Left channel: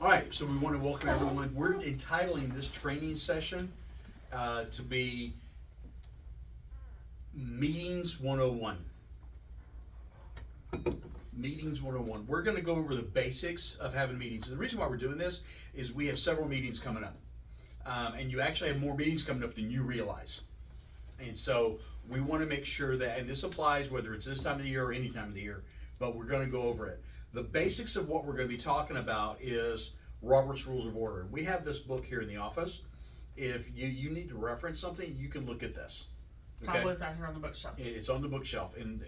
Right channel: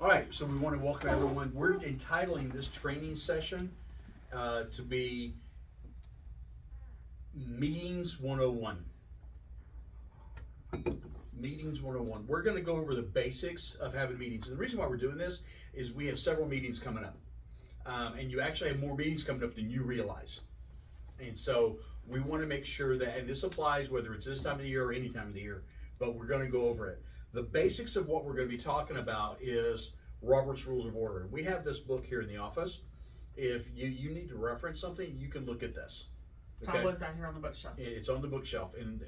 All right, so we want to welcome everyone. We're entitling this training session to be Meetings 101. Meetings 101. We're going to go over the basics of having meetings. And the reason why we're doing this is we have several meetings coming up. And you actually have more meetings coming up than you realize. And so we want to make sure that, and this applies whether it's this time of the year or any time of the year, but we're going to go over it. The basics of what we're going to be talking about is Robert's Rules of Order. We have this book here in the office. If you need to reference something, you can look at this. Okay. Tom, what's out here on the bookshelf? It's on the bookshelf. And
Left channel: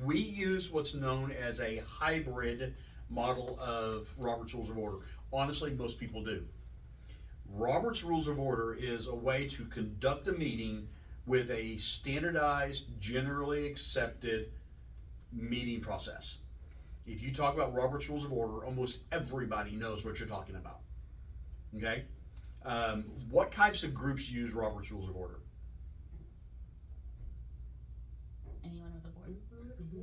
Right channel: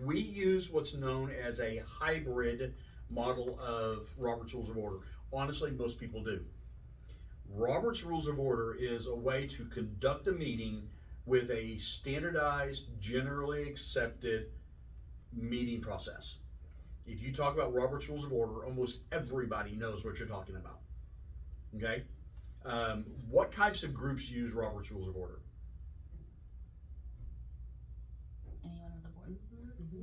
we use what's known as a hybrid model of Robert's Rules of Order. Honestly, most people do. Robert's Rules of Order is a way to conduct a meeting with a standardized, generally accepted meeting process. If you talk about Robert's Rules of Order, almost everybody knows what you're talking about. Okay? What types of groups use Robert's Rules of Order? Anyone with a board.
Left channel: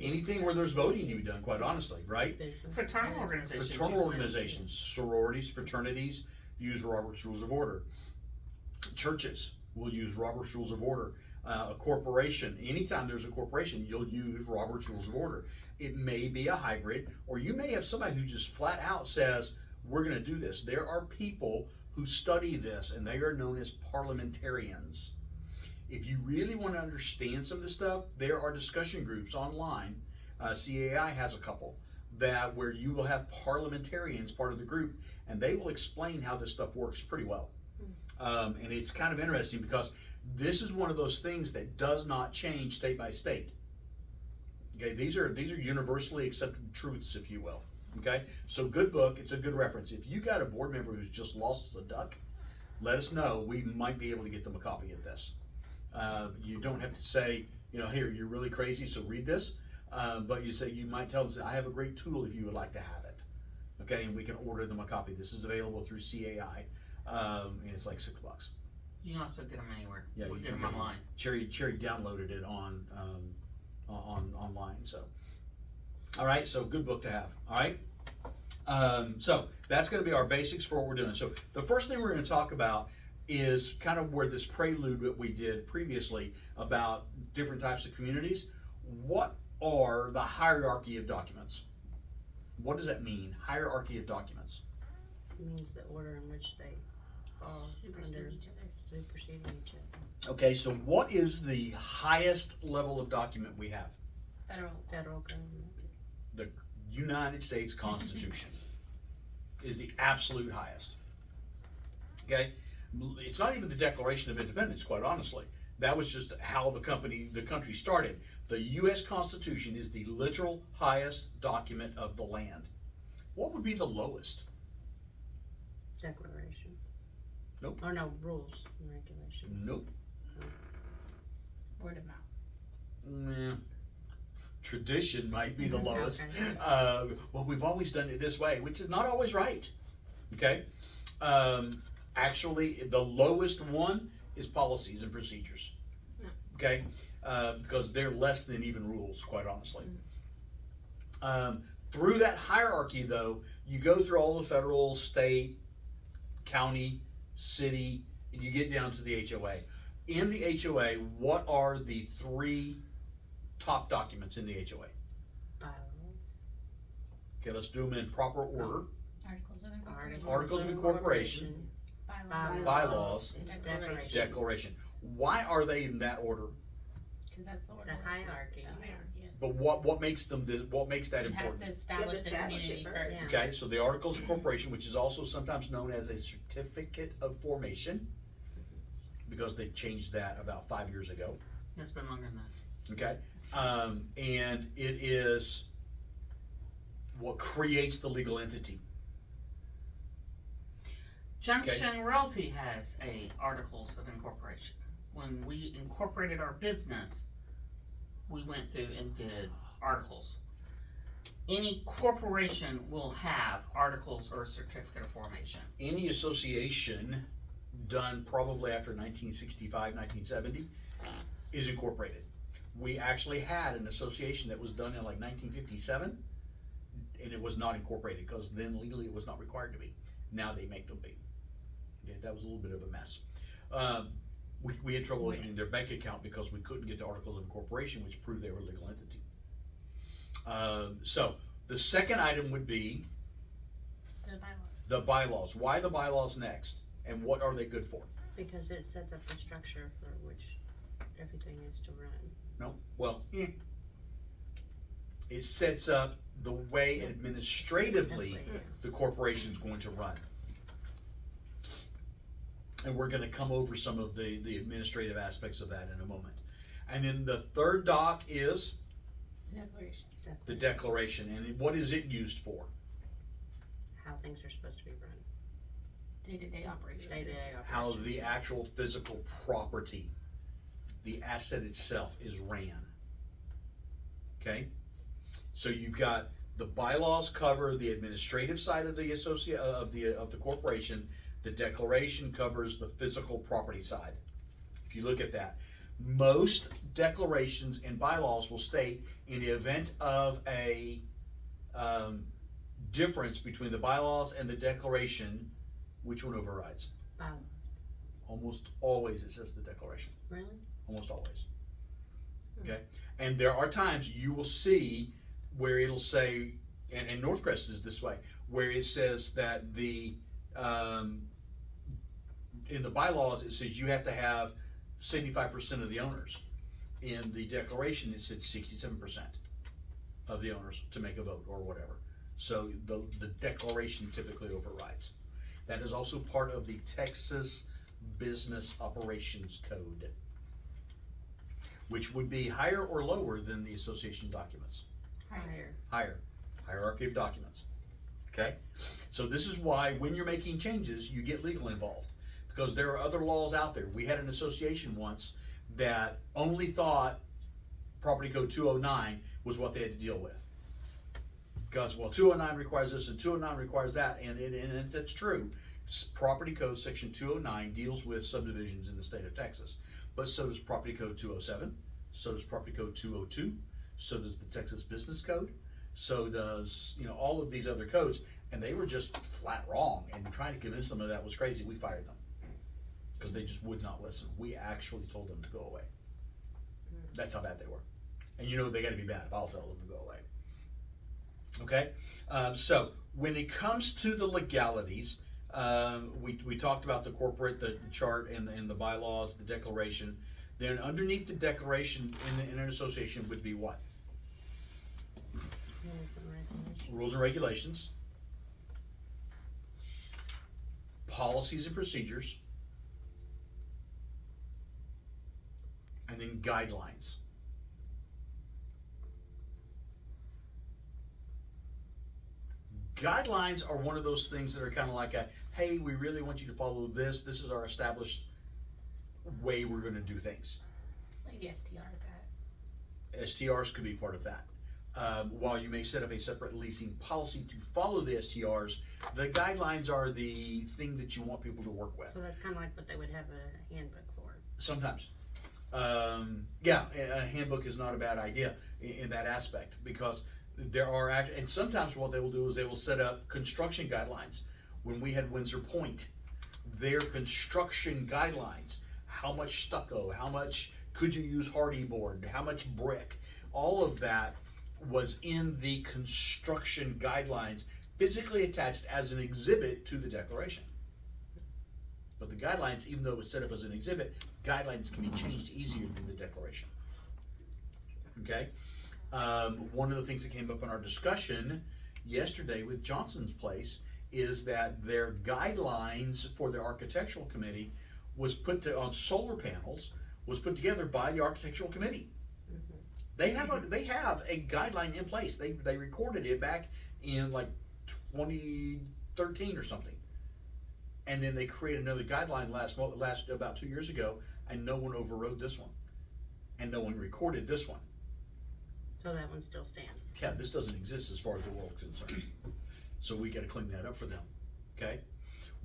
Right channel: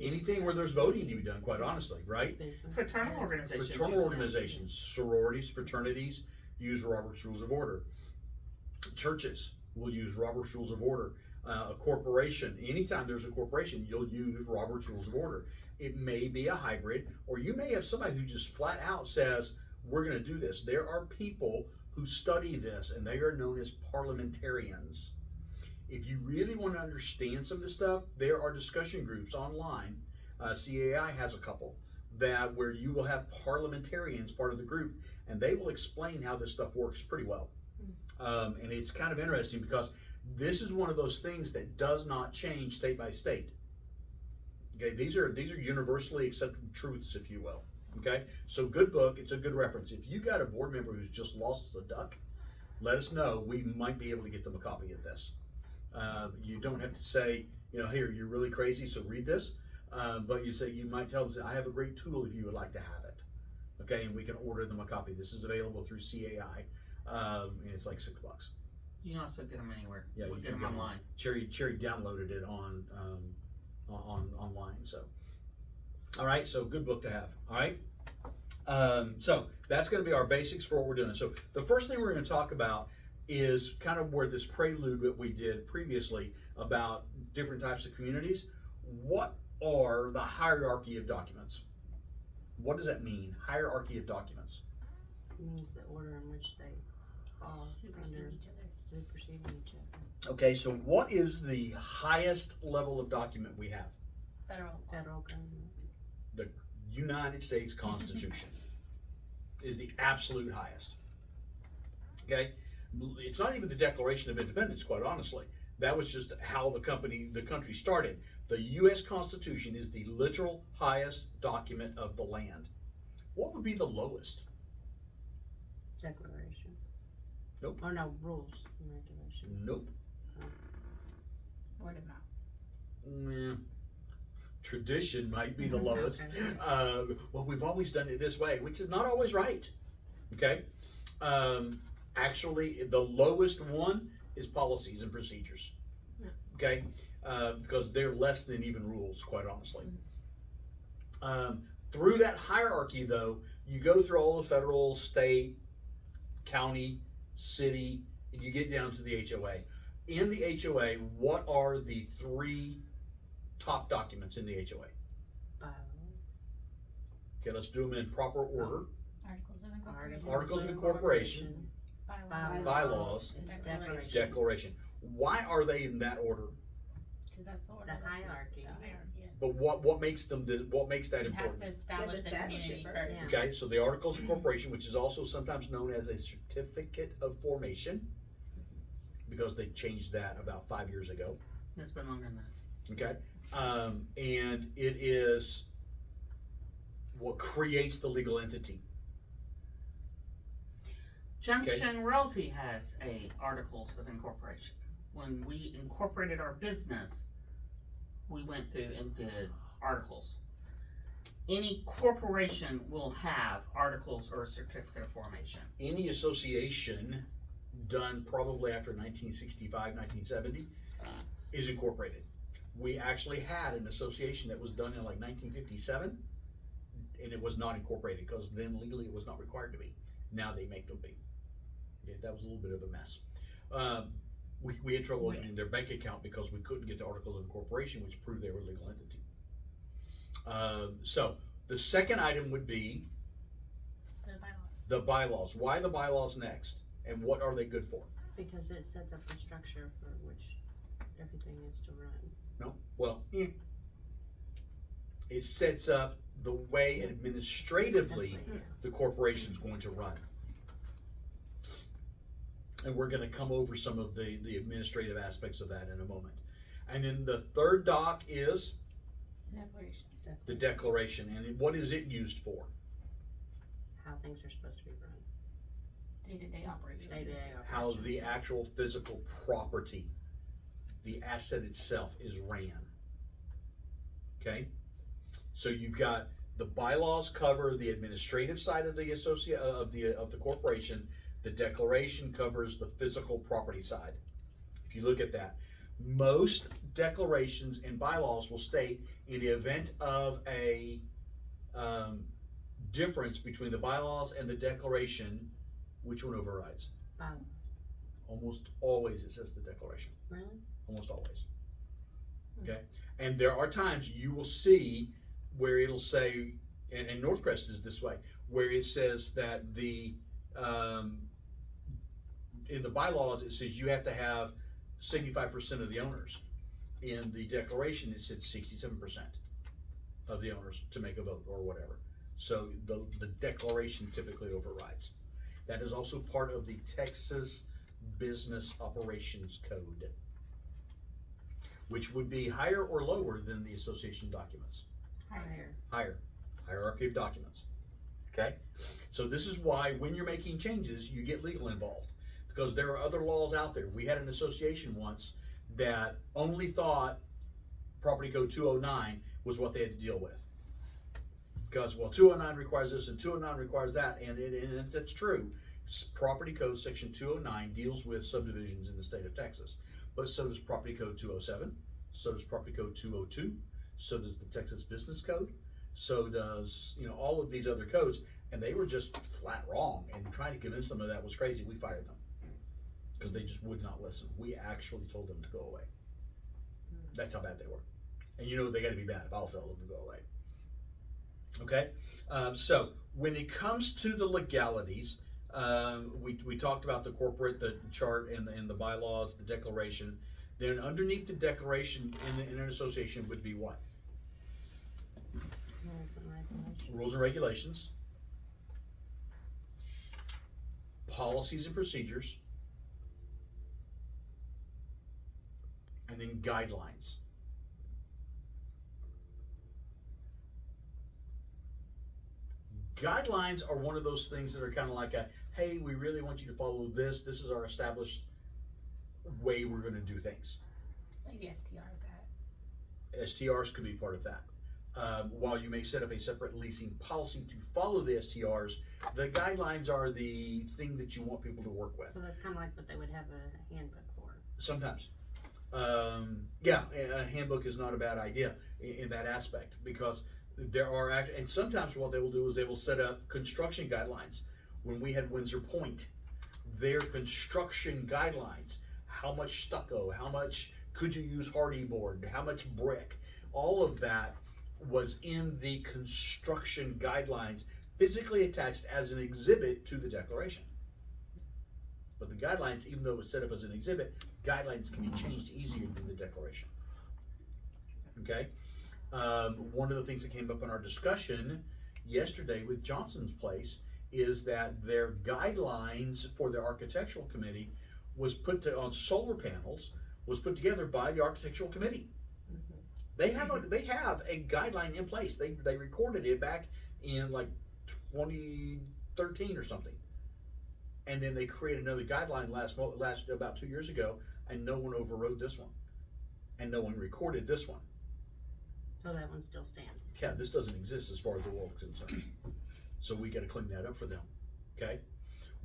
Anything where there's voting to be done, quite honestly, right? Fraternal organizations. Fraternal organizations, sororities, fraternities use Robert's Rules of Order. Churches will use Robert's Rules of Order. A corporation, anytime there's a corporation, you'll use Robert's Rules of Order. It may be a hybrid, or you may have somebody who just flat out says, we're going to do this. There are people who study this, and they are known as parliamentarians. If you really want to understand some of this stuff, there are discussion groups online. CAI has a couple that where you will have parliamentarians part of the group, and they will explain how this stuff works pretty well. And it's kind of interesting because this is one of those things that does not change state by state. Okay, these are universally accepted truths, if you will. Okay, so good book. It's a good reference. If you got a board member who's just lost as a duck, let us know. We might be able to get them a copy of this. You don't have to say, here, you're really crazy, so read this. But you might tell them, I have a great tool if you would like to have it. Okay, and we can order them a copy. This is available through CAI, and it's like $6. You can also get them anywhere. Yeah, we you get can them get online. Cherry downloaded it on online. So, all right. So good book to have. All right. So that's going to be our basics for what we're doing. So the first thing we're going to talk about is kind of where this prelude that we did previously about different types of communities. What are the hierarchy of documents? What does that mean? Hierarchy of documents. It means the order in which they fall Supersede under each other. superseding each other. Okay, so what is the highest level of document we have? Federal government. The United States Constitution is the absolute highest. Okay, it's not even the Declaration of Independence, quite honestly. That was just how the country started. The U.S. Constitution is the literal highest document of the land. What would be the lowest? Declaration. Nope. Or no, rules and regulations. Nope. Word of mouth. Nah. Tradition might be the lowest. Okay. Well, we've always done it this way, which is not always right. Okay. Actually, the lowest one is policies and procedures. Okay, because they're less than even rules, quite honestly. Through that hierarchy, though, you go through all the federal, state, county, city, and you get down to the HOA. In the HOA, what are the three top documents in the HOA? Okay, let's do them in proper order. Articles of incorporation, bylaws, declaration. Why are they in that order? Because that's the order. The hierarchy. But what makes them? What makes that You have important? to establish the community first. Yeah. Okay, so the Articles of Incorporation, which is also sometimes known as a Certificate of Formation, because they changed that about 5 years ago. It's been longer than that. Okay, and it is what creates the legal entity. Junction Realty has a Articles of Incorporation. When we incorporated our business, we went through and did articles. Any corporation will have articles or a certificate of formation. Any association done probably after 1965, 1970 is incorporated. We actually had an association that was done in like 1957, and it was not incorporated because then legally it was not required to be. Now they make them be. Yeah, that was a little bit of a mess. We had trouble opening their bank account because we couldn't get the articles of incorporation, which proved they were a legal entity. So the second item would be The bylaws. the bylaws. Why the bylaws next? And what are they good for? Because it sets up the structure for which everything is to run. No? Well, it sets up the way administratively Yeah. the corporation's going to run. And we're gonna come over some of the administrative aspects of that in a moment. And then the third doc is The declaration. the declaration. And what is it used for? How things are supposed to be run. Day-to-day operation. Day-to-day How operation. the actual physical property, the asset itself, is ran. Okay? So you've got the bylaws cover the administrative side of the of the corporation. The declaration covers the physical property side. If you look at that, most declarations and bylaws will state in the event of a difference between the bylaws and the declaration, which one overrides? Bylaws. Almost always it says the declaration. Really? Almost always. Okay? And there are times you will see where it'll say, and Northcrest is this way, where it says that the in the bylaws it says you have to have 75% of the owners. In the declaration it said 67% of the owners to make a vote or whatever. So the declaration typically overrides. That is also part of the Texas Business Operations Code, which would be higher or lower than the association documents. Higher. Higher. Hierarchy of documents. Okay? So this is why when you're making changes, you get legal involved. Because there are other laws out there. We had an association once that only thought Property Code 209 was what they had to deal with. Because, well, 209 requires this and 209 requires that, and that's true. Property Code Section 209 deals with subdivisions in the state of Texas. But so does Property Code 207, so does Property Code 202, so does the Texas Business Code, so does, all of these other codes, and they were just flat wrong, and trying to convince them that was crazy, we fired them. Because they just would not listen. We actually told them to go away. That's how bad they were. And they gotta be bad. I'll tell them to go away. Okay? So, when it comes to the legalities, we talked about the corporate, the chart, and the bylaws, the declaration. Then underneath the declaration in an association would be what? Rules and regulations. Rules and regulations, policies and procedures, and then guidelines. Guidelines are one of those things that are kind of like hey, we really want you to follow this. This is our established way we're going to do things. Like the STRs at. STRs could be part of that. While you may set up a separate leasing policy to follow the STRs, the guidelines are the thing that you want people to work with. So that's kind of like what they would have a handbook for. Sometimes. Yeah, a handbook is not a bad idea in that aspect, because there are, and sometimes what they will do is they will set up construction guidelines. When we had Windsor Point, their construction guidelines, how much stucco, how much could you use hardy board, how much brick, all of that was in the construction guidelines, physically attached as an exhibit to the declaration. But the guidelines, even though it was set up as an exhibit, guidelines can be changed easier than the declaration. Okay? One of the things that came up in our discussion yesterday with Johnson's Place is that their guidelines for their architectural committee was on solar panels, was put together by the architectural committee. They have a guideline in place. They recorded it back in like 2013 or something. And then they created another guideline last about 2 years ago, and no one overrode this one. And no one recorded this one. So that one still stands. Yeah, this doesn't exist as far as the world is concerned. So we gotta clean that up for them, okay?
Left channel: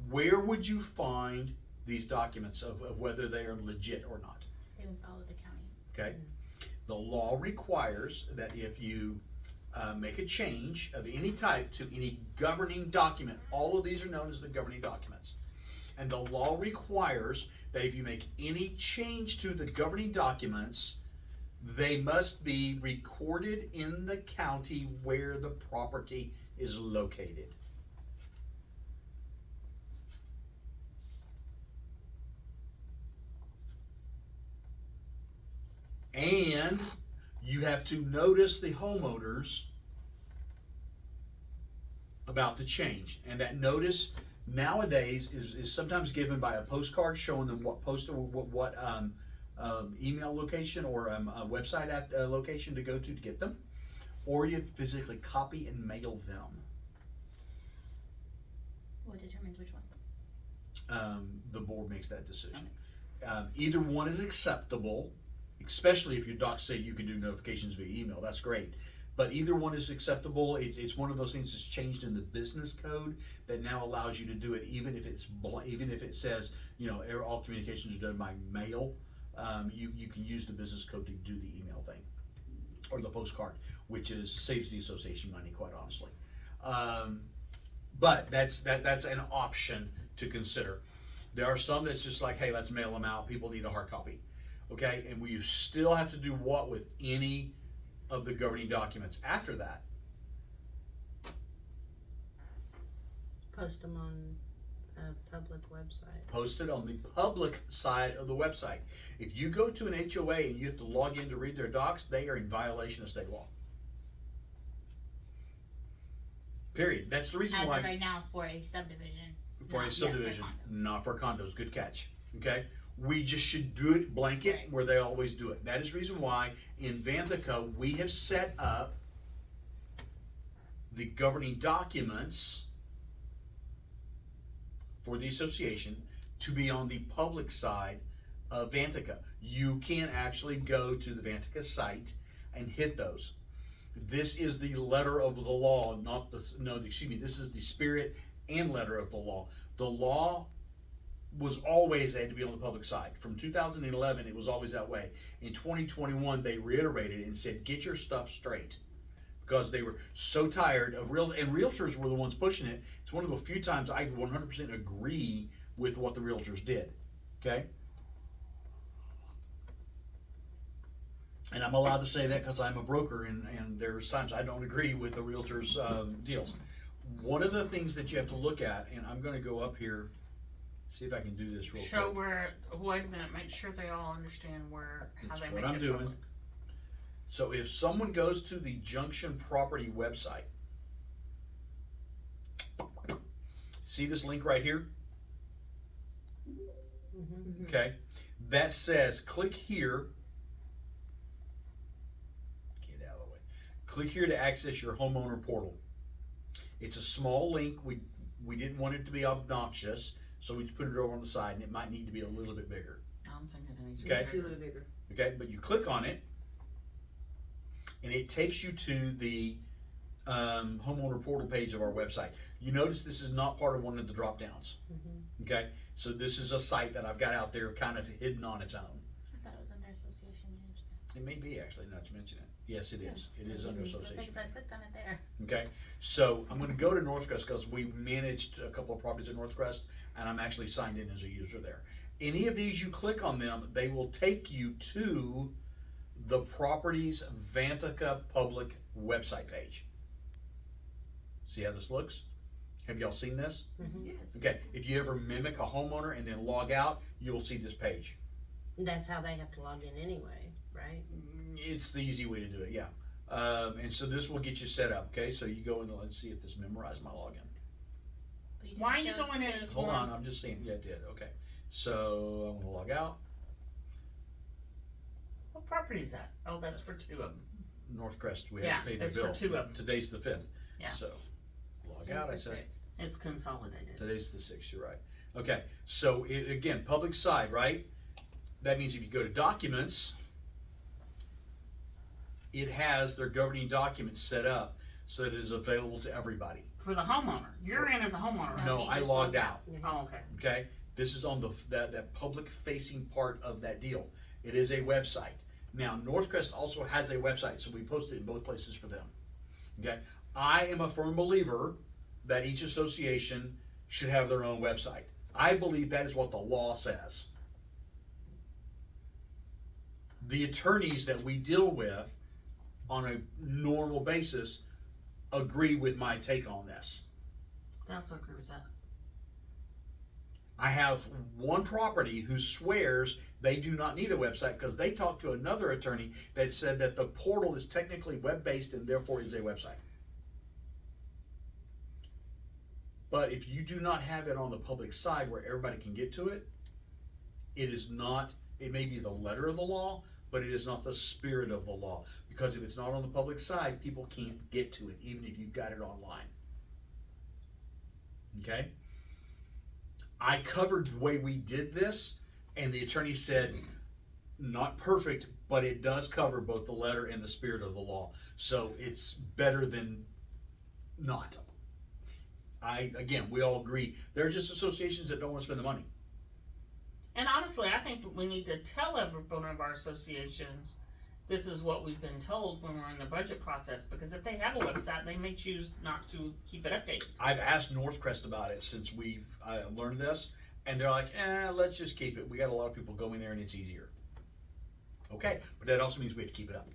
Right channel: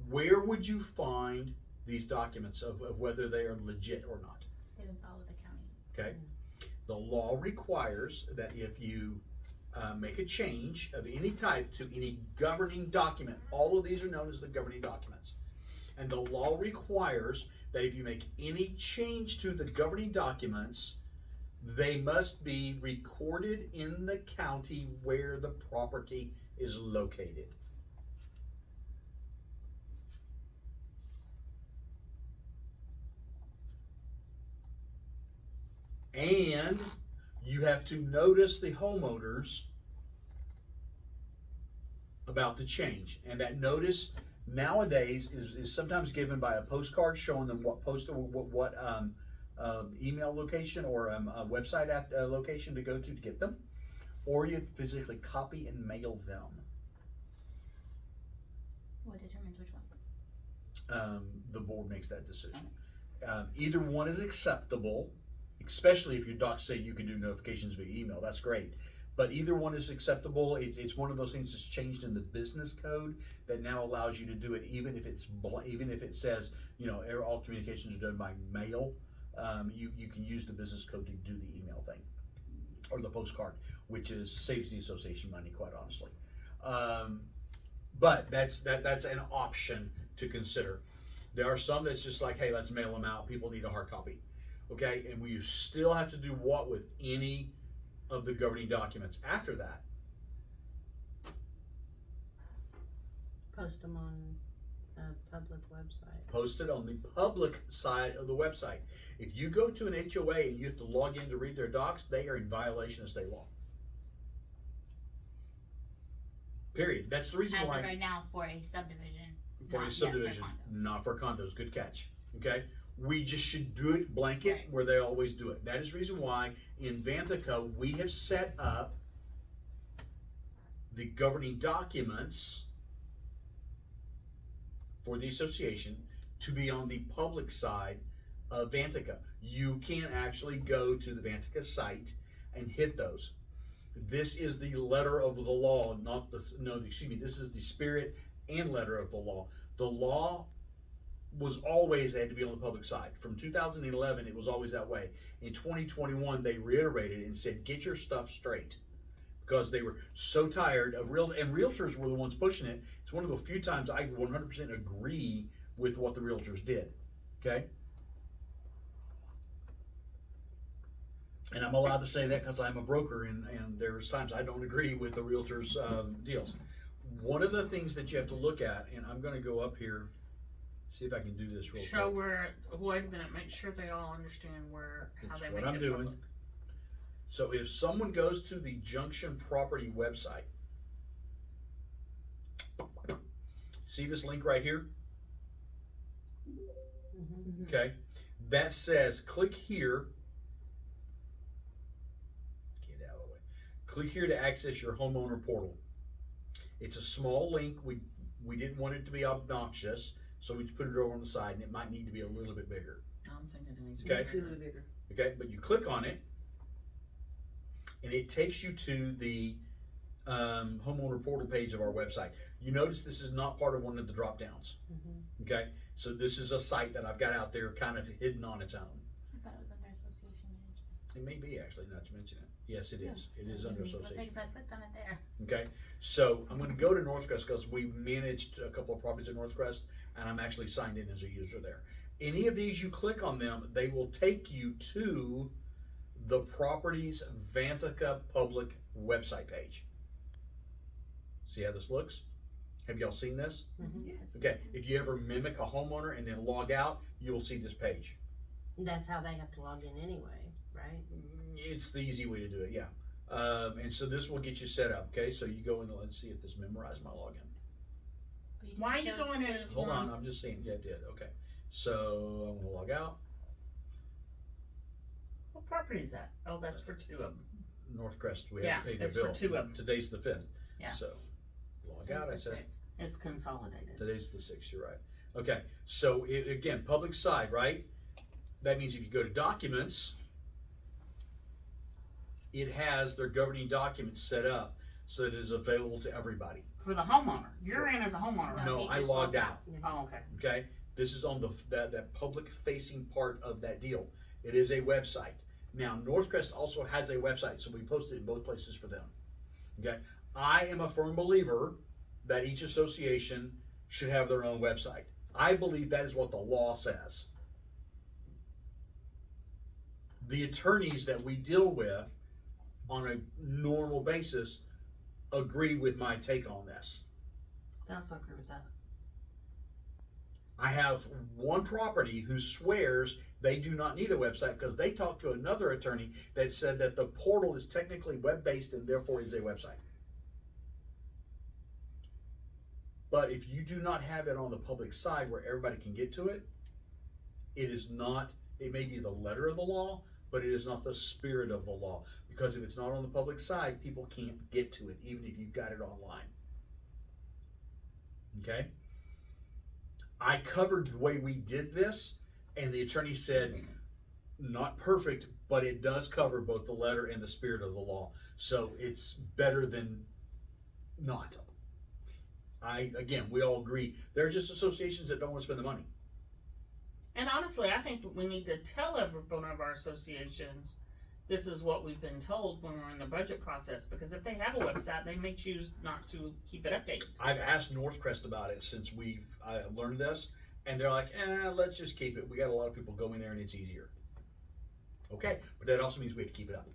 Where would you find these documents of whether they are legit or not? They would follow the county. Okay? The law requires that if you make a change of any type to any governing document, all of these are known as the governing documents. And the law requires that if you make any change to the governing documents, they must be recorded in the county where the property is located. And you have to notice the homeowners about the change. And that notice nowadays is sometimes given by a postcard showing them what email location or a website location to go to get them, or you physically copy and mail them. What determines which one? The board makes that decision. Either one is acceptable, especially if your docs say you can do notifications via email. That's great. But either one is acceptable. It's one of those things that's changed in the business code that now allows you to do it even if it says, all communications are done by mail. You can use the business code to do the email thing or the postcard, which saves the association money, quite honestly. But that's an option to consider. There are some that's just like, hey, let's mail them out. People need a hard copy. Okay, and you still have to do what with any of the governing documents after that? Post them on a public website. Post it on the public side of the website. If you go to an HOA and you have to log in to read their docs, they are in violation of state law. Period. That's the reason As why. of right now, for a subdivision. For not a yet subdivision, condos. not for condos. Good catch. Okay? We just should do it blanket Right. where they always do it. That is the reason why in Vantica we have set up the governing documents for the association to be on the public side of Vantica. You can actually go to the Vantica site and hit those. This is the letter of the law, this is the spirit and letter of the law. The law was always had to be on the public side. From 2011, it was always that way. In 2021, they reiterated and said, get your stuff straight. Because they were so tired of realtors were the ones pushing it. It's one of the few times I 100% agree with what the realtors did. Okay? And I'm allowed to say that because I'm a broker, and there's times I don't agree with the realtors' deals. One of the things that you have to look at, and I'm going to go up here, see if I can do this real Show quick. wait a minute, make sure they all understand how That's they what make I'm it doing. public. So if someone goes to the Junction Property website, see this link right here? Mm-hmm. Okay, that says click here. Get out of the way. Click here to access your homeowner portal. It's a small link. We didn't want it to be obnoxious, so we just put it over on the side, and it might need to be a little bit bigger. I'm thinking it needs to Okay. be bigger. Okay, but you click on it, and it takes you to the homeowner portal page of our website. You notice this is not part of one of the drop downs. Mm-hmm. Okay, so this is a site that I've got out there kind of hidden on its own. I thought it was under association management. It may be actually, not to mention it. Yes, it is. It is under That's like, association. 'cause I clicked on it there. Okay, so I'm going to go to Northcrest because we managed a couple of properties in Northcrest, and I'm actually signed in as a user there. Any of these, you click on them, they will take you to the property's Vantica public website page. See how this looks? Have y'all seen this? Mm-hmm. Yes. Okay, if you ever mimic a homeowner and then log out, you'll see this page. That's how they have to log in anyway, right? It's the easy way to do it, yeah. And so this will get you set up, okay? So you go in, let's see if this memorized my login. But you didn't Why are you show going in the- as Hold one? on, I'm just seeing, yeah, it did, okay. So I'm gonna log out, What property is that? Oh, that's for two of them. Northcrest, we Yeah, have to pay the that's for bill. two of them. Today's the 5th. Yeah. So, log Today's out, I the said. 6th. It's consolidated. Today's the 6th, you're right. Okay, so again, public side, right? That means if you go to documents, it has their governing documents set up so that it is available to everybody. For the homeowner. You're in as a homeowner, right? No, No, he I just logged logged out, Oh, okay. okay? This is on that public facing part of that deal. It is a website. Now, Northcrest also has a website, so we post it in both places for them. Okay, I am a firm believer that each association should have their own website. I believe that is what the law says. The attorneys that we deal with on a normal basis agree with my take on this. I also agree with that. I have one property who swears they do not need a website because they talked to another attorney that said that the portal is technically web-based and therefore is a website. But if you do not have it on the public side where everybody can get to it, it is not, it may be the letter of the law, but it is not the spirit of the law. Because if it's not on the public side, people can't get to it, even if you've got it online. Okay? I covered the way we did this, and the attorney said, not perfect, but it does cover both the letter and the spirit of the law. So it's better than not. Again, we all agree, there are just associations that don't want to spend the money. And honestly, I think we need to tell every one of our associations this is what we've been told when we're in the budget process. Because if they have a website, they may choose not to keep it updated. I've asked Northcrest about it since we've learned this, and they're like, let's just keep it. We got a lot of people going there and it's easier. Okay, but that also means we have to keep it up.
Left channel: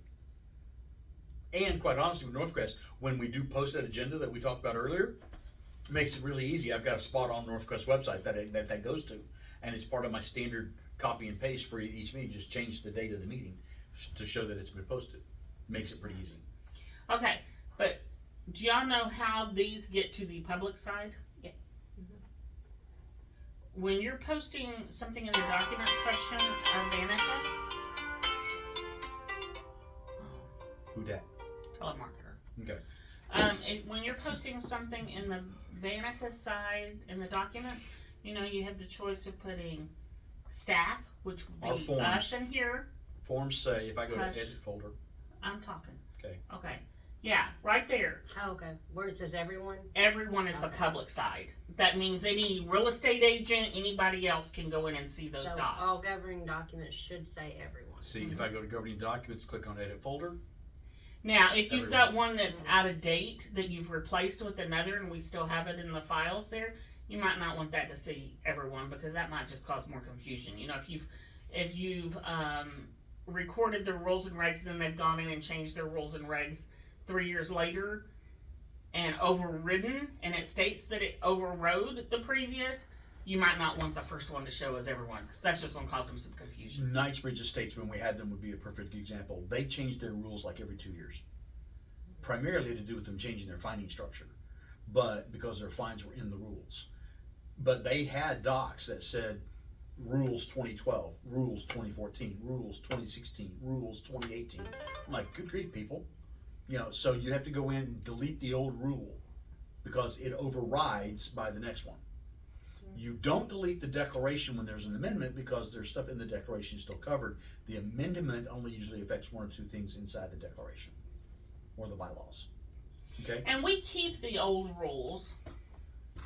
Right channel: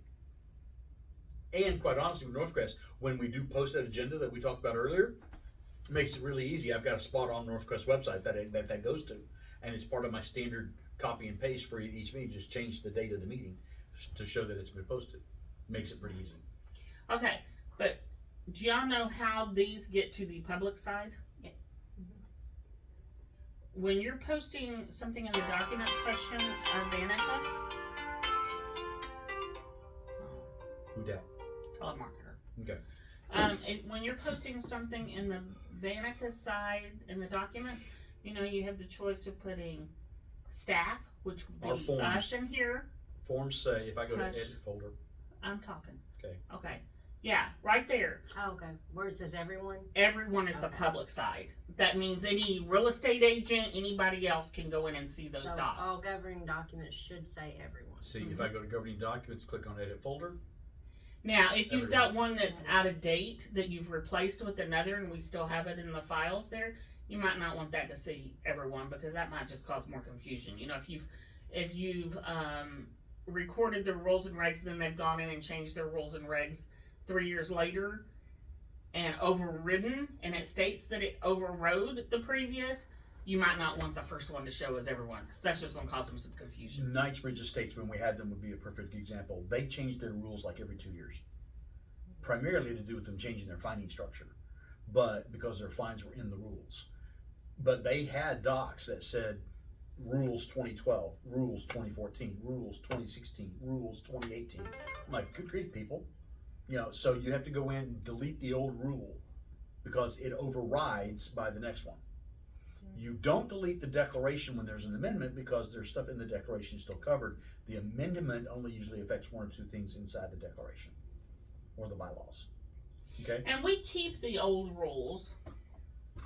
And quite honestly, with Northcrest, when we do post that agenda that we talked about earlier, it makes it really easy. I've got a spot on Northcrest website that goes to, and it's part of my standard copy and paste for each meeting. Just change the date of the meeting to show that it's been posted. Makes it pretty easy. Okay, but do y'all know how these get to the public side? Yes. When you're posting something in the documents section of Vanica, Who dat? telemarketer. Okay. When you're posting something in the Vanica side in the documents, you have the choice of putting staff, which would Our be forms. us in here. Forms say, if I go to Hush. edit folder, I'm talking. Okay. Okay. Yeah, right there. Oh, okay, where it says everyone? Everyone is the Okay. public side. That means any real estate agent, anybody else can go in and see those So docs. all governing documents should say everyone. see, if I go to governing documents, click on edit folder. Now, if you've got Everyone. one that's out of date that you've replaced with another and we still have it in the files there, you might not want that to see everyone because that might just cause more confusion. If you've recorded the rules and regs and then they've gone in and changed their rules and regs 3 years later and overridden and it states that it overrode the previous, you might not want the first one to show as everyone because that's just going to cause them some confusion. Knightsbridge Estates, when we had them, would be a perfect example. They changed their rules like every 2 years. Primarily to do with them changing their fining structure, but because their fines were in the rules. But they had docs that said rules 2012, rules 2014, rules 2016, rules 2018. I'm like, good grief, people. So you have to go in and delete the old rule because it overrides by the next one. You don't delete the declaration when there's an amendment because there's stuff in the declaration still covered. The amendment only usually affects one or two things inside the declaration or the bylaws. Okay? And we keep the old rules.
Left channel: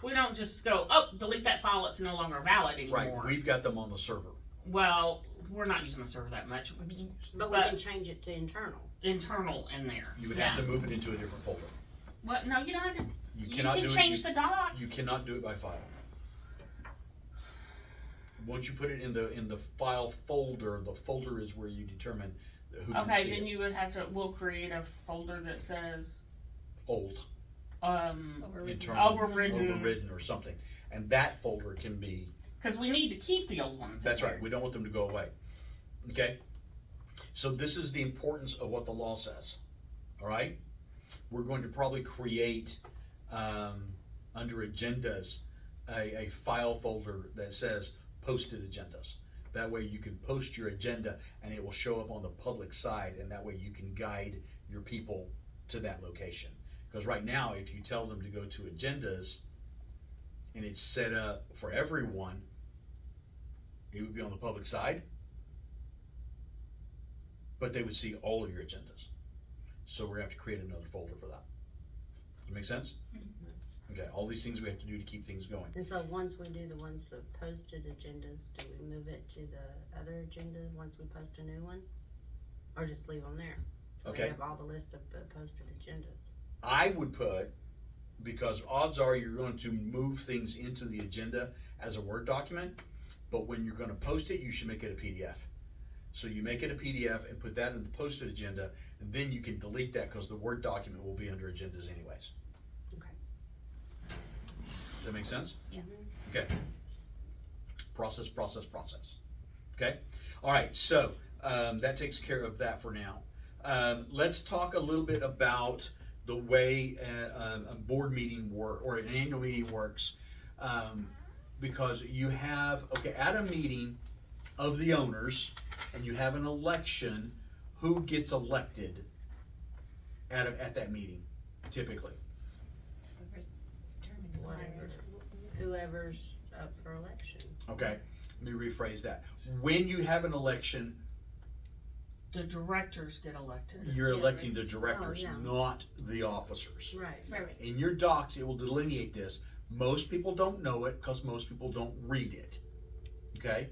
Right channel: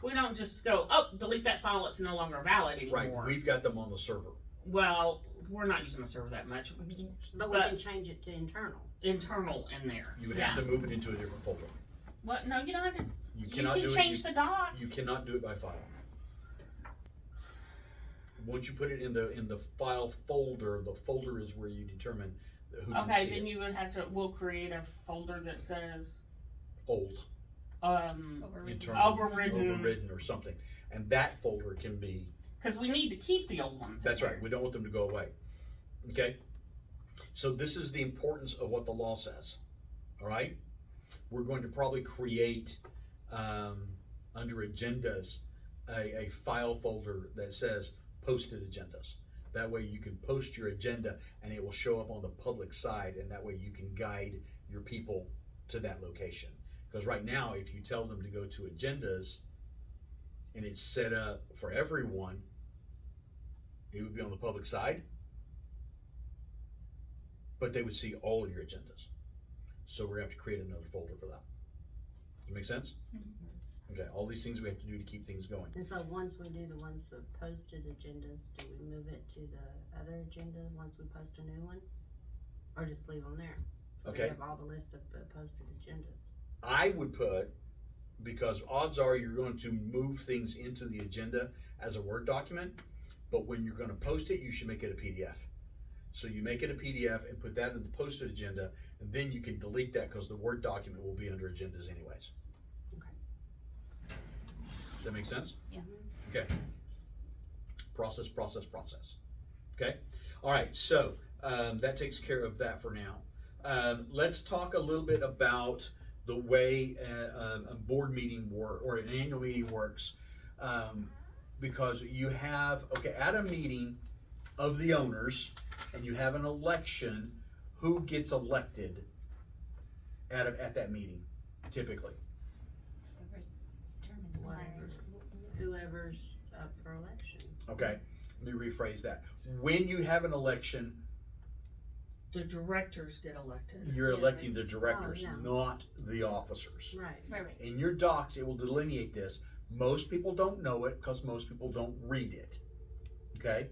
We don't just go, delete that file, it's no longer valid Right. anymore. We've got them on the server. Well, we're not using the server that much. But we can change it to internal. Internal in there. You would have to move it into a different folder. Well, no, you don't. You You cannot can do change it. the doc. You cannot do it by file. Once you put it in the file folder, the folder is where you determine who can Okay, see then it. you would have to. We'll create a folder that says Old, Overridden. internal, Overridden. overridden, or something, and that folder can be. because we need to keep the old ones. That's in right. We don't want them to go away. Okay? So this is the importance of what the law says. All right? We're going to probably create under agendas a file folder that says posted agendas. That way you can post your agenda and it will show up on the public side, and that way you can guide your people to that location. Because right now, if you tell them to go to agendas and it's set up for everyone, it would be on the public side, but they would see all of your agendas. So we're gonna have to create another folder for that. Does that make sense? Okay, all these things we have to do to keep things going. And so once we do the ones that posted agendas, do we move it to the other agenda once we post a new one? Or just leave them there? So Okay. we have all the list of the posted agendas. I would put, because odds are you're going to move things into the agenda as a Word document, but when you're gonna post it, you should make it a PDF. So you make it a PDF and put that in the posted agenda, and then you can delete that because the Word document will be under agendas anyways. Okay. Does that make sense? Yeah. Okay. Process. Okay? All right, so that takes care of that for now. Let's talk a little bit about the way a board meeting or an annual meeting works. Because you have, at a meeting of the owners, and you have an election, who gets elected at that meeting, typically? Whatever, whoever's up for election. Okay, let me rephrase that. When you have an election, The directors get elected. you're Yeah. electing the directors, Oh, yeah. not the officers. Right. Right. In your docs, it will delineate this. Most people don't know it because most people don't read it. Okay?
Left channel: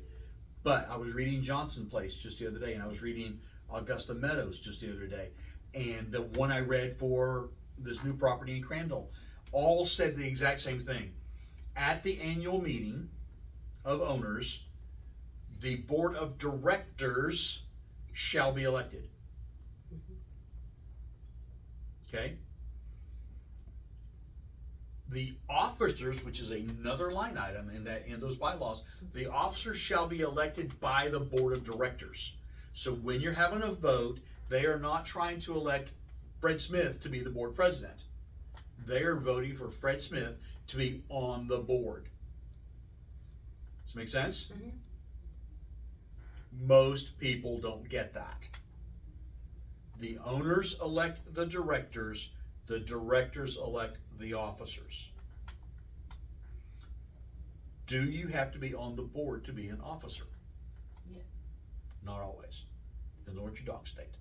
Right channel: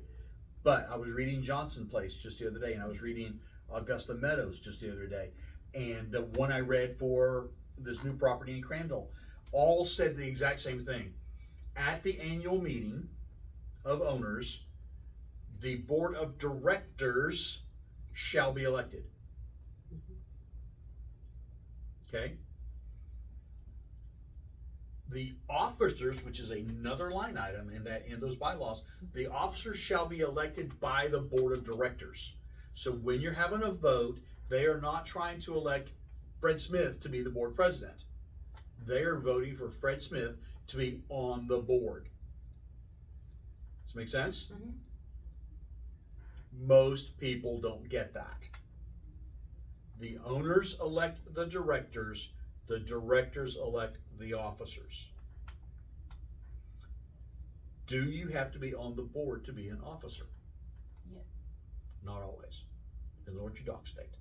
But I was reading Johnson Place just the other day, and I was reading Augusta Meadows just the other day. And the one I read for this new property in Crandall all said the exact same thing. At the annual meeting of owners, the board of directors shall be elected. Okay? The officers, which is another line item in those bylaws, the officers shall be elected by the board of directors. So when you're having a vote, they are not trying to elect Fred Smith to be the board president. They are voting for Fred Smith to be on the board. Does that make sense? Mhm. Most people don't get that. The owners elect the directors elect the officers. Do you have to be on the board to be an officer? Yes. Not always. Depends on what your docs state.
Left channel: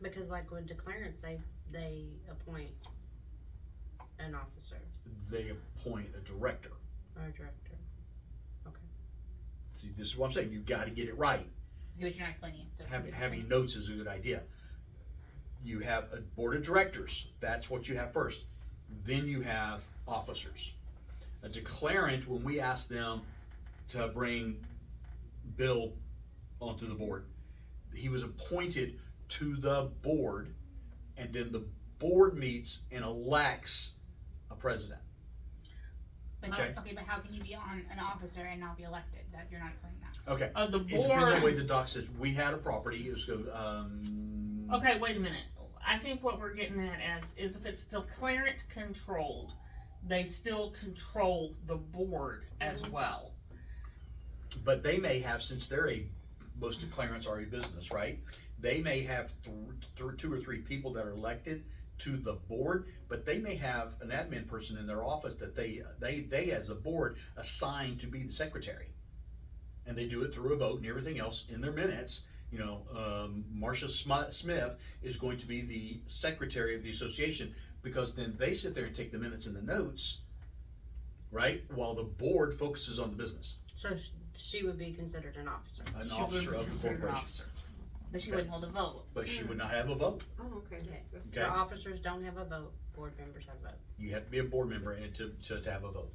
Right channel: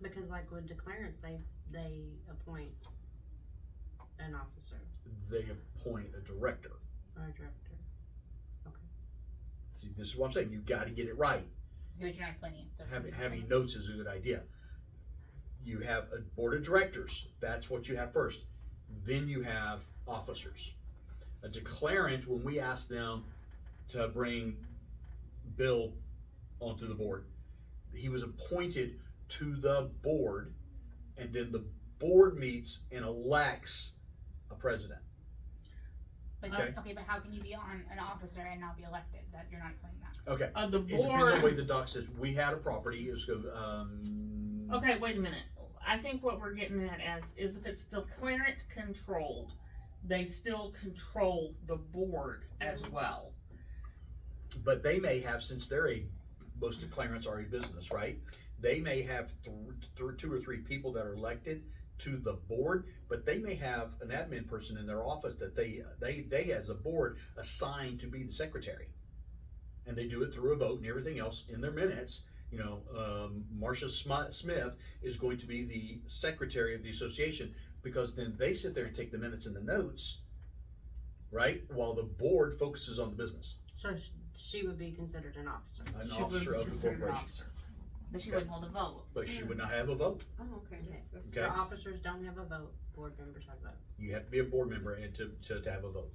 Because like with declarants, they appoint an officer They appoint a director. or a director. Okay. See, this is what I'm saying. You've got to get it right. But you're not explaining it. So Having notes is a good idea. You have a board of directors. That's what you have first. Then you have officers. A declarant, when we ask them to bring Bill onto the board, he was appointed to the board, and then the board meets and elects a president. But Okay. okay, but how can you be on an officer and not be elected? That you're not explaining that. Okay. The It depends on the way board, the doc says. We had a property. It was okay, wait a minute. I think what we're getting at is if it's declarant controlled, they still control the board as well. but they may have, since most declarants are a business, right? They may have two or three people that are elected to the board, but they may have an admin person in their office that they as a board assign to be the secretary, and they do it through a vote and everything else in their minutes. You know, Marcia Smith is going to be the secretary of the association, because then they sit there and take the minutes and the notes, right? While the board focuses on the business. So she would be considered an officer. An She would officer be of the considered an corporation. officer. But she Okay. wouldn't hold a vote. But she would not have a vote. Oh, okay. So Okay. officers don't have a vote, board members have a vote. You have to be a board member and to have a vote.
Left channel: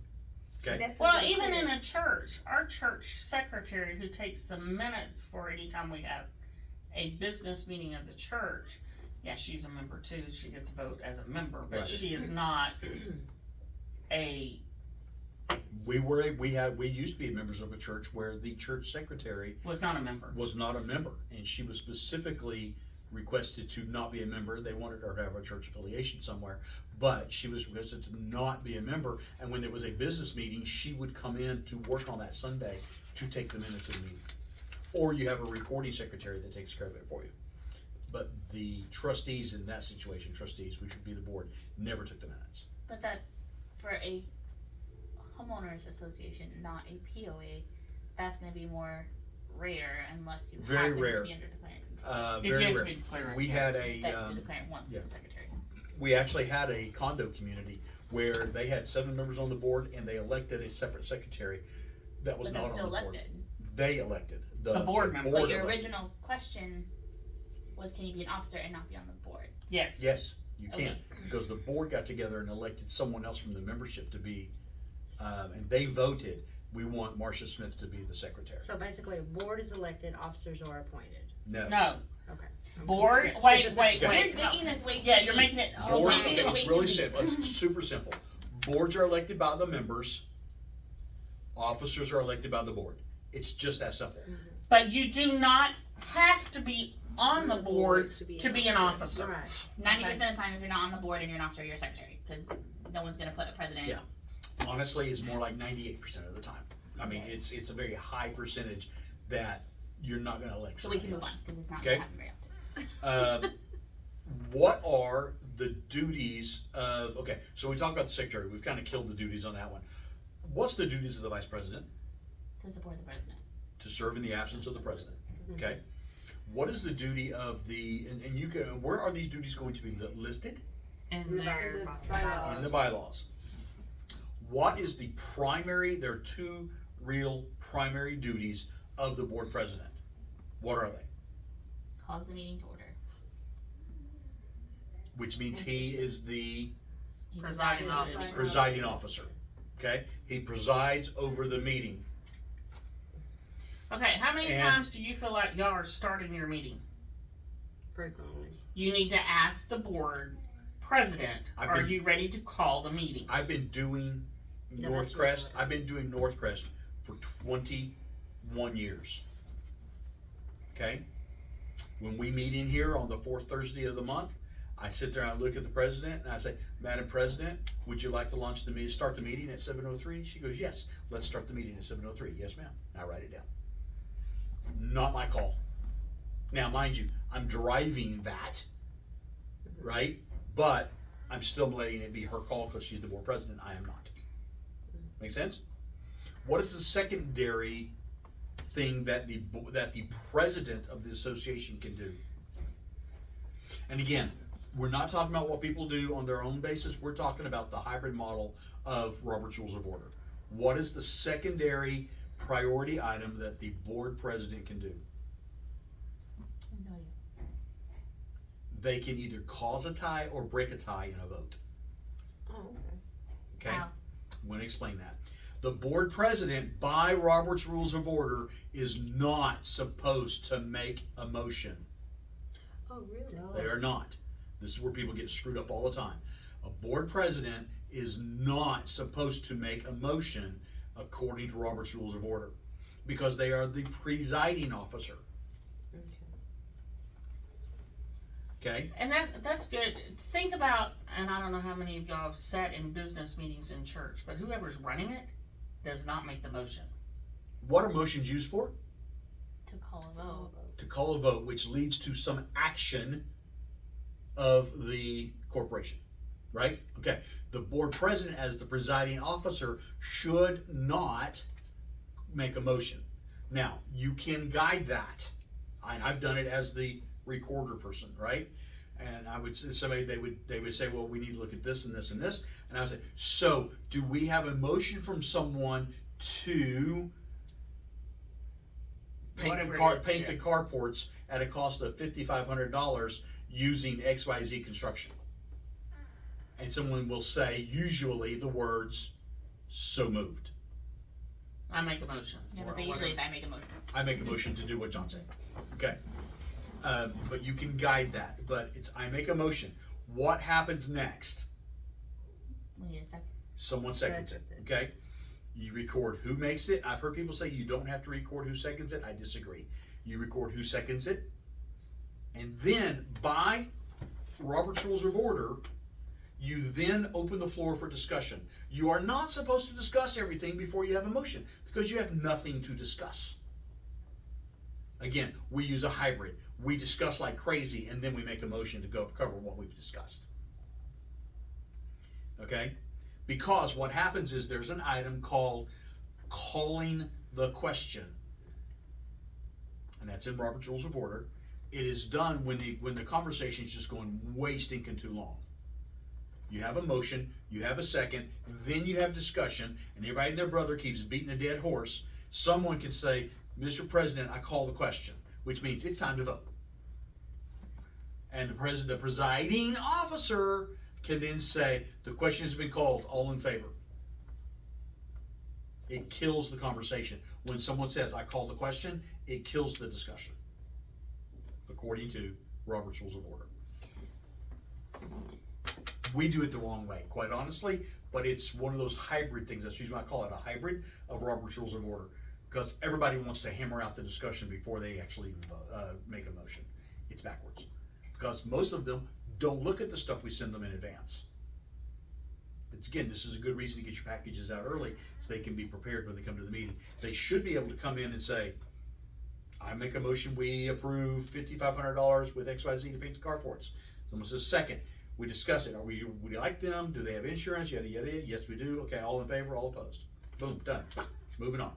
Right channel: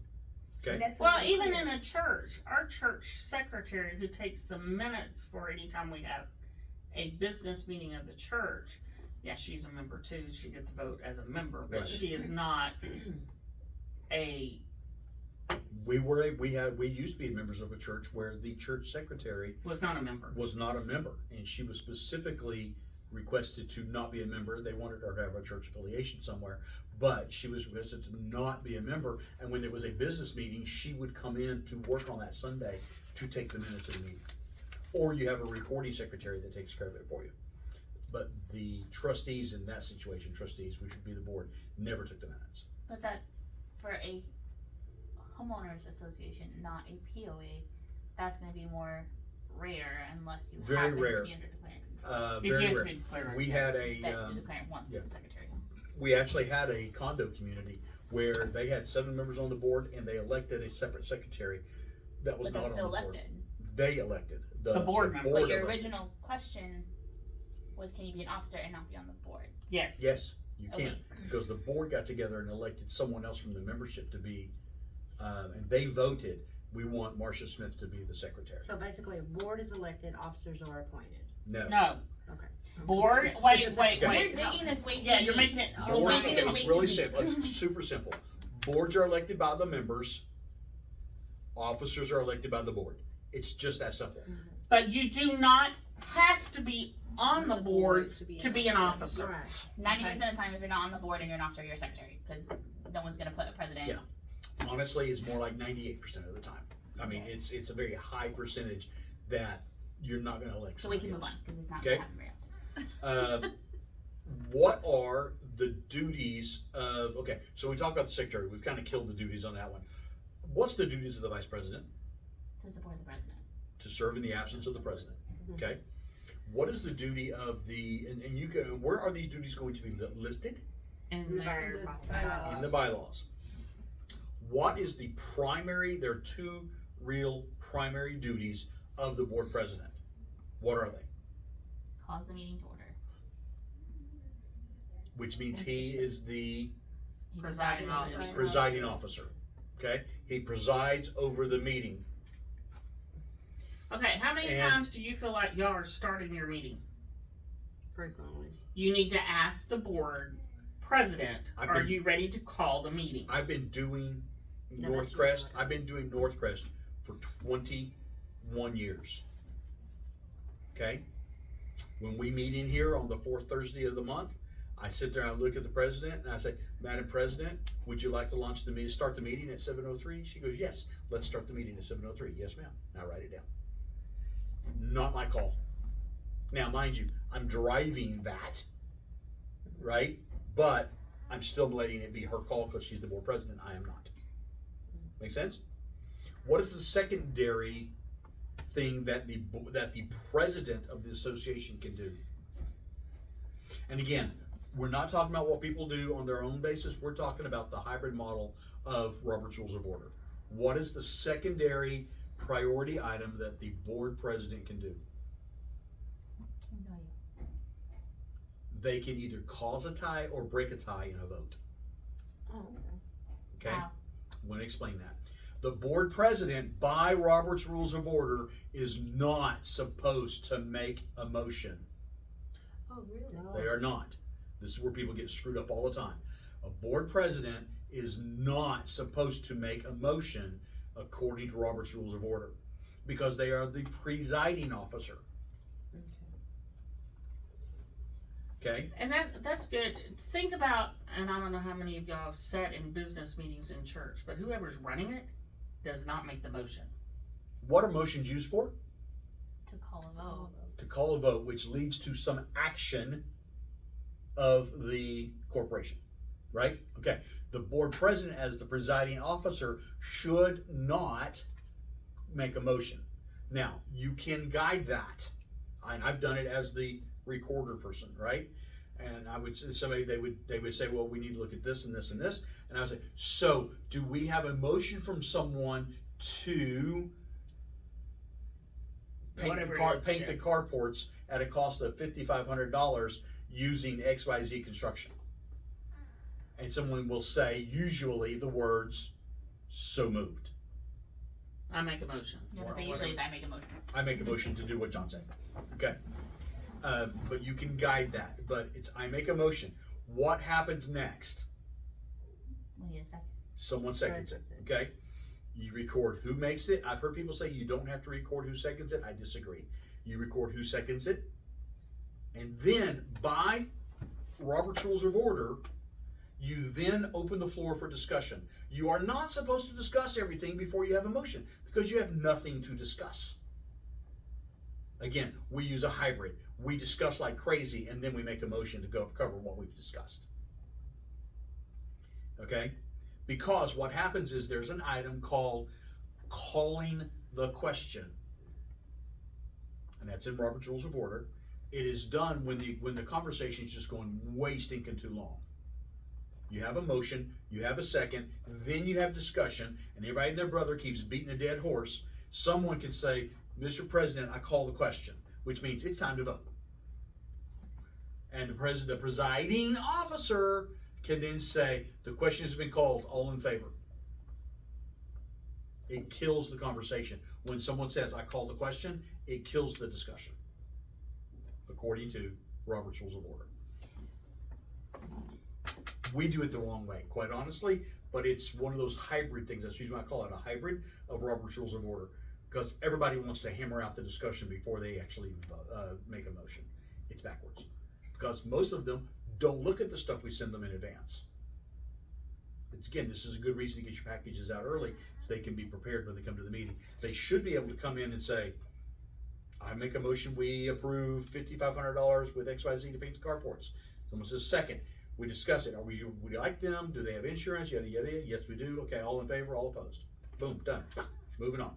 Okay? Well, even in a church, our church secretary who takes the minutes for any time we have a business meeting of the church, yeah, she's a member too. She gets a vote as a member, but Right. she is not a, We used to be members of a church where the church secretary was not a member. was not a member, and she was specifically requested to not be a member. They wanted her to have a church affiliation somewhere, but she was requested to not be a member. And when there was a business meeting, she would come in to work on that Sunday to take the minutes of the meeting. Or you have a recording secretary that takes care of it for you. But the trustees in that situation, which would be the board, never took the minutes. But that for a homeowners association, not a POA, that's going to be more rare unless you Very happen rare. to be under declarant control. If you Very have to rare. be declared. We had a That the declarant wants yeah. the secretary. we actually had a condo community where they had 7 members on the board, and they elected a separate secretary that was But not they're on still the board. elected. They elected The board member. But your elected. original question was, can you be an officer and not be on the board? Yes. Yes, You can't, because the board got together and elected someone else from the membership to be, and they voted, we want Marcia Smith to be the secretary. So basically, a board is elected, officers are appointed. No. No, Okay. I'm board, confused. wait, You're wait. making this way too Yeah, you're deep. making it, Board- Board, making okay, it it's way really too simple, it's super simple. Boards are elected by the members, officers are elected by the board. It's just that simple. but you do not have to be on the board to be an officer. Right. 90% of the time, if you're not on the board and you're an officer, you're a secretary, because no one's gonna put a president. Yeah. Honestly, it's more like 98% of the time. I mean, it's a very high percentage that you're not gonna elect So we somebody can move on, else. because it's not Okay. gonna happen very often. What are the duties of, okay, so we talked about the secretary, we've kind of killed the duties on that one. What's the duties of the vice president? To support the president. To serve in the absence of the president, okay? What is the duty of the, and you can, where are these duties going to be listed? And they're, In the bylaws. What is the primary, there are two real primary duties of the board president. What are they? Calls the meeting to order. Which means he is the He Presiding presides over officer. the presiding officer, okay? He presides over the meeting. okay, how many And- times do you feel like y'all are starting your meeting? Frequently. You need to ask the board president, I've are been- you ready to call the meeting? I've been doing No, that's Northcrest, not- I've been doing Northcrest for 21 years. Okay? When we meet in here on the fourth Thursday of the month, I sit there and I look at the president and I say, Madam President, would you like to start the meeting at 7:03? She goes, yes, let's start the meeting at 7:03. Yes, ma'am. I write it down. Not my call. Now, mind you, I'm driving that, right? But I'm still letting it be her call because she's the board president. I am not. Make sense? What is the secondary thing that the president of the association can do? And again, we're not talking about what people do on their own basis. We're talking about the hybrid model of Robert's Rules of Order. What is the secondary priority item that the board president can do? No idea. They can either cause a tie or break a tie in a vote. Oh, okay. Okay? Wow. I'm going to explain that. The board president, by Robert's Rules of Order, is not supposed to make a motion. Oh, really? They are not. This is where people get screwed up all the time. A board president is not supposed to make a motion according to Robert's Rules of Order because they are the presiding officer. Okay? And that's good. Think about, and I don't know how many of y'all have sat in business meetings in church, but whoever's running it does not make the motion. What are motions used for? To call a vote. To call a vote, which leads to some action of the corporation, right? Okay, the board president, as the presiding officer, should not make a motion. Now, you can guide that. I've done it as the recorder person, right? And I would somebody they would say, well, we need to look at this and this and this, and I would say, so do we have a motion from someone to paint Whatever the it car, is, paint yeah. the carports at a cost of $5,500 using XYZ construction? And someone will say, usually, the words, so moved. I make a motion. Yeah, or but they usually whatever. I make a motion. I make a motion to do what John said. Okay. But you can guide that. But it's, I make a motion. What happens next? We need a second. Someone seconds it. Okay. You record who makes it. I've heard people say you don't have to record who seconds it. I disagree. You record who seconds it. And then, by Robert's Rules of Order, you then open the floor for discussion. You are not supposed to discuss everything before you have a motion because you have nothing to discuss. Again, we use a hybrid. We discuss like crazy and then we make a motion to go cover what we've discussed. Okay? Because what happens is there's an item called calling the question. And that's in Robert's Rules of Order. It is done when the conversation is just going way stinking too long. You have a motion, you have a second, then you have discussion, and everybody and their brother keeps beating a dead horse. Someone can say, Mr. President, I call the question, which means it's time to vote. And the presiding officer can then say, the question has been called, all in favor. It kills the conversation. When someone says, I call the question, it kills the discussion, according to Robert's Rules of Order. We do it the wrong way, quite honestly, but it's one of those hybrid things. That's usually why I call it a hybrid of Robert's Rules of Order, because everybody wants to hammer out the discussion before they actually make a motion. It's backwards, because most of them don't look at the stuff we send them in advance. It's, again, this is a good reason to get your packages out early so they can be prepared when they come to the meeting. They should be able to come in and say, I make a motion, we approve $5,500 with XYZ to paint the carports. Someone says second. We discuss it. Would you like them? Do they have insurance? Yada, yada, yada. Yes, we do. Okay, all in favor, all opposed. Boom, done. Moving on.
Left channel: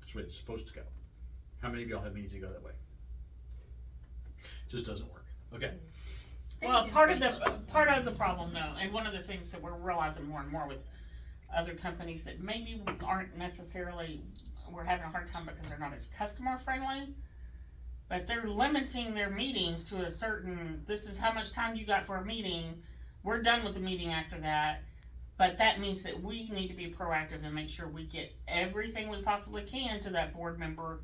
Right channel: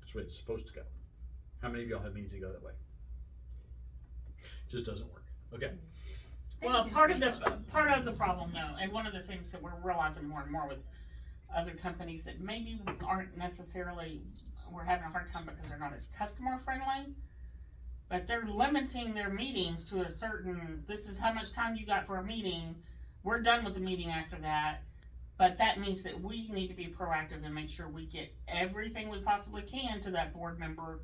That's where it's supposed to go. How many of y'all have meetings that go that way? It just doesn't work. Okay. Well, part of the problem though, and one of the things that we're realizing more and more with other companies that maybe aren't necessarily, we're having a hard time because they're not as customer friendly, but they're limiting their meetings to a certain, this is how much time you got for a meeting, we're done with the meeting after that, but that means that we need to be proactive and make sure we get everything we possibly can to that board member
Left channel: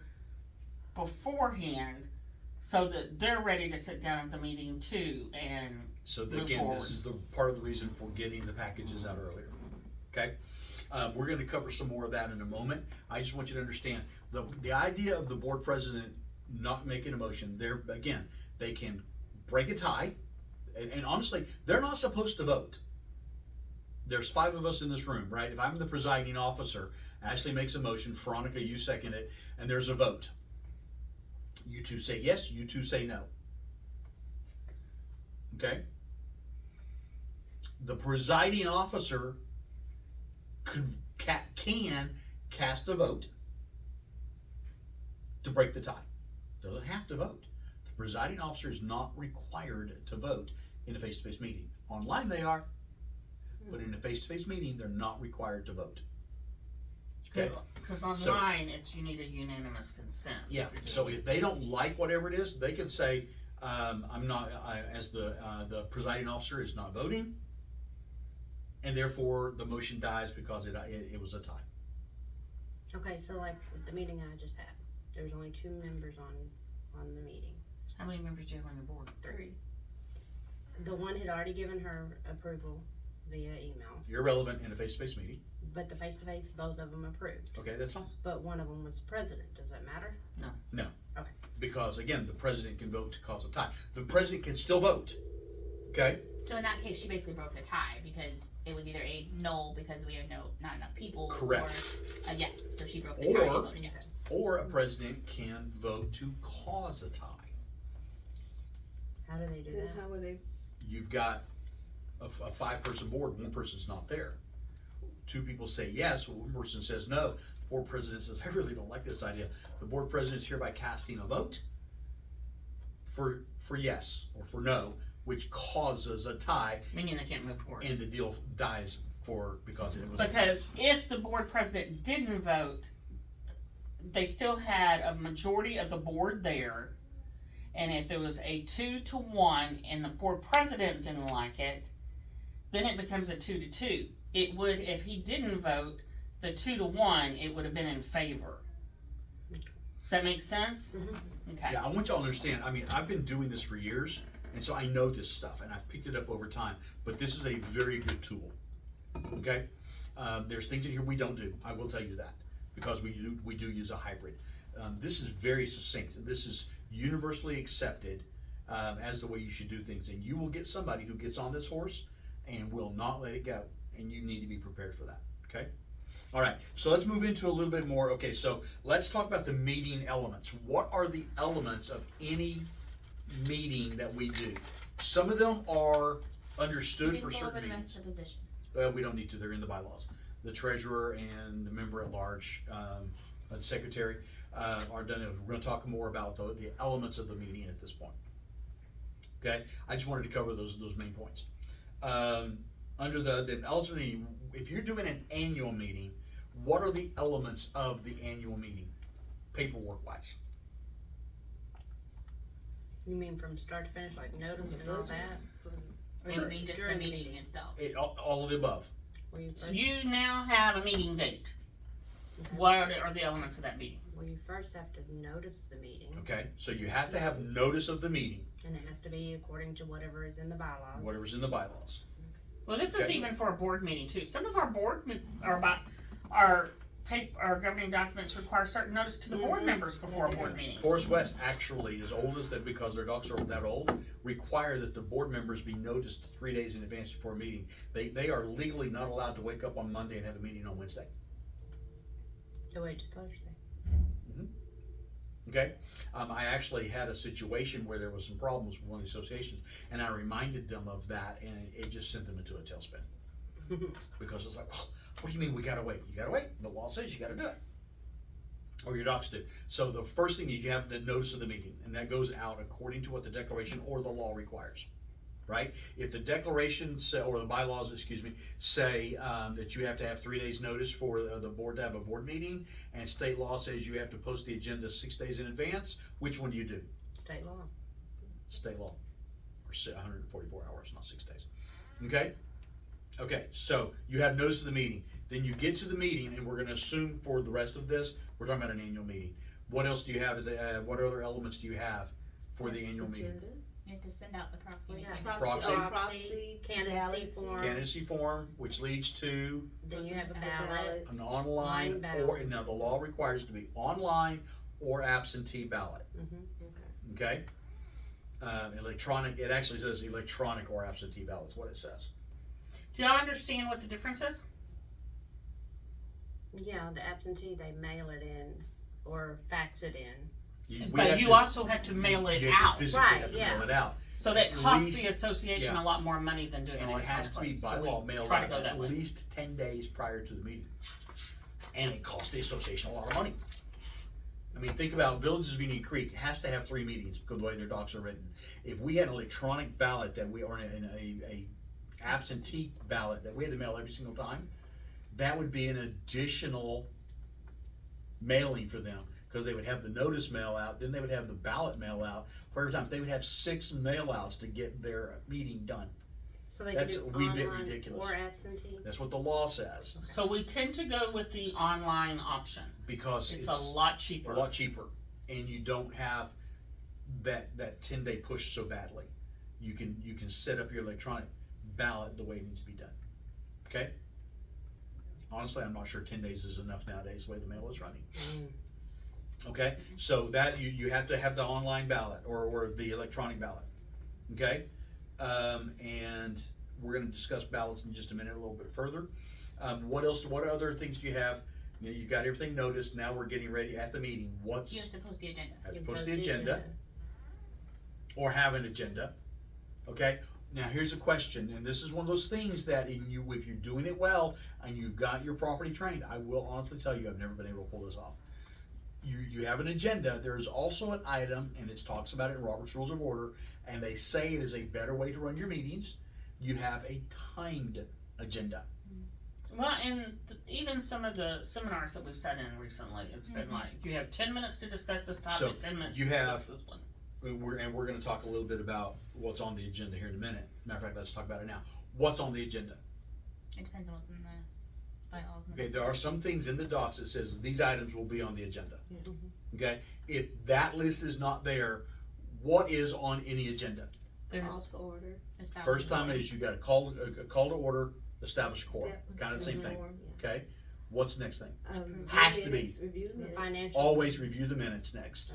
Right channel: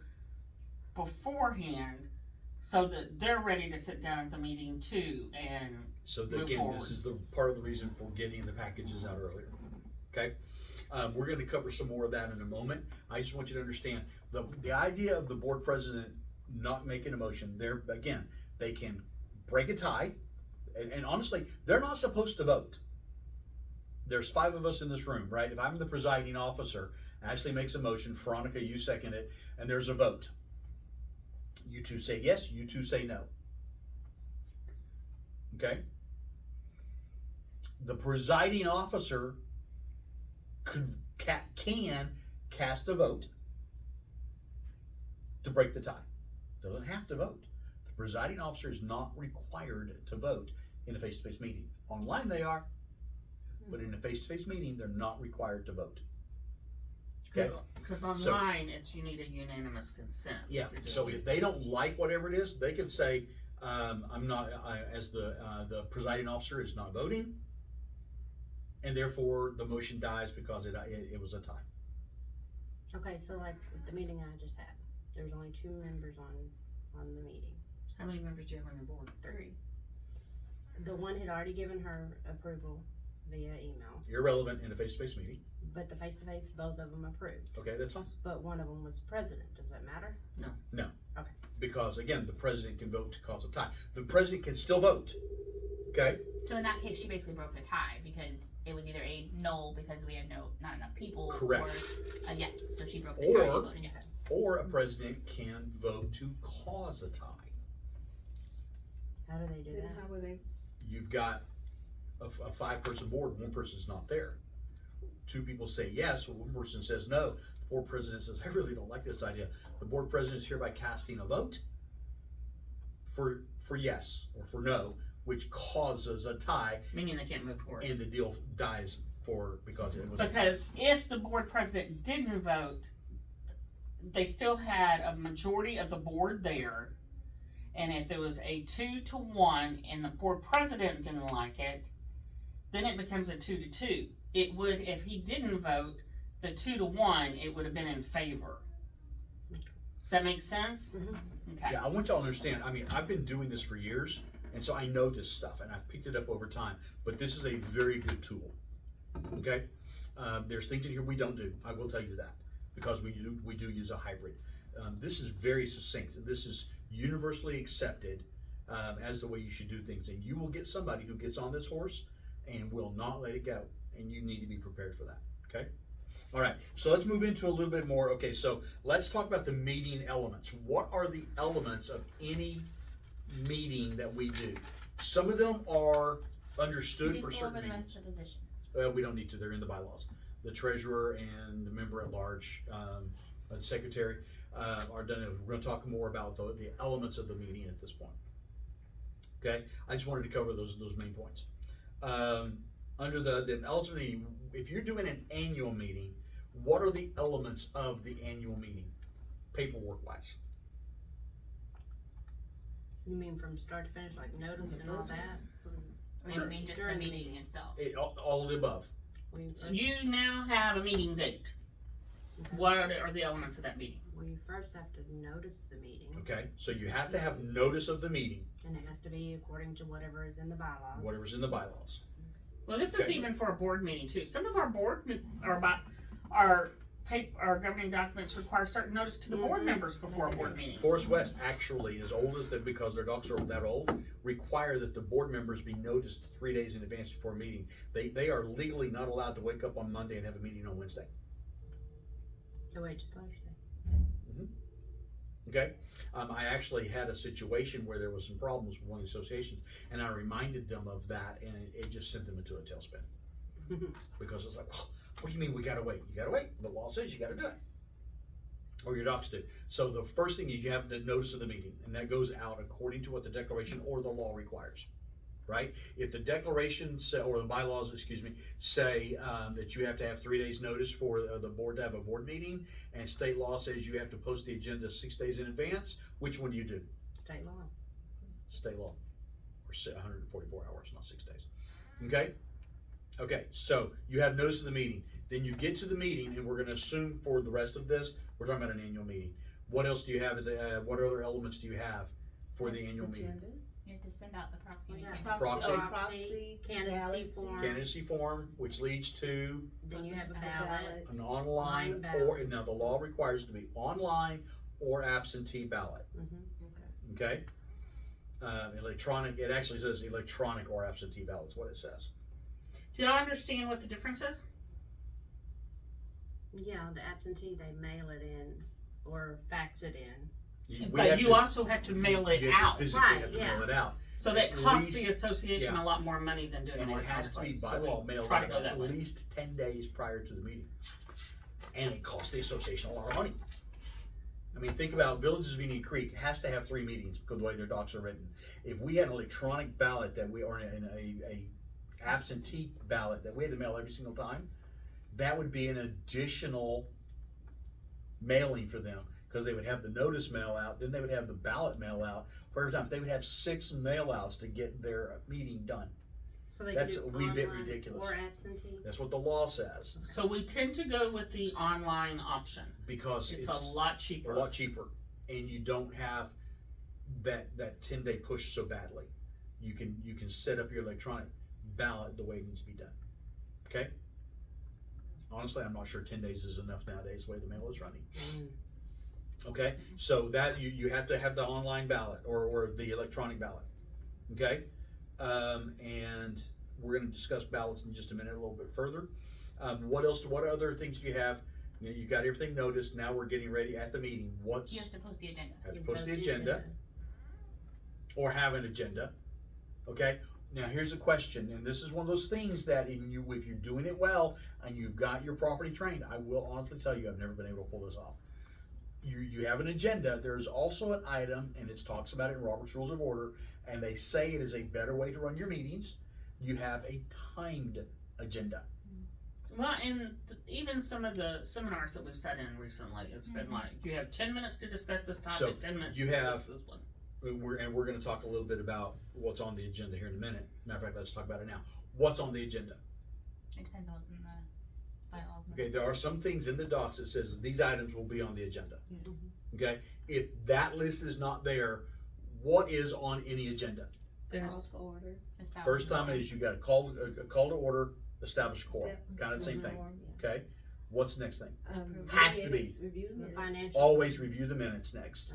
beforehand, so that they're ready to sit down at the meeting too, and So move again, forward. this is the part of the reason for getting the packages out earlier. Okay? We're going to cover some more of that in a moment. I just want you to understand the idea of the board president not making a motion. There again, they can break a tie, and honestly, they're not supposed to vote. There's 5 of us in this room, right? If I'm the presiding officer, Ashley makes a motion, Veronica, you second it, and there's a vote. You two say yes, you two say no. Okay? The presiding officer can cast a vote to break the tie. Doesn't have to vote. The presiding officer is not required to vote in a face-to-face meeting. Online they are, but in a face-to-face meeting, they're not required to vote. Okay? Because online, you need a unanimous consent. Yeah, so if they don't like whatever it is, they can say, I'm not, as the presiding officer is not voting, and therefore the motion dies because it was a tie. Okay, so like the meeting I just had, there was only 2 members on the meeting. How many members do you have on your board? 3. The one had already given her approval via email, Irrelevant in a face-to-face meeting. but the face-to-face, both of them approved. Okay, that's fine. But one of them was president, does that matter? No. Okay. Because again, the president can vote to cause a tie. The president can still vote. Okay? So in that case, she basically broke the tie because it was either a no because we had not enough people, Correct. or a yes. So she broke the tie. Or- and voted yes. Or a president can vote to cause a tie. How do they do that? How would they? You've got a 5-person board, one person's not there. 2 people say yes, one person says no. The board president says, I really don't like this idea. The board president is hereby casting a vote for yes or for no, which causes a tie, Meaning they can't move forward. and the deal dies because it was a tie. Because if the board president didn't vote, they still had a majority of the board there. And if there was a 2-1 and the board president didn't like it, then it becomes a 2-2. It would, if he didn't vote, the 2-1, it would have been in favor. Does that make sense? Mhm. Okay. Yeah, I want y'all to understand, I mean, I've been doing this for years, and so I know this stuff, and I've picked it up over time, but this is a very good tool, okay? There's things in here we don't do, I will tell you that, because we do use a hybrid. This is very succinct. This is universally accepted as the way you should do things, and you will get somebody who gets on this horse and will not let it go, and you need to be prepared for that, okay? All right, so let's move into a little bit more. Okay, so let's talk about the meeting elements. What are the elements of any meeting that we do? Some of them are understood You for can go over certain the meetings. rest of the positions. We don't need to, they're in the bylaws. The treasurer and the member at large, the secretary, are done. We're gonna talk more about the elements of the meeting at this point. Okay, I just wanted to cover those main points. Under the elements of the meeting, if you're doing an annual meeting, what are the elements of the annual meeting, paperwork wise? You mean from start to finish, like notice and all that? Or Sure. you mean just the During the meeting meeting. itself? All of the above. Will you first, You now have a meeting date. okay. What are the elements of that meeting? Well, you first have to notice the meeting, Okay, so you have to have notice of the meeting, and it has to be according to whatever is in the bylaws. whatever's in the bylaws. Well, this is Okay. even for a board meeting too. Some of our our governing documents require certain notice to the board Mhm. members before a board meeting. Forest West actually, as old as that, because their dogs are that old, require that the board members be noticed 3 days in advance before a meeting. They are legally not allowed to wake up on Monday and have a meeting on Wednesday. So wait till Thursday. Okay, I actually had a situation where there was some problems with one of the associations, and I reminded them of that, and it just sent them into a tailspin. Because it's like, well, what do you mean we gotta wait? You gotta wait. The law says you gotta do it. Or your docs do. So the first thing is you have the notice of the meeting, and that goes out according to what the declaration or the law requires. Right? If the declaration or the bylaws, say that you have to have 3 days notice for the board to have a board meeting, and state law says you have to post the agenda 6 days in advance, which one do you do? State law. State law. Or 144 hours, not 6 days. Okay? Okay, so you have notice of the meeting. Then you get to the meeting, and we're going to assume for the rest of this, we're talking about an annual meeting. What else do you have? What other elements do you have for the annual meeting? You have to send out the proxy. We got materials. Proxy. Proxy, candidacy ballot, form, Candidacy form, which leads to then you have a And a ballot. an online Online ballot. or, now the law requires it to be online or absentee ballot, Okay. okay? Electronic, it actually says electronic or absentee ballot is what it says. Do y'all understand what the difference is? Yeah, the absentee, they mail it in or fax it in. We But have you to- also have to mail it you have to out. physically Right, have to yeah. mail it out. So that At costs least- the association yeah. a lot more money than doing it And it has to be electronically. by So we law mailed try out to go that at way. least 10 days prior to the meeting. And it costs the association a lot of money. I mean, think about Villages of Indian Creek has to have 3 meetings because of the way their docs are written. If we had an electronic ballot that we, or a absentee ballot that we had to mail every single time, that would be an additional mailing for them, because they would have the notice mail out, then they would have the ballot mail out for every time. They would have 6 mail outs to get their meeting done. So they That's can a do wee bit online ridiculous. or absentee. That's what the law says, So we tend to go with the online option. because It's a lot cheaper. a lot cheaper, and you don't have that 10-day push so badly. You can set up your electronic ballot the way it needs to be done. Okay. Honestly, I'm not sure 10 days is enough nowadays the way the mail is running. Okay, so that you have to have the online ballot or the electronic ballot. Okay, and we're going to discuss ballots in just a minute, a little bit further. What else? What other things do you have? You know, you got everything noticed. Now we're getting ready at the meeting. You What's have to post the agenda. have to You post the agenda or have an agenda. Okay. Now here's a question, and this is one of those things that if you're doing it well and you've got your property trained, I will honestly tell you I've never been able to pull this off. You have an agenda. There's also an item, and it talks about it in Robert's Rules of Order, and they say it is a better way to run your meetings. You have a timed agenda. Well, and even some of the seminars that we've sat in recently, it's been like, you have 10 minutes to discuss this topic, So, 10 minutes you to discuss have- this one. We're going to talk a little bit about what's on the agenda here in a minute. Matter of fact, let's talk about it now. What's on the agenda? It depends on what's in the bylaws. Okay, there are some things in the docs that says these items will be on the agenda. Okay, if that list is not there, what is on any agenda? There's, to order. Establish First the time meeting. is you got a call to order, establish quorum, kind of the same thing. Okay, what's the next thing? Has to be. Review The minutes. financial. Always review the minutes next.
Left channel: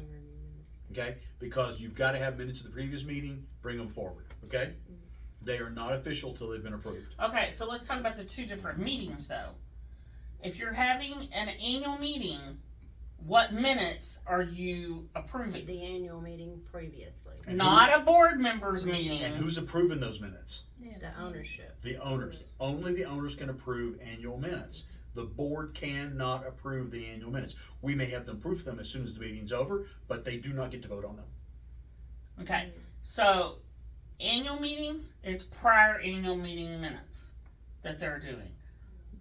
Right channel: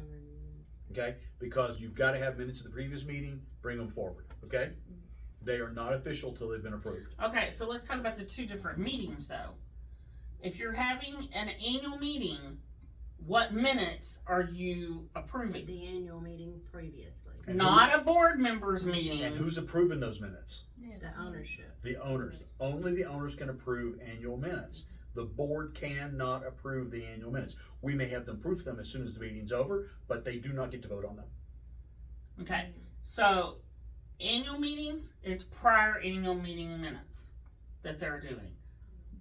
Okay, because you've got to have minutes of the previous meeting, bring them forward. Okay, they are not official till they've been approved. okay, so let's talk about the 2 different meetings though. If you're having an annual meeting, what minutes are you approving? The annual meeting previously, And Not a board member's meeting. And who's approving those minutes? Yeah, the ownership. The owners. Only the owners can approve annual minutes. The board cannot approve the annual minutes. We may have them proof them as soon as the meeting's over, but they do not get to vote on them. Okay, so annual meetings, it's prior annual meeting minutes that they're doing.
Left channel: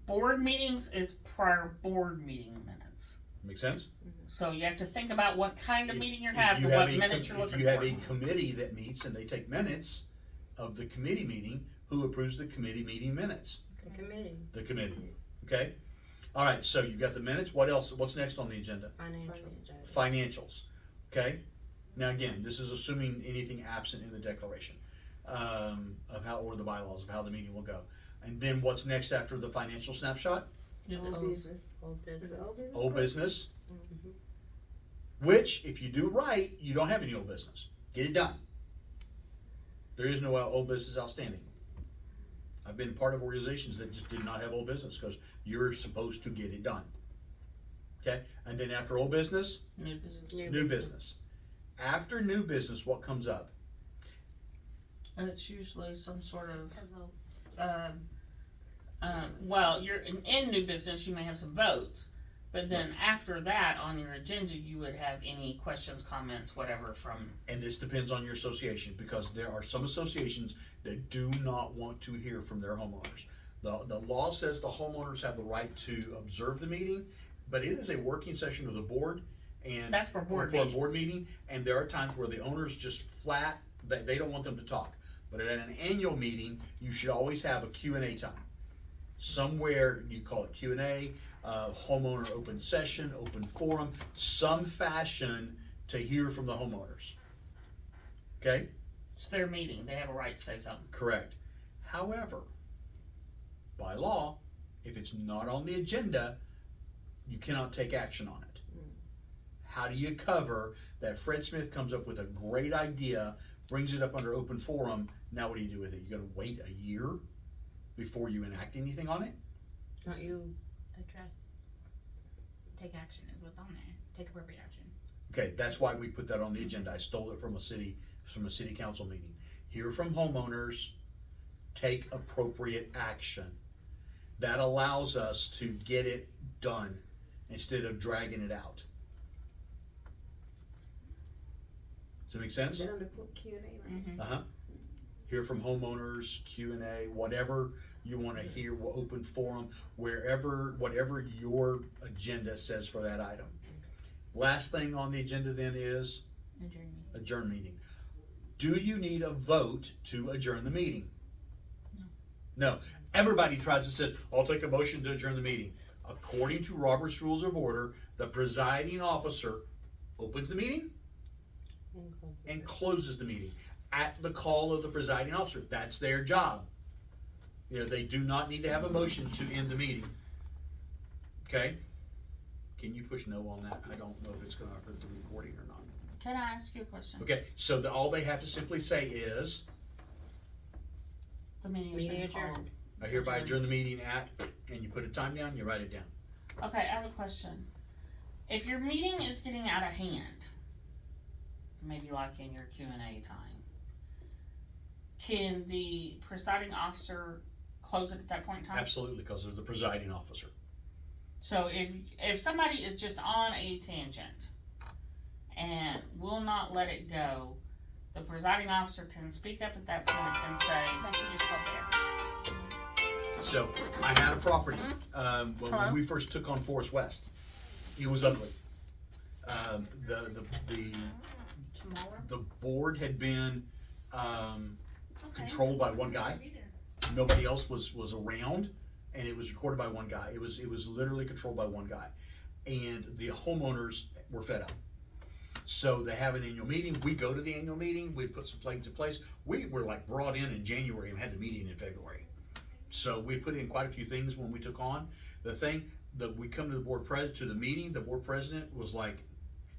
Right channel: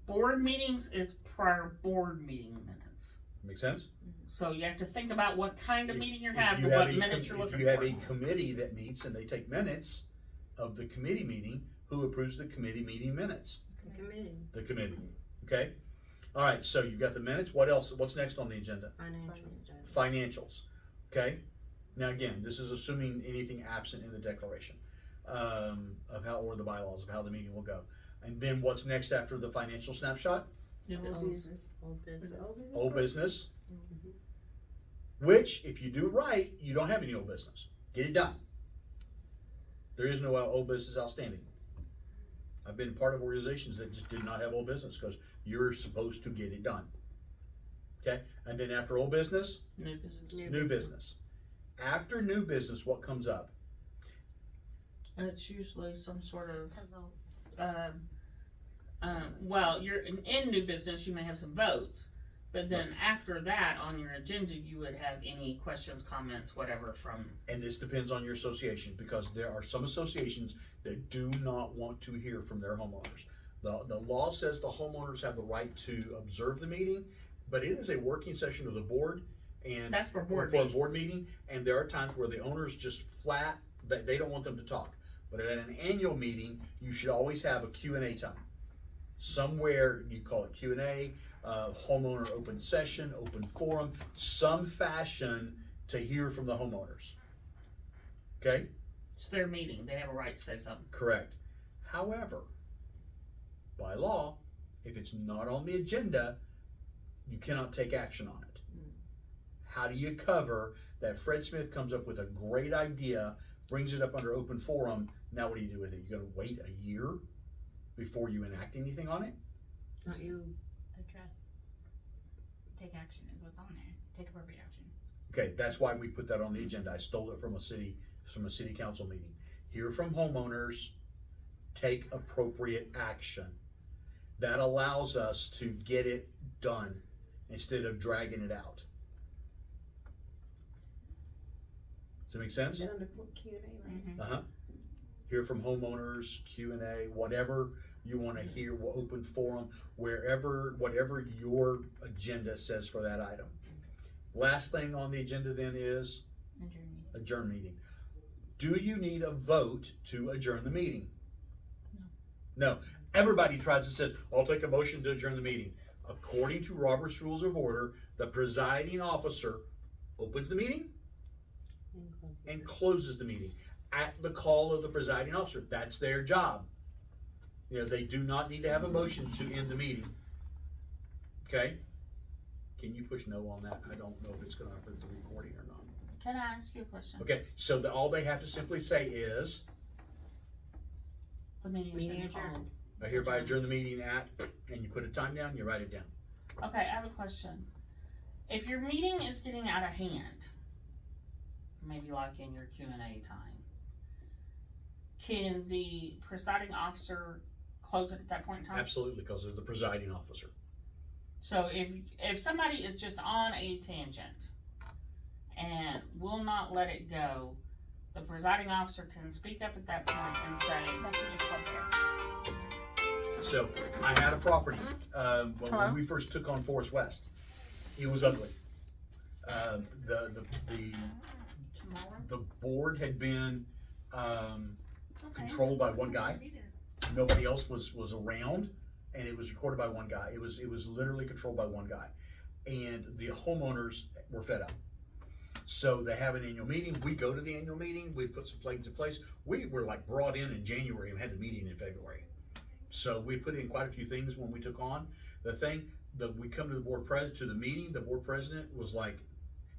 Board meetings is prior board meeting minutes. Make sense? So you have to think about what kind of meeting you're If having, you what have a minutes you're if looking you have for. a committee that meets and they take minutes of the committee meeting, who approves the committee meeting minutes? The committee, The committee, okay? All right, so you got the minutes, what else, what's next on the agenda? financial. Financials, okay? Now again, this is assuming anything absent in the declaration, of how, or the bylaws of how the meeting will go. And then what's next after the financial snapshot? New Old business. business, old business. Old business, Mhm. which, if you do it right, you don't have any old business. Get it done. There is no old business outstanding. I've been part of organizations that just did not have old business because you're supposed to get it done. Okay, and then after old business, New business. new business. After new business, what comes up? And it's usually some sort of, A vote. well, you're in new business, you may have some votes, but then after that, on your agenda, you would have any questions, comments, whatever from, And this depends on your association because there are some associations that do not want to hear from their homeowners. The law says the homeowners have the right to observe the meeting, but it is a working session of the board and that's for board for a meetings. board meeting, and there are times where the owners just flat, they don't want them to talk. But at an annual meeting, you should always have a Q&A time. Somewhere, you call it Q&A, homeowner open session, open forum, some fashion to hear from the homeowners. Okay, It's their meeting, they have a right to say something. correct. However, by law, if it's not on the agenda, you cannot take action on it. How do you cover that Fred Smith comes up with a great idea, brings it up under open forum, now what do you do with it? You gotta wait a year before you enact anything on it? Don't you, Address. Take action is what's on there. Take appropriate action. Okay, that's why we put that on the agenda. I stole it from a city council meeting. Hear from homeowners, take appropriate action. That allows us to get it done instead of dragging it out. Does that make sense? Is that under Q&A? Mm-hmm. Uh-huh. Hear from homeowners, Q&A, whatever you wanna hear, open forum, whatever your agenda says for that item. Last thing on the agenda then is adjourn meeting. Do you need a vote to adjourn the meeting? No. Everybody tries to say, I'll take a motion to adjourn the meeting. According to Robert's Rules of Order, the presiding officer opens the meeting and closes the meeting at the call of the presiding officer. That's their job. You know, they do not need to have a motion to end the meeting. Okay? Can you push no on that? I don't know if it's gonna hurt the recording or not. Can I ask you a question? Okay, so all they have to simply say is, The meeting is meeting being called. adjourned. I hereby adjourn the meeting at, and you put a time down, you write it down. Okay, I have a question. If your meeting is getting out of hand, maybe like in your Q&A time, can the presiding officer close it at that point in time? Absolutely, because they're the presiding officer. So if somebody is just on a tangent and will not let it go, the presiding officer can speak up at that point and say, That should just go there. So, I had a property, when Hello? we first took on Forest West. It was ugly. Tomorrow. The board had been, Okay. controlled by one guy. Nobody else was around, and it was recorded by one guy. It was literally controlled by one guy. And the homeowners were fed up. So they have an annual meeting. We go to the annual meeting. We put some plans in place. We were like brought in January and had the meeting in February. So we put in quite a few things when we took on the thing. That we come to the board to the meeting. The board president was like,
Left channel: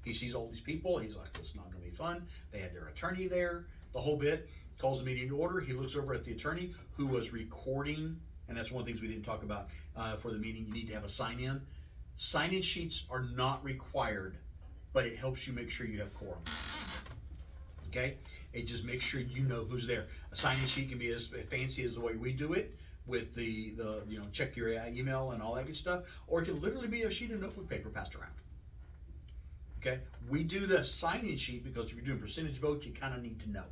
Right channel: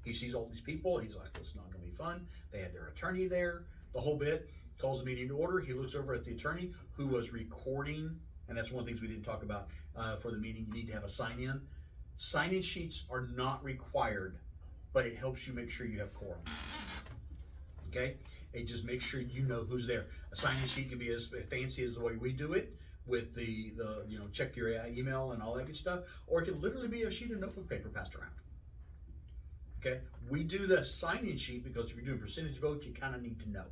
he sees all these people. He's like, it's not going to be fun. They had their attorney there, the whole bit. Calls the meeting to order. He looks over at the attorney who was recording, and that's one of the things we didn't talk about for the meeting. You need to have a sign-in. Sign-in sheets are not required, but it helps you make sure you have quorum. Okay? It just makes sure you know who's there. A sign-in sheet can be as fancy as the way we do it, with the check your email and all that good stuff, or it can literally be a sheet of notebook paper passed around. Okay? We do the sign-in sheet because if you're doing percentage votes, you kind of need to know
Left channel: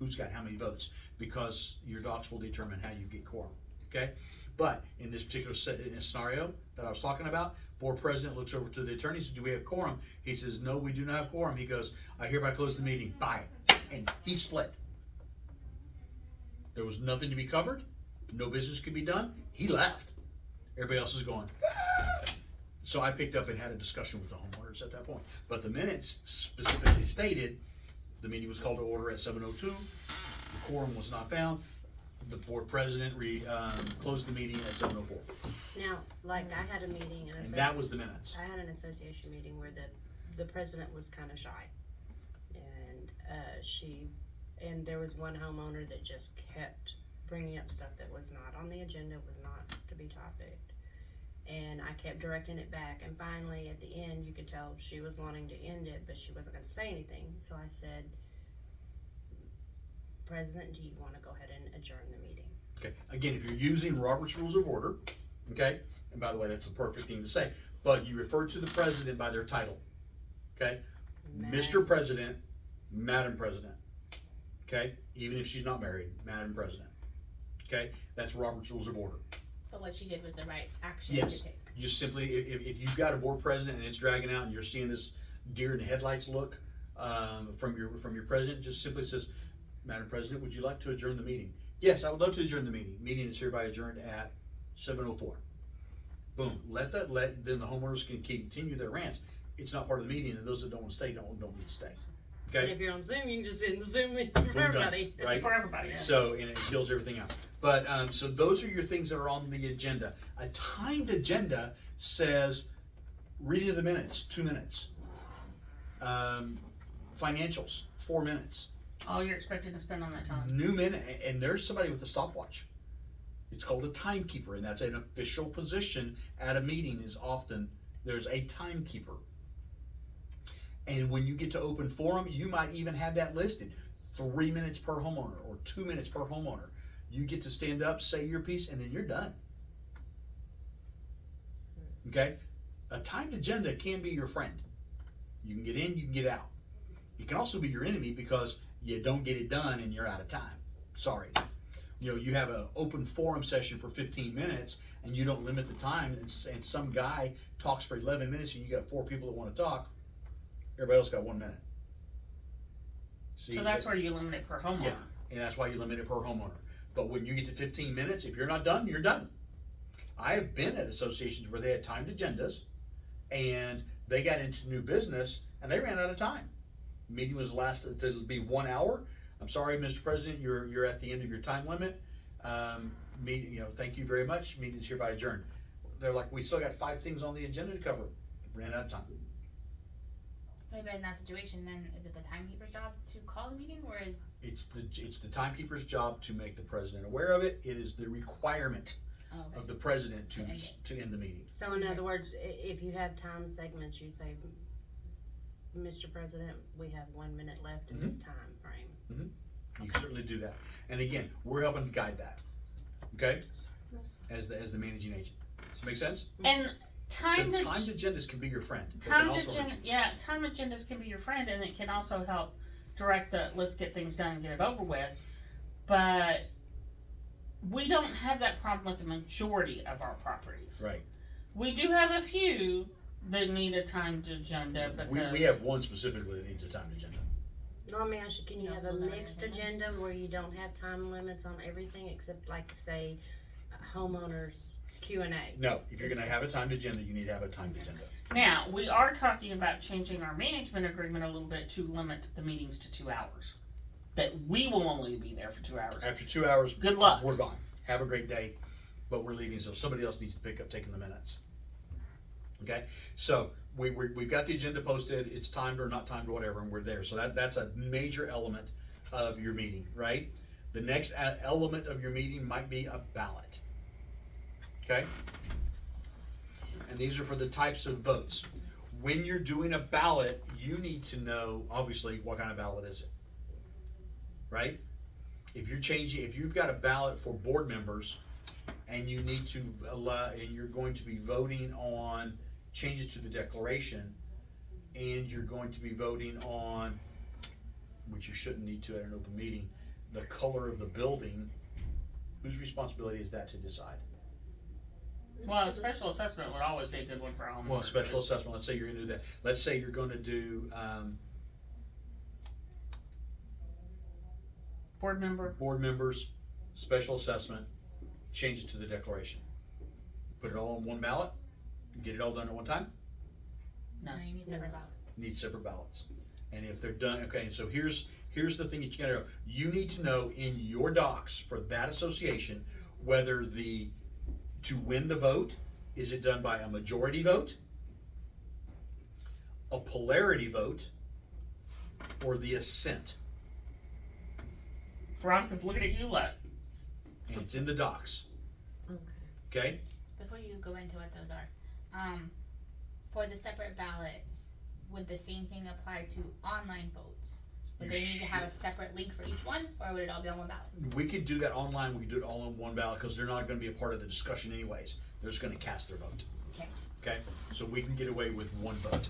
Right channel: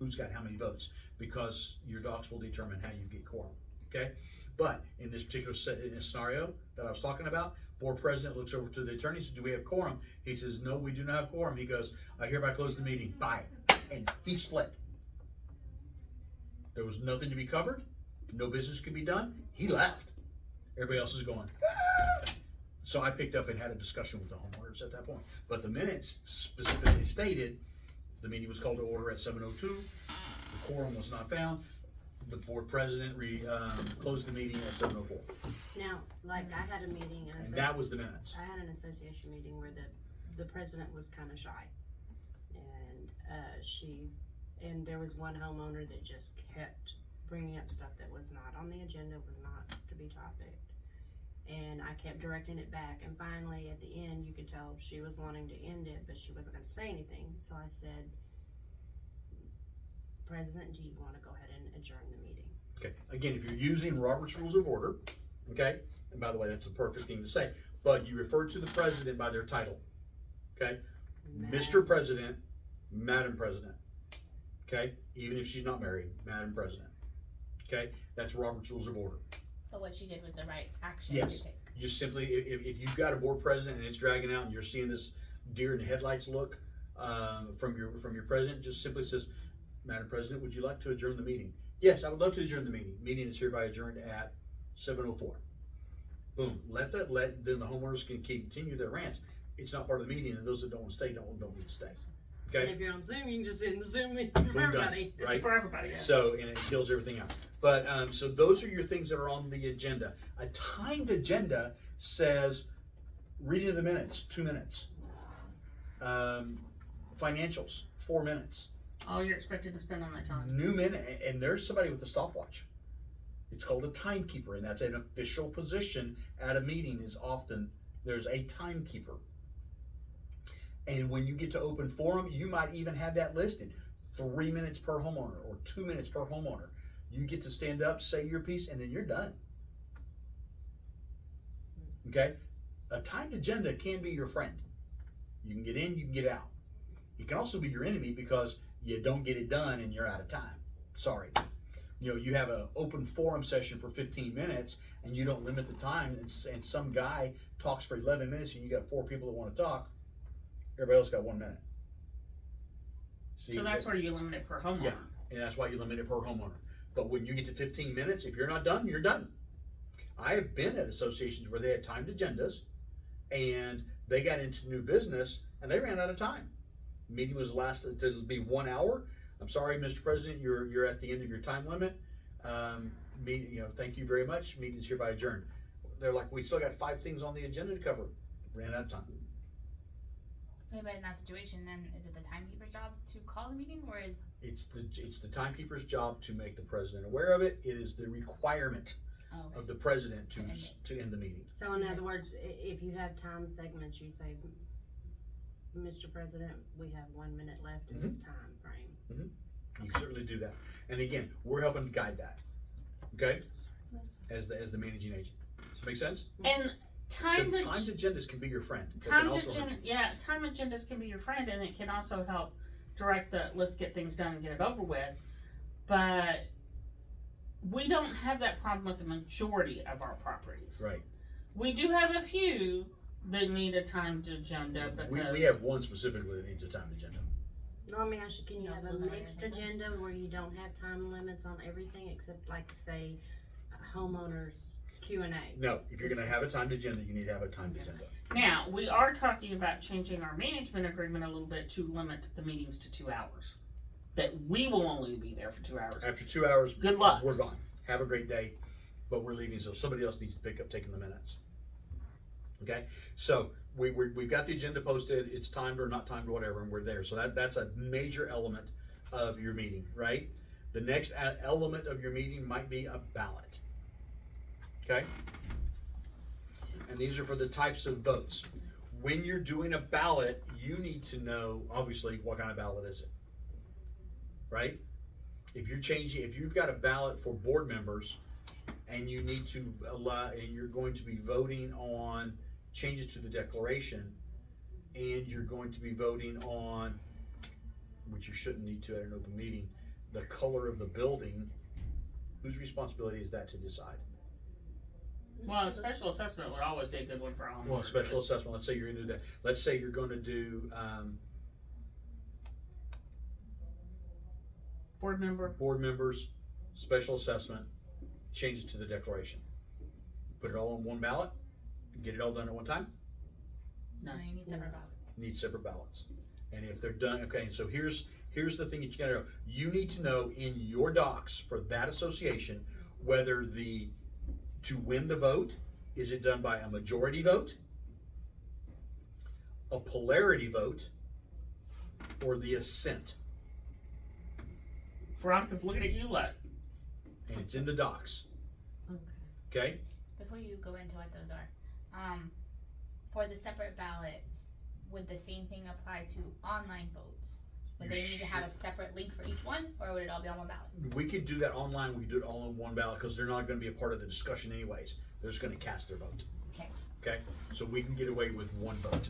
who's got how many votes, because your docs will determine how you get quorum. okay? But in this particular scenario that I was talking about, board president looks over to the attorney and says, do we have quorum? He says, no, we do not have quorum. He goes, I hereby close the meeting. Bye. And he split. There was nothing to be covered. No business could be done. He left. Everybody else is going. So I picked up and had a discussion with the homeowners at that point. But the minutes specifically stated the meeting was called to order at 7:02. The quorum was not found. The board president closed the meeting at 7:04. Now, like, I had a meeting, And that was the minutes. I had an association meeting where the president was kind of shy. And there was one homeowner that just kept bringing up stuff that was not on the agenda, was not to be topic. And I kept directing it back, and finally, at the end, you could tell she was wanting to end it, but she wasn't gonna say anything. So I said, President, do you wanna go ahead and adjourn the meeting? Okay, again, if you're using Robert's Rules of Order, okay, and by the way, that's a perfect thing to say, but you refer to the president by their title, okay? Mr. President, Madam President, okay? Even if she's not married, Madam President, okay? That's Robert's Rules of Order. But what she did was the right action Yes. to take. You simply, if you've got a board president and it's dragging out and you're seeing this deer in the headlights look from your president, just simply says, Madam President, would you like to adjourn the meeting? Yes, I would love to adjourn the meeting. Meeting is hereby adjourned at 7:04. Boom. Then the homeowners can continue their rants. It's not part of the meeting, and those that don't want to stay don't need to stay. And Okay. if you're on Zoom, you can just sit in the Zoom meeting for Boom, done. everybody. Right. For everybody, yeah. So, and it kills everything out. But, so those are your things that are on the agenda. A timed agenda says reading of the minutes, 2 minutes. Financials, 4 minutes. All you're expected to spend on that time. New minute, and there's somebody with a stopwatch. It's called a timekeeper, and that's an official position at a meeting. Is often there's a timekeeper. And when you get to open forum, you might even have that listed. 3 minutes per homeowner or 2 minutes per homeowner. You get to stand up, say your piece, and then you're done. Okay? A timed agenda can be your friend. You can get in, you can get out. It can also be your enemy because you don't get it done and you're out of time. Sorry. You know, you have an open forum session for 15 minutes and you don't limit the time, and some guy talks for 11 minutes and you got 4 people that want to talk. Everybody else got 1 minute. See, So that's where you limit it per homeowner. yeah, and that's why you limit it per homeowner. But when you get to 15 minutes, if you're not done, you're done. I have been at associations where they had timed agendas and they got into new business and they ran out of time. Meeting was lasted to be 1 hour. I'm sorry, Mr. President, you're at the end of your time limit. Thank you very much. Meeting's hereby adjourned. They're like, we still got 5 things on the agenda to cover. Ran out of time. But in that situation, then is it the timekeeper's job to call the meeting, or is It's the timekeeper's job to make the president aware of it. It is the requirement of the president to end the meeting. So in other words, if you have time segments, you'd say, Mr. President, we have 1 minute left in this time frame. You can certainly do that. And again, we're helping to guide that. Okay? As the managing agent. Does that make sense? And timed agendas can be your friend. They can timed also hurt you. timed agendas can be your friend, and it can also help direct the let's get things done and get it over with. But we don't have that problem with the majority of our properties. Right. We do have a few that need a timed agenda because We have one specifically that needs a timed agenda. No, let me ask you, can you Yeah, have a we'll never mixed have that. agenda where you don't have time limits on everything except like say homeowners Q&A? No, if you're gonna have a timed agenda, you need to have a timed agenda. now we are talking about changing our management agreement a little bit to limit the meetings to 2 hours. That we will only be there for 2 hours. After 2 hours, Good luck. we're gone. Have a great day, but we're leaving, so somebody else needs to pick up taking the minutes. Okay, so we've got the agenda posted. It's timed or not timed, whatever, and we're there. So that's a major element of your meeting, right? The next element of your meeting might be a ballot. Okay, and these are for the types of votes. When you're doing a ballot, you need to know obviously what kind of ballot is it, right? If you've got a ballot for board members, and you need to allow, and you're going to be voting on changes to the declaration, and you're going to be voting on, which you shouldn't need to at an open meeting, the color of the building, Whose responsibility is that to decide? Well, a special assessment would always be a good one for homeowners. Well, special assessment, let's say you're gonna do that. Let's say you're gonna do, Board member, board members, special assessment, change it to the declaration. Put it all on one ballot, get it all done at one time, No. No, you need separate ballots. need separate ballots. And if they're done, okay, so here's the thing that you gotta know. You need to know in your docs for that association, whether to win the vote, is it done by a majority vote, a polarity vote, or the assent? Veronica's looking at you like, And it's in the docs, okay? Before you go into what those are, for the separate ballots, would the same thing apply to online votes? Would You they need to have a separate link for each one, or would it all be on one ballot? We could do that online, we could do it all on one ballot, because they're not gonna be a part of the discussion anyways. They're just gonna cast their vote. Okay. Okay, so we can get away with one vote.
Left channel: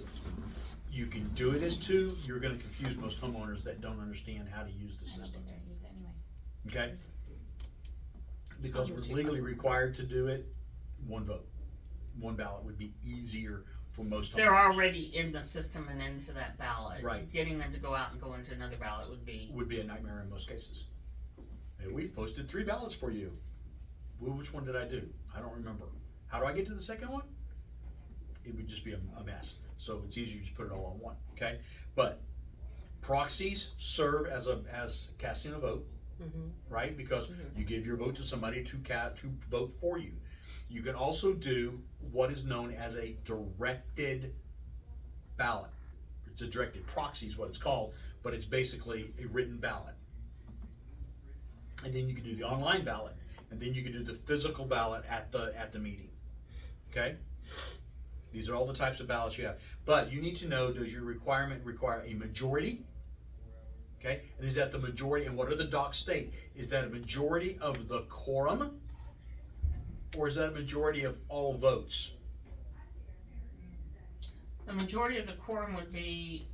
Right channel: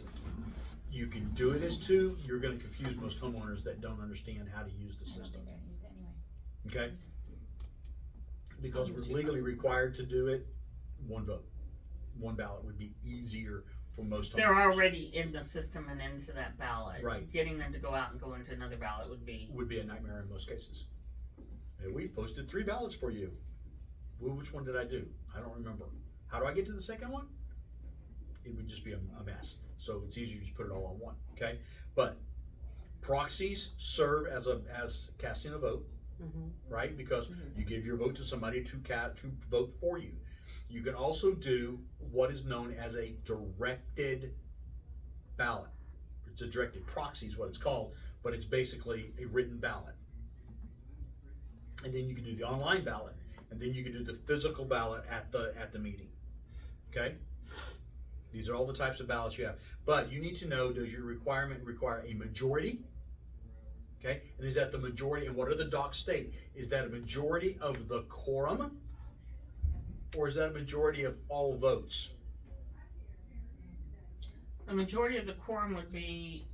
You can do it as two, you're gonna confuse most homeowners that don't understand how to use the I don't system, think they're gonna use it anyway. okay? Because we're legally required to do it, one vote. One ballot would be easier for most homeowners. they're already in the system and into that ballot. Right. Getting them to go out and go into another ballot would be, Would be a nightmare in most cases. Hey, we've posted 3 ballots for you. Well, which one did I do? I don't remember. How do I get to the second one? It would just be a mess. So it's easier to just put it all on one, okay? But proxies serve as casting a vote, right? Because you give your vote to somebody to vote for you. You can also do what is known as a directed ballot. It's a directed proxy is what it's called, but it's basically a written ballot. And then you can do the online ballot, and then you can do the physical ballot at the meeting. Okay? These are all the types of ballots you have. But you need to know, does your requirement require a majority? Okay? And is that the majority, and what are the docs state? Is that a majority of the quorum? Or is that a majority of all votes? the majority of the quorum would be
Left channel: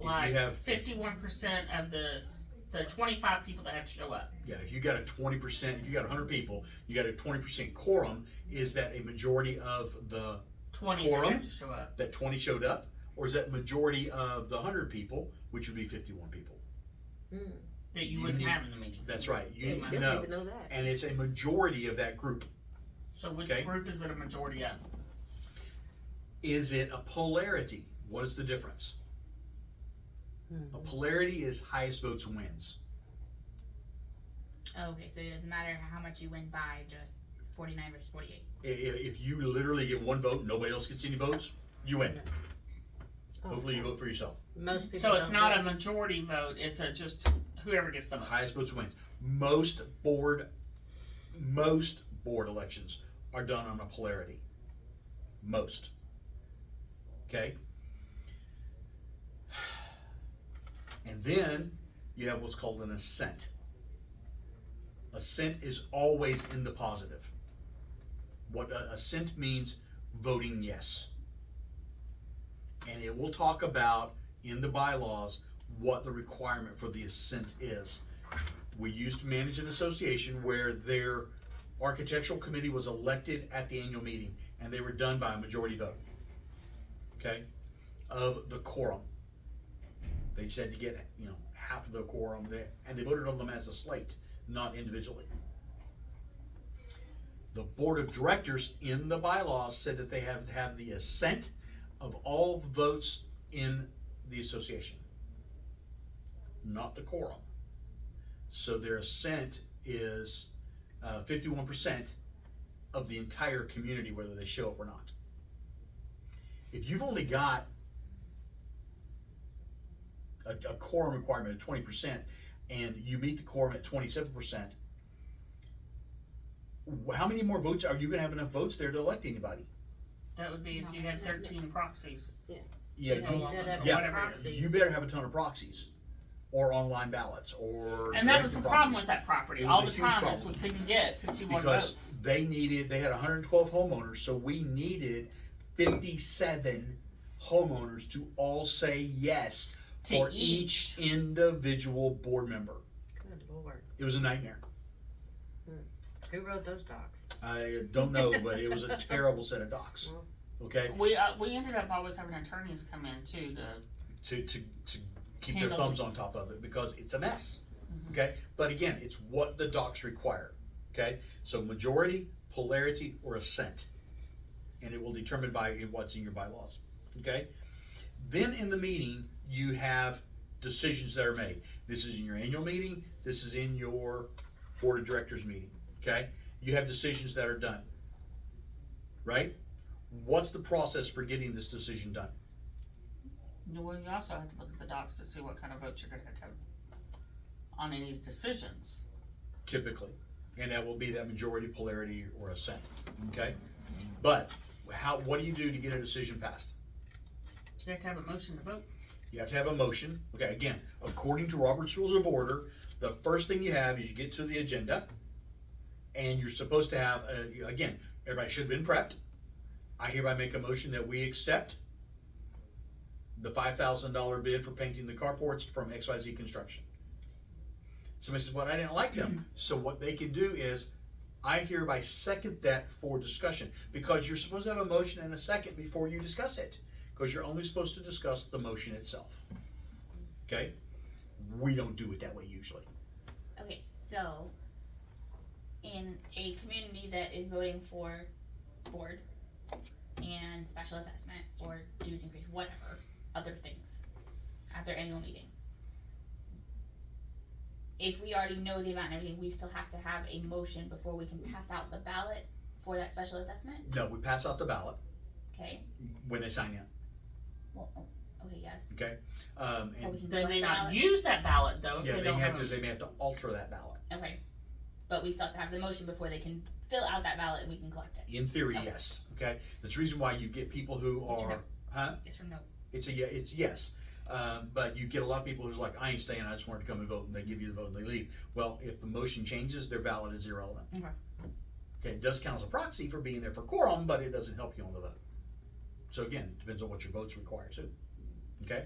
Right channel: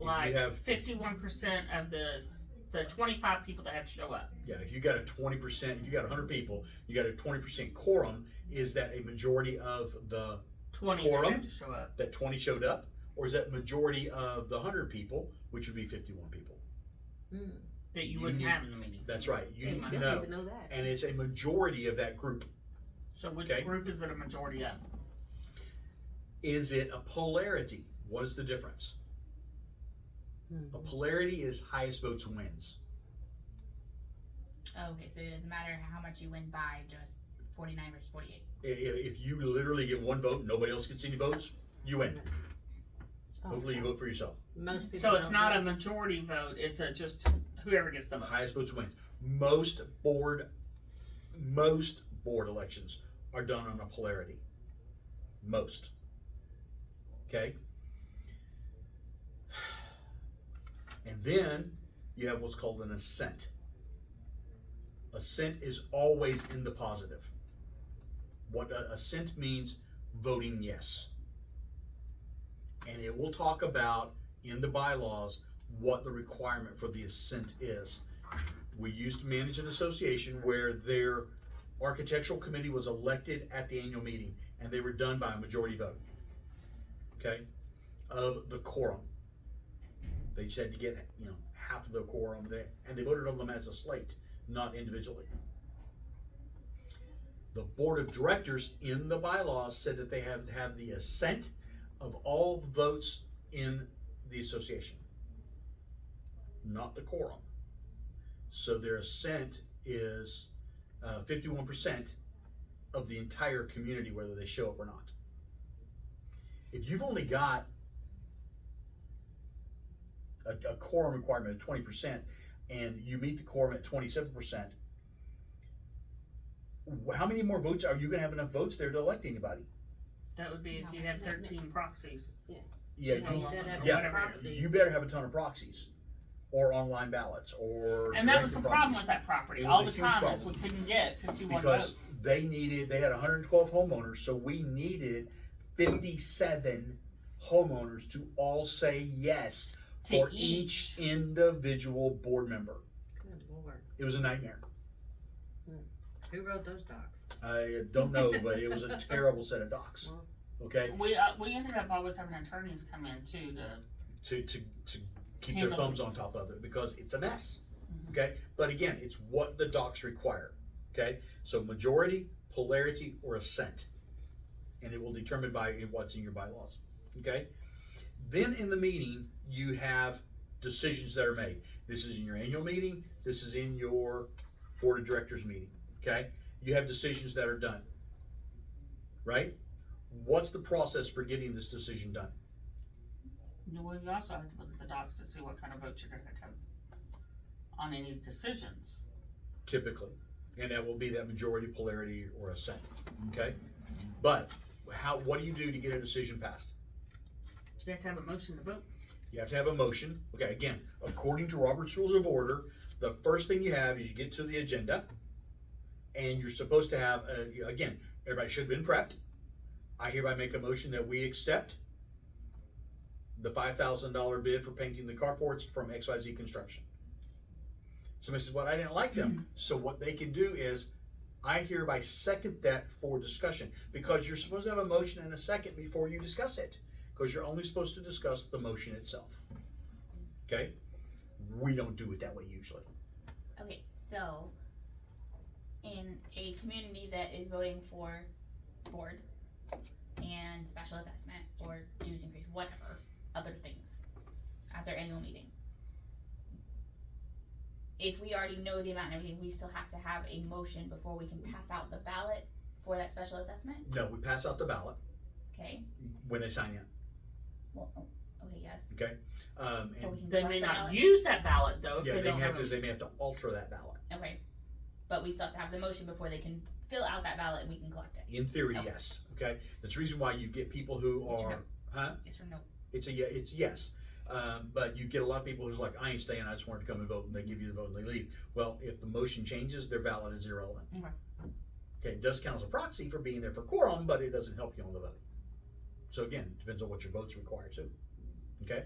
If like you have 51% of the 25 people that have to show up. Yeah, if you got a 20%, if you got 100 people, you got a 20% quorum, is that a majority of the 20 that Quorum? have to show up. that 20 showed up? Or is that majority of the 100 people, which would be 51 people? That you You wouldn't need- have in the meeting. That's right, you Yeah, need I to know. that. And it's a majority of that group. So which Okay. group is it a majority of? Is it a polarity? What is the difference? A polarity is highest votes wins. Oh, okay, so it doesn't matter how much you win by, just 49 versus 48. If you literally get one vote, nobody else gets any votes, you win. Hopefully you vote for yourself. Most people. So it's don't not vote. a majority vote, it's just whoever gets the The votes. highest votes wins. Most board elections are done on a polarity. Most. Okay? And then you have what's called an assent. Assent is always in the positive. What assent means, voting yes. And it will talk about in the bylaws what the requirement for the assent is. We used to manage an association where their architectural committee was elected at the annual meeting, and they were done by a majority vote, okay, of the quorum. They just had to get, half of the quorum there, and they voted on them as a slate, not individually. The board of directors in the bylaws said that they have to have the assent of all votes in the association, not the quorum. So their assent is 51% of the entire community, whether they show up or not. If you've only got a quorum requirement of 20% and you meet the quorum at 27%, how many more votes are you going to have enough votes there to elect anybody? That would be if you had 13 proxies. Yeah, Yeah, you, yeah. Whatever it is. you better have a ton of proxies or online ballots or And that was the directed problem proxies. with that property. It was All a the huge time is we problem. couldn't get 51 Because votes. they had 112 homeowners, so we needed 57 homeowners to all say yes To for each. each individual board member. Good Lord. It was a nightmare. Who wrote those docs? I don't know, but it was a terrible set of docs. Okay, We ended up always having attorneys come in too to to keep their Handle thumbs on top of it because it's a mess. Mhm. Okay, but again, it's what the docs require. Okay, so majority, polarity, or assent, and it will determine by what's in your bylaws. Okay, then in the meeting you have decisions that are made. This is in your annual meeting. This is in your board of directors meeting. Okay, you have decisions that are done. Right? What's the process for getting this decision done? Well, you also have to look at the docs to see what kind of votes you're gonna have on any decisions. Typically, and that will be that majority, polarity, or assent. Okay, but what do you do to get a decision passed? You have to have a motion to vote. You have to have a motion. Okay, again, according to Robert's Rules of Order, the first thing you have is you get to the agenda, and you're supposed to have again, everybody should have been prepped. I hereby make a motion that we accept the $5,000 bid for painting the carports from XYZ Construction. Somebody says, well, I didn't like them. So what they can do is, I hereby second that for discussion, because you're supposed to have a motion and a second before you discuss it, because you're only supposed to discuss the motion itself. Okay? We don't do it that way usually. Okay, so in a community that is voting for board and special assessment or dues increase, whatever, other things at their annual meeting, if we already know the amount and everything, we still have to have a motion before we can pass out the ballot for that special assessment? No, we pass out the ballot Okay, when they sign in. well, okay, yes. Okay? So we can They collect may the not ballot? use that ballot though if Yeah, they they don't may have have to. a. They may have to alter that ballot. Okay, but we still have to have the motion before they can fill out that ballot and we can collect it. In theory, Okay. yes. Okay? That's the reason why you get people who Yes or are, no? huh? Yes or no? It's yes. But you get a lot of people who's like, I ain't staying, I just wanted to come and vote, and they give you the vote and they leave. Well, if the motion changes, their ballot is irrelevant. Okay. Okay, it does count as a proxy for being there for quorum, but it doesn't help you on the vote. So again, it depends on what your votes require too. Okay?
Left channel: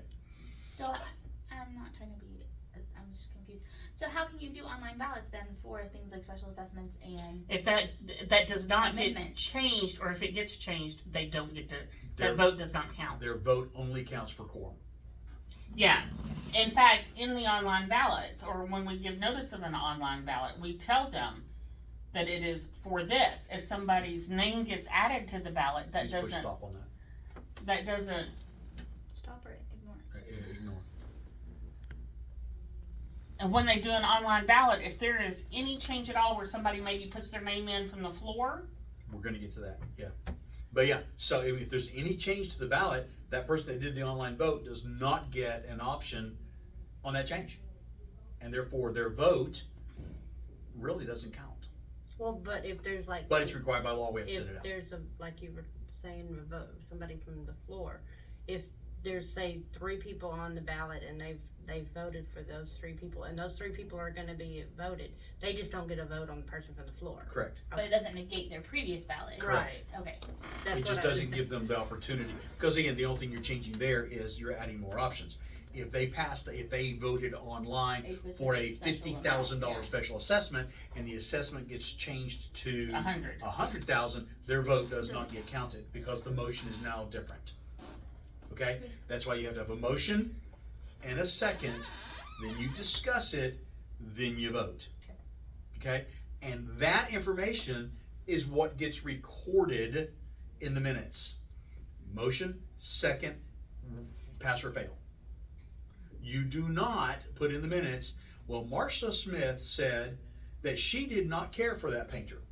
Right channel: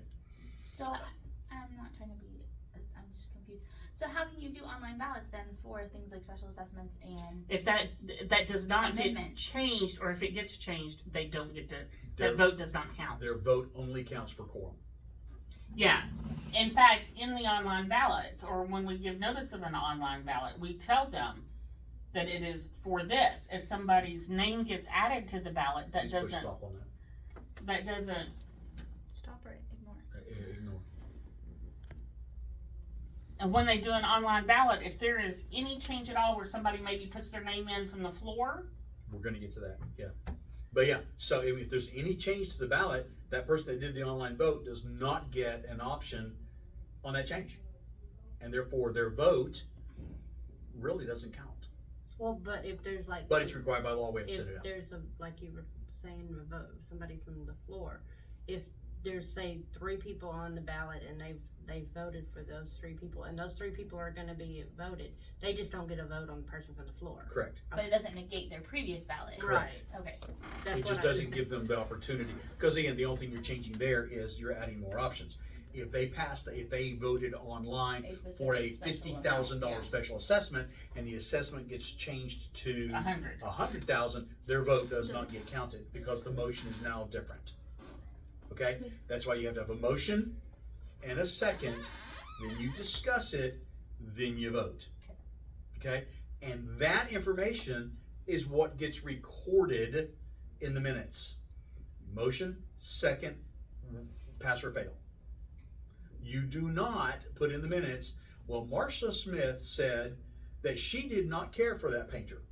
So I'm not trying to be, I'm just confused. So how can you do online ballots then for things like special assessments and, If that does not get Amendments. changed, or if it gets changed, they don't get to. Their- That vote does not count. Their vote only counts for quorum. Yeah. In fact, in the online ballots, or when we give notice of an online ballot, we tell them that it is for this. If somebody's name gets added to the ballot, that Please push doesn't. stop on That doesn't. stop or ignore? that. Ignore. And when they do an online ballot, if there is any change at all where somebody maybe puts their name in from the floor, We're gonna get to that, yeah. But yeah, so if there's any change to the ballot, that person that did the online vote does not get an option on that change. And therefore, their vote really doesn't count. Well, but if there's like. But it's required by law, we have to If send it out. there's a, like you were saying, a vote, somebody from the floor, if there's, say, 3 people on the ballot and they've voted for those 3 people, and those 3 people are gonna be voted, they just don't get a vote on the person from the floor. Correct. But it doesn't negate their previous ballot. Correct. Okay. That's It what just I doesn't was- give them the opportunity, because again, the only thing you're changing there is you're adding more options. If they voted online A specific for a special $50,000 amount, yeah. special assessment, and the assessment gets changed to 100. 100,000, their vote does not get counted, because the motion is now different. Okay, that's why you have to have a motion and a second, then you discuss it, then you vote. Okay, and that information is what gets recorded in the minutes. Motion, second, pass or fail. You do not put in the minutes, well, Marcia Smith said that she did not care for that painter.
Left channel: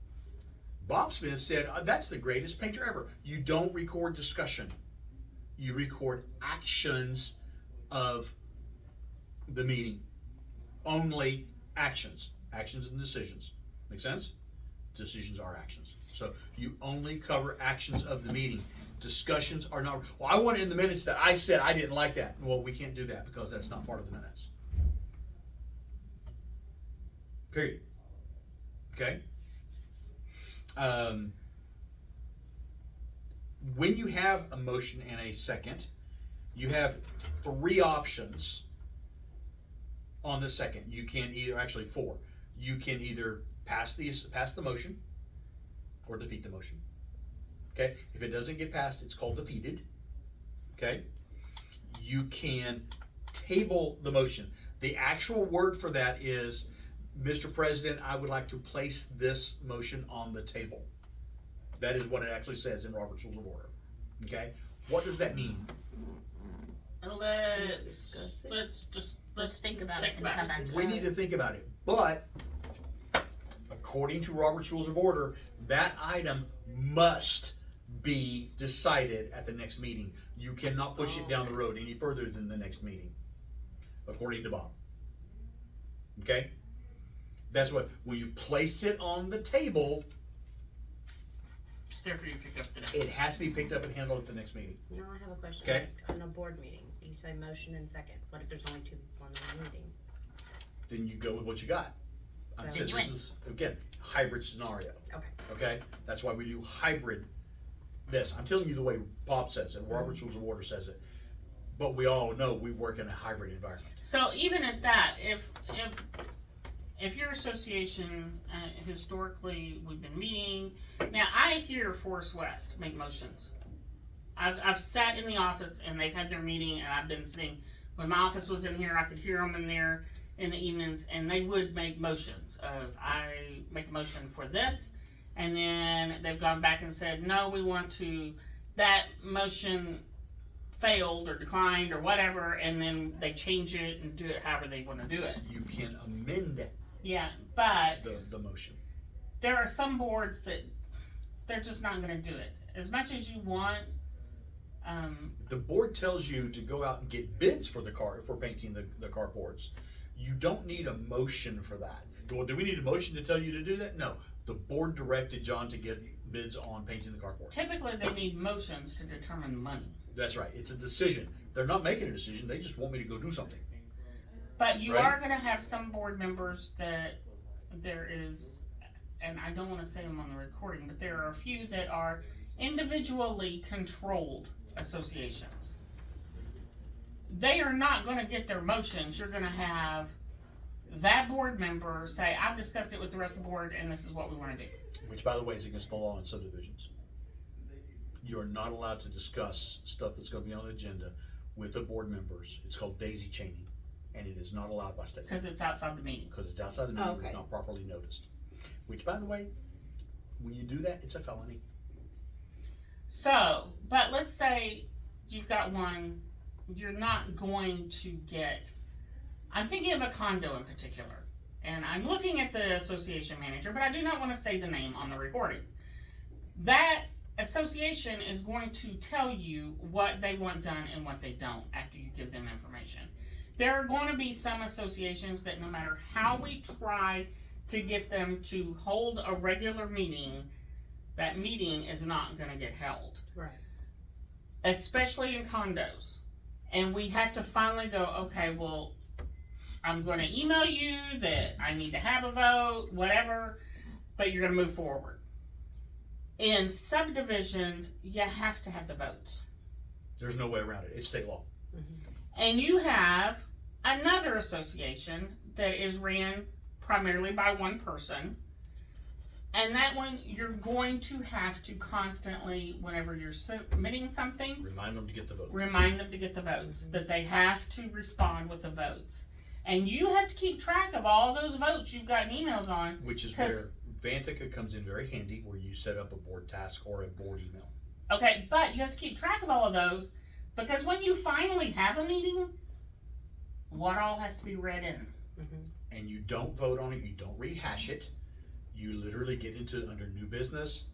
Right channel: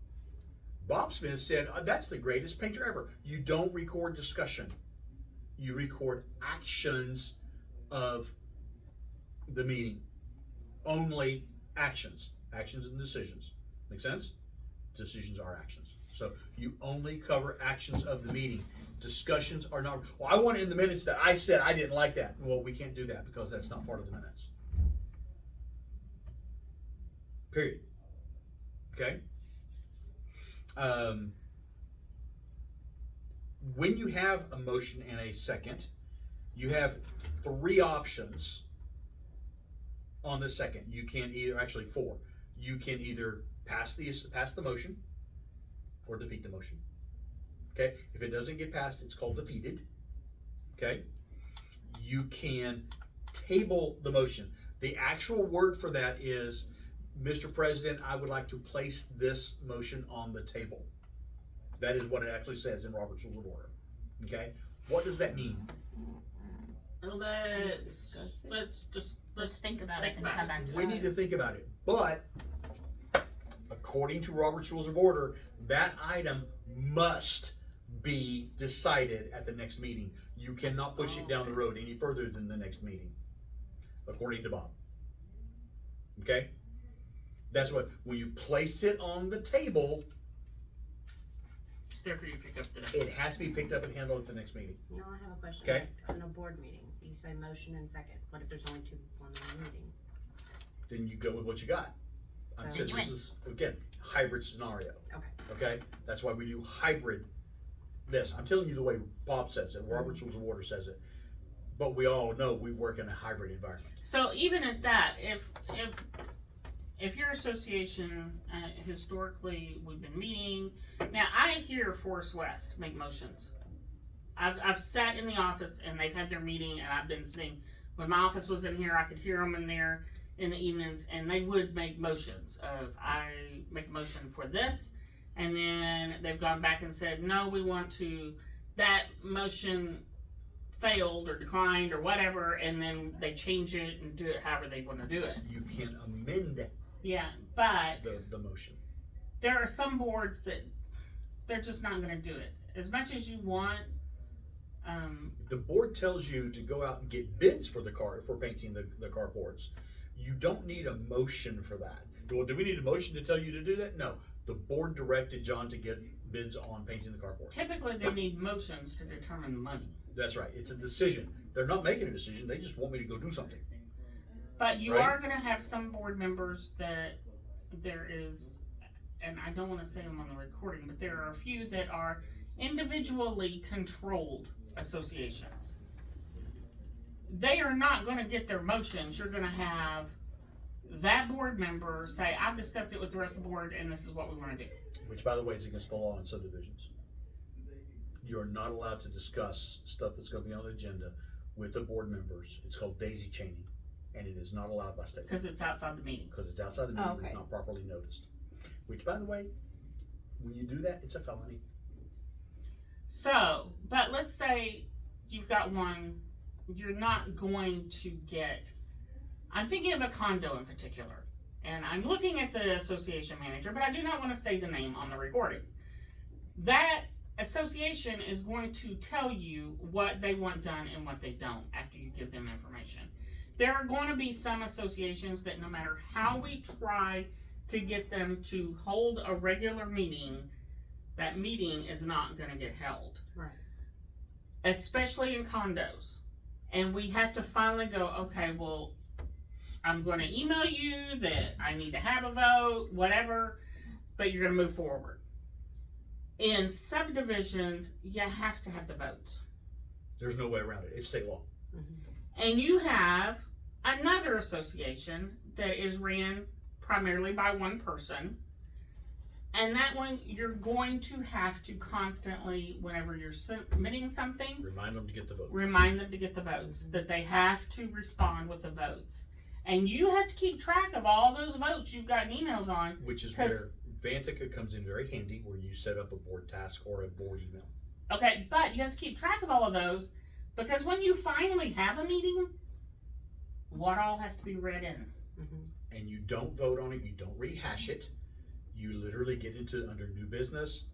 Bob Smith said, that's the greatest painter ever. You don't record discussion. You record actions of the meeting. Only actions. Actions and decisions. Make sense? Decisions are actions. So you only cover actions of the meeting. Discussions are not, well, I want in the minutes that I said I didn't like that. Well, we can't do that because that's not part of the minutes. Period. Okay? When you have a motion and a second, you have 3 options on the second. You can either, actually 4. You can either pass the motion or defeat the motion. Okay, if it doesn't get passed, it's called defeated. Okay, you can table the motion. The actual word for that is, Mr. President, I would like to place this motion on the table. That is what it actually says in Robert's Rules of Order. Okay, what does that mean? Let's think about it and come back to We it. need to think about it, but according to Robert's Rules of Order, that item must be decided at the next meeting. You cannot push it down the road any further than the next meeting, according to Bob. Okay? That's what, when you place it on the table, It's there for you to pick up today. it has to be picked up and handled at the next meeting. Now I have a question. Okay. Like, on a board meeting, you say motion and second. What if there's only two people in the meeting? Then you go with what you got. I'm So saying you this win. is, again, hybrid scenario. Okay. Okay? That's why we do hybrid this. I'm telling you the way Bob says it, Robert's Rules of Order says it. But we all know we work in a hybrid environment. So even at that, if your association, historically, we've been meeting, now I hear Forest West make motions. I've sat in the office and they've had their meeting and I've been sitting, when my office was in here, I could hear them in there in the evenings and they would make motions of, I make a motion for this, and then they've gone back and said, no, we want to, that motion failed or declined or whatever, and then they change it and do it however they want to do it. You can amend Yeah, but the motion. there are some boards that they're just not going to do it. As much as you want, If the board tells you to go out and get bids for painting the carports, you don't need a motion for that. Well, do we need a motion to tell you to do that? No. The board directed John to get bids on painting the carports. typically they need motions to determine money. That's right. It's a decision. They're not making a decision. They just want me to go do something. But you Right. are going to have some board members that there is, and I don't want to say them on the recording, but there are a few that are individually controlled associations. They are not going to get their motions. You're going to have that board member say, I've discussed it with the rest of the board and this is what we want to do. Which, by the way, is against the law in subdivisions. You are not allowed to discuss stuff that's going to be on the agenda with the board members. It's called daisy chaining, and it is not allowed by state. Because it's outside the meeting. Because it's outside the meeting, Okay. not properly noticed. Which, by the way, when you do that, it's a felony. So, but let's say you've got one, you're not going to get, I'm thinking of a condo in particular, and I'm looking at the association manager, but I do not want to say the name on the recording. That association is going to tell you what they want done and what they don't after you give them information. There are going to be some associations that no matter how we try to get them to hold a regular meeting, that meeting is not going to get held. Right. Especially in condos. And we have to finally go, okay, well, I'm going to email you that I need to have a vote, whatever, but you're going to move forward. In subdivisions, you have to have the votes. There's no way around it. It's state law. And you have another association that is ran primarily by one person. And that one, you're going to have to constantly, whenever you're submitting something, Remind them to get the vote. remind them to get the votes, that they have to respond with the votes. And you have to keep track of all those votes you've gotten emails on. Which is 'Cause- where Vantica comes in very handy, where you set up a board task or a board email. Okay, but you have to keep track of all of those, because when you finally have a meeting, what all has to be read in? And you don't vote on it, you don't rehash it. You literally get into under new business,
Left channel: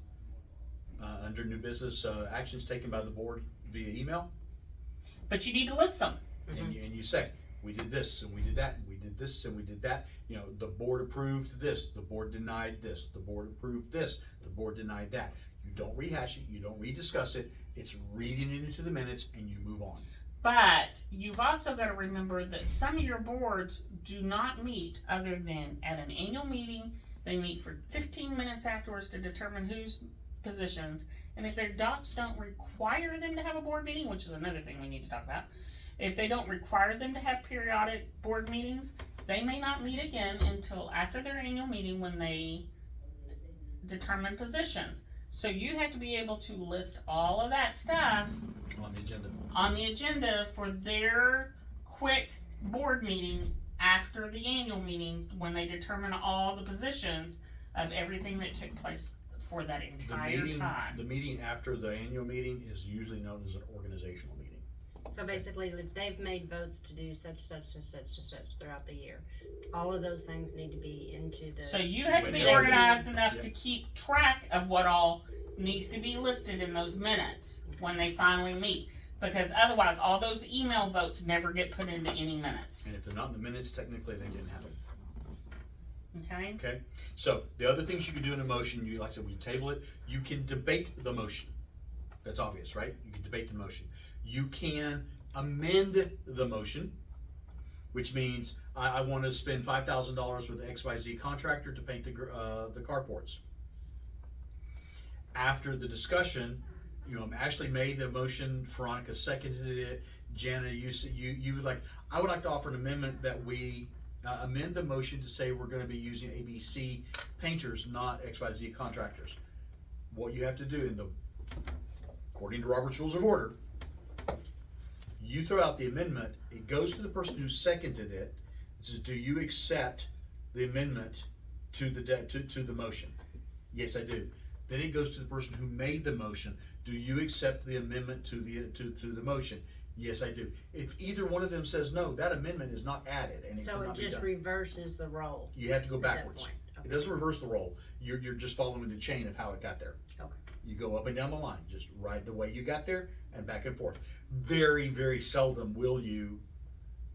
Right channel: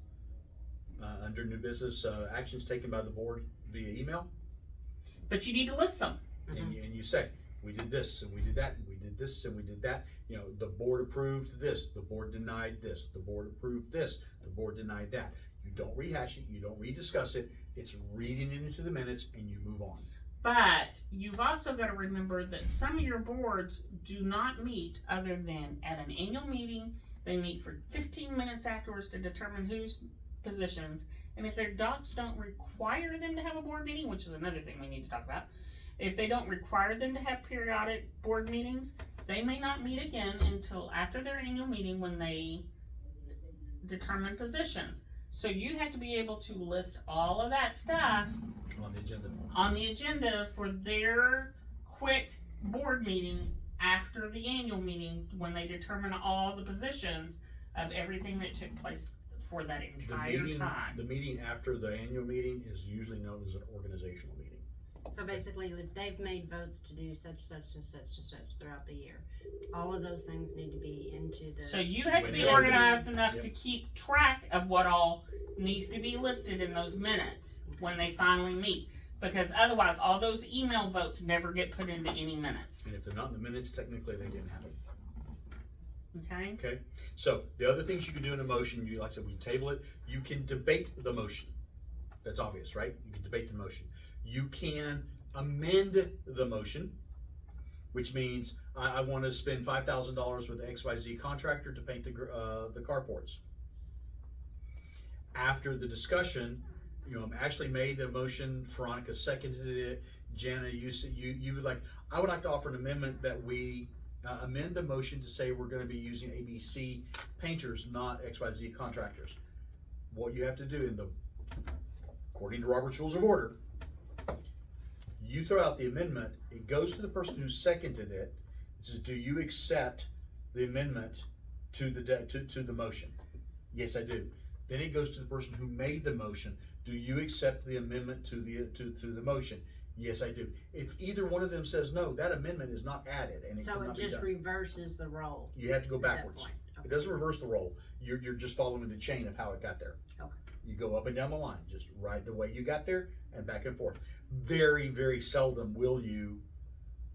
actions taken by the board via email, But you need to list them. and you say, we did this and we did that and we did this and we did that. You know, the board approved this, the board denied this, the board approved this, the board denied that. You don't rehash it, you don't rediscuss it. It's reading it into the minutes and you move on. But you've also got to remember that some of your boards do not meet other than at an annual meeting. They meet for 15 minutes afterwards to determine whose positions. And if their docs don't require them to have a board meeting, which is another thing we need to talk about, If they don't require them to have periodic board meetings, they may not meet again until after their annual meeting when they determine positions. So you have to be able to list all of that stuff On the agenda. on the agenda for their quick board meeting after the annual meeting when they determine all the positions of everything that took place for that entire time. The meeting after the annual meeting is usually known as an organizational meeting. So basically, if they've made votes to do such and such throughout the year, all of those things need to be into the. So you have to be When- organized enough Yep. to keep track of what all needs to be listed in those minutes when they finally meet. Because otherwise, all those email votes never get put into any minutes, And if they're not in the minutes, technically they didn't happen. okay? Okay? So the other things you can do in a motion, you like I said, we table it. You can debate the motion. That's obvious, right? You can debate the motion. You can amend the motion, which means I want to spend $5,000 with the XYZ contractor to paint the carports. After the discussion, Ashley made the motion, Veronica seconded it. Jana, you would like, I would like to offer an amendment that we amend the motion to say we're going to be using ABC painters, not XYZ contractors. What you have to do according to Robert's Rules of Order, you throw out the amendment, it goes to the person who seconded it. It says, do you accept the amendment to the motion? Yes, I do. Then it goes to the person who made the motion. Do you accept the amendment to the motion? Yes, I do. If either one of them says no, that amendment is not added and it So cannot it be just done. reverses the role. You have to go at that backwards. point. It doesn't reverse the role. You're just following the chain of how it got there. Okay. You go up and down the line, just ride the way you got there and back and forth. Very, very seldom will you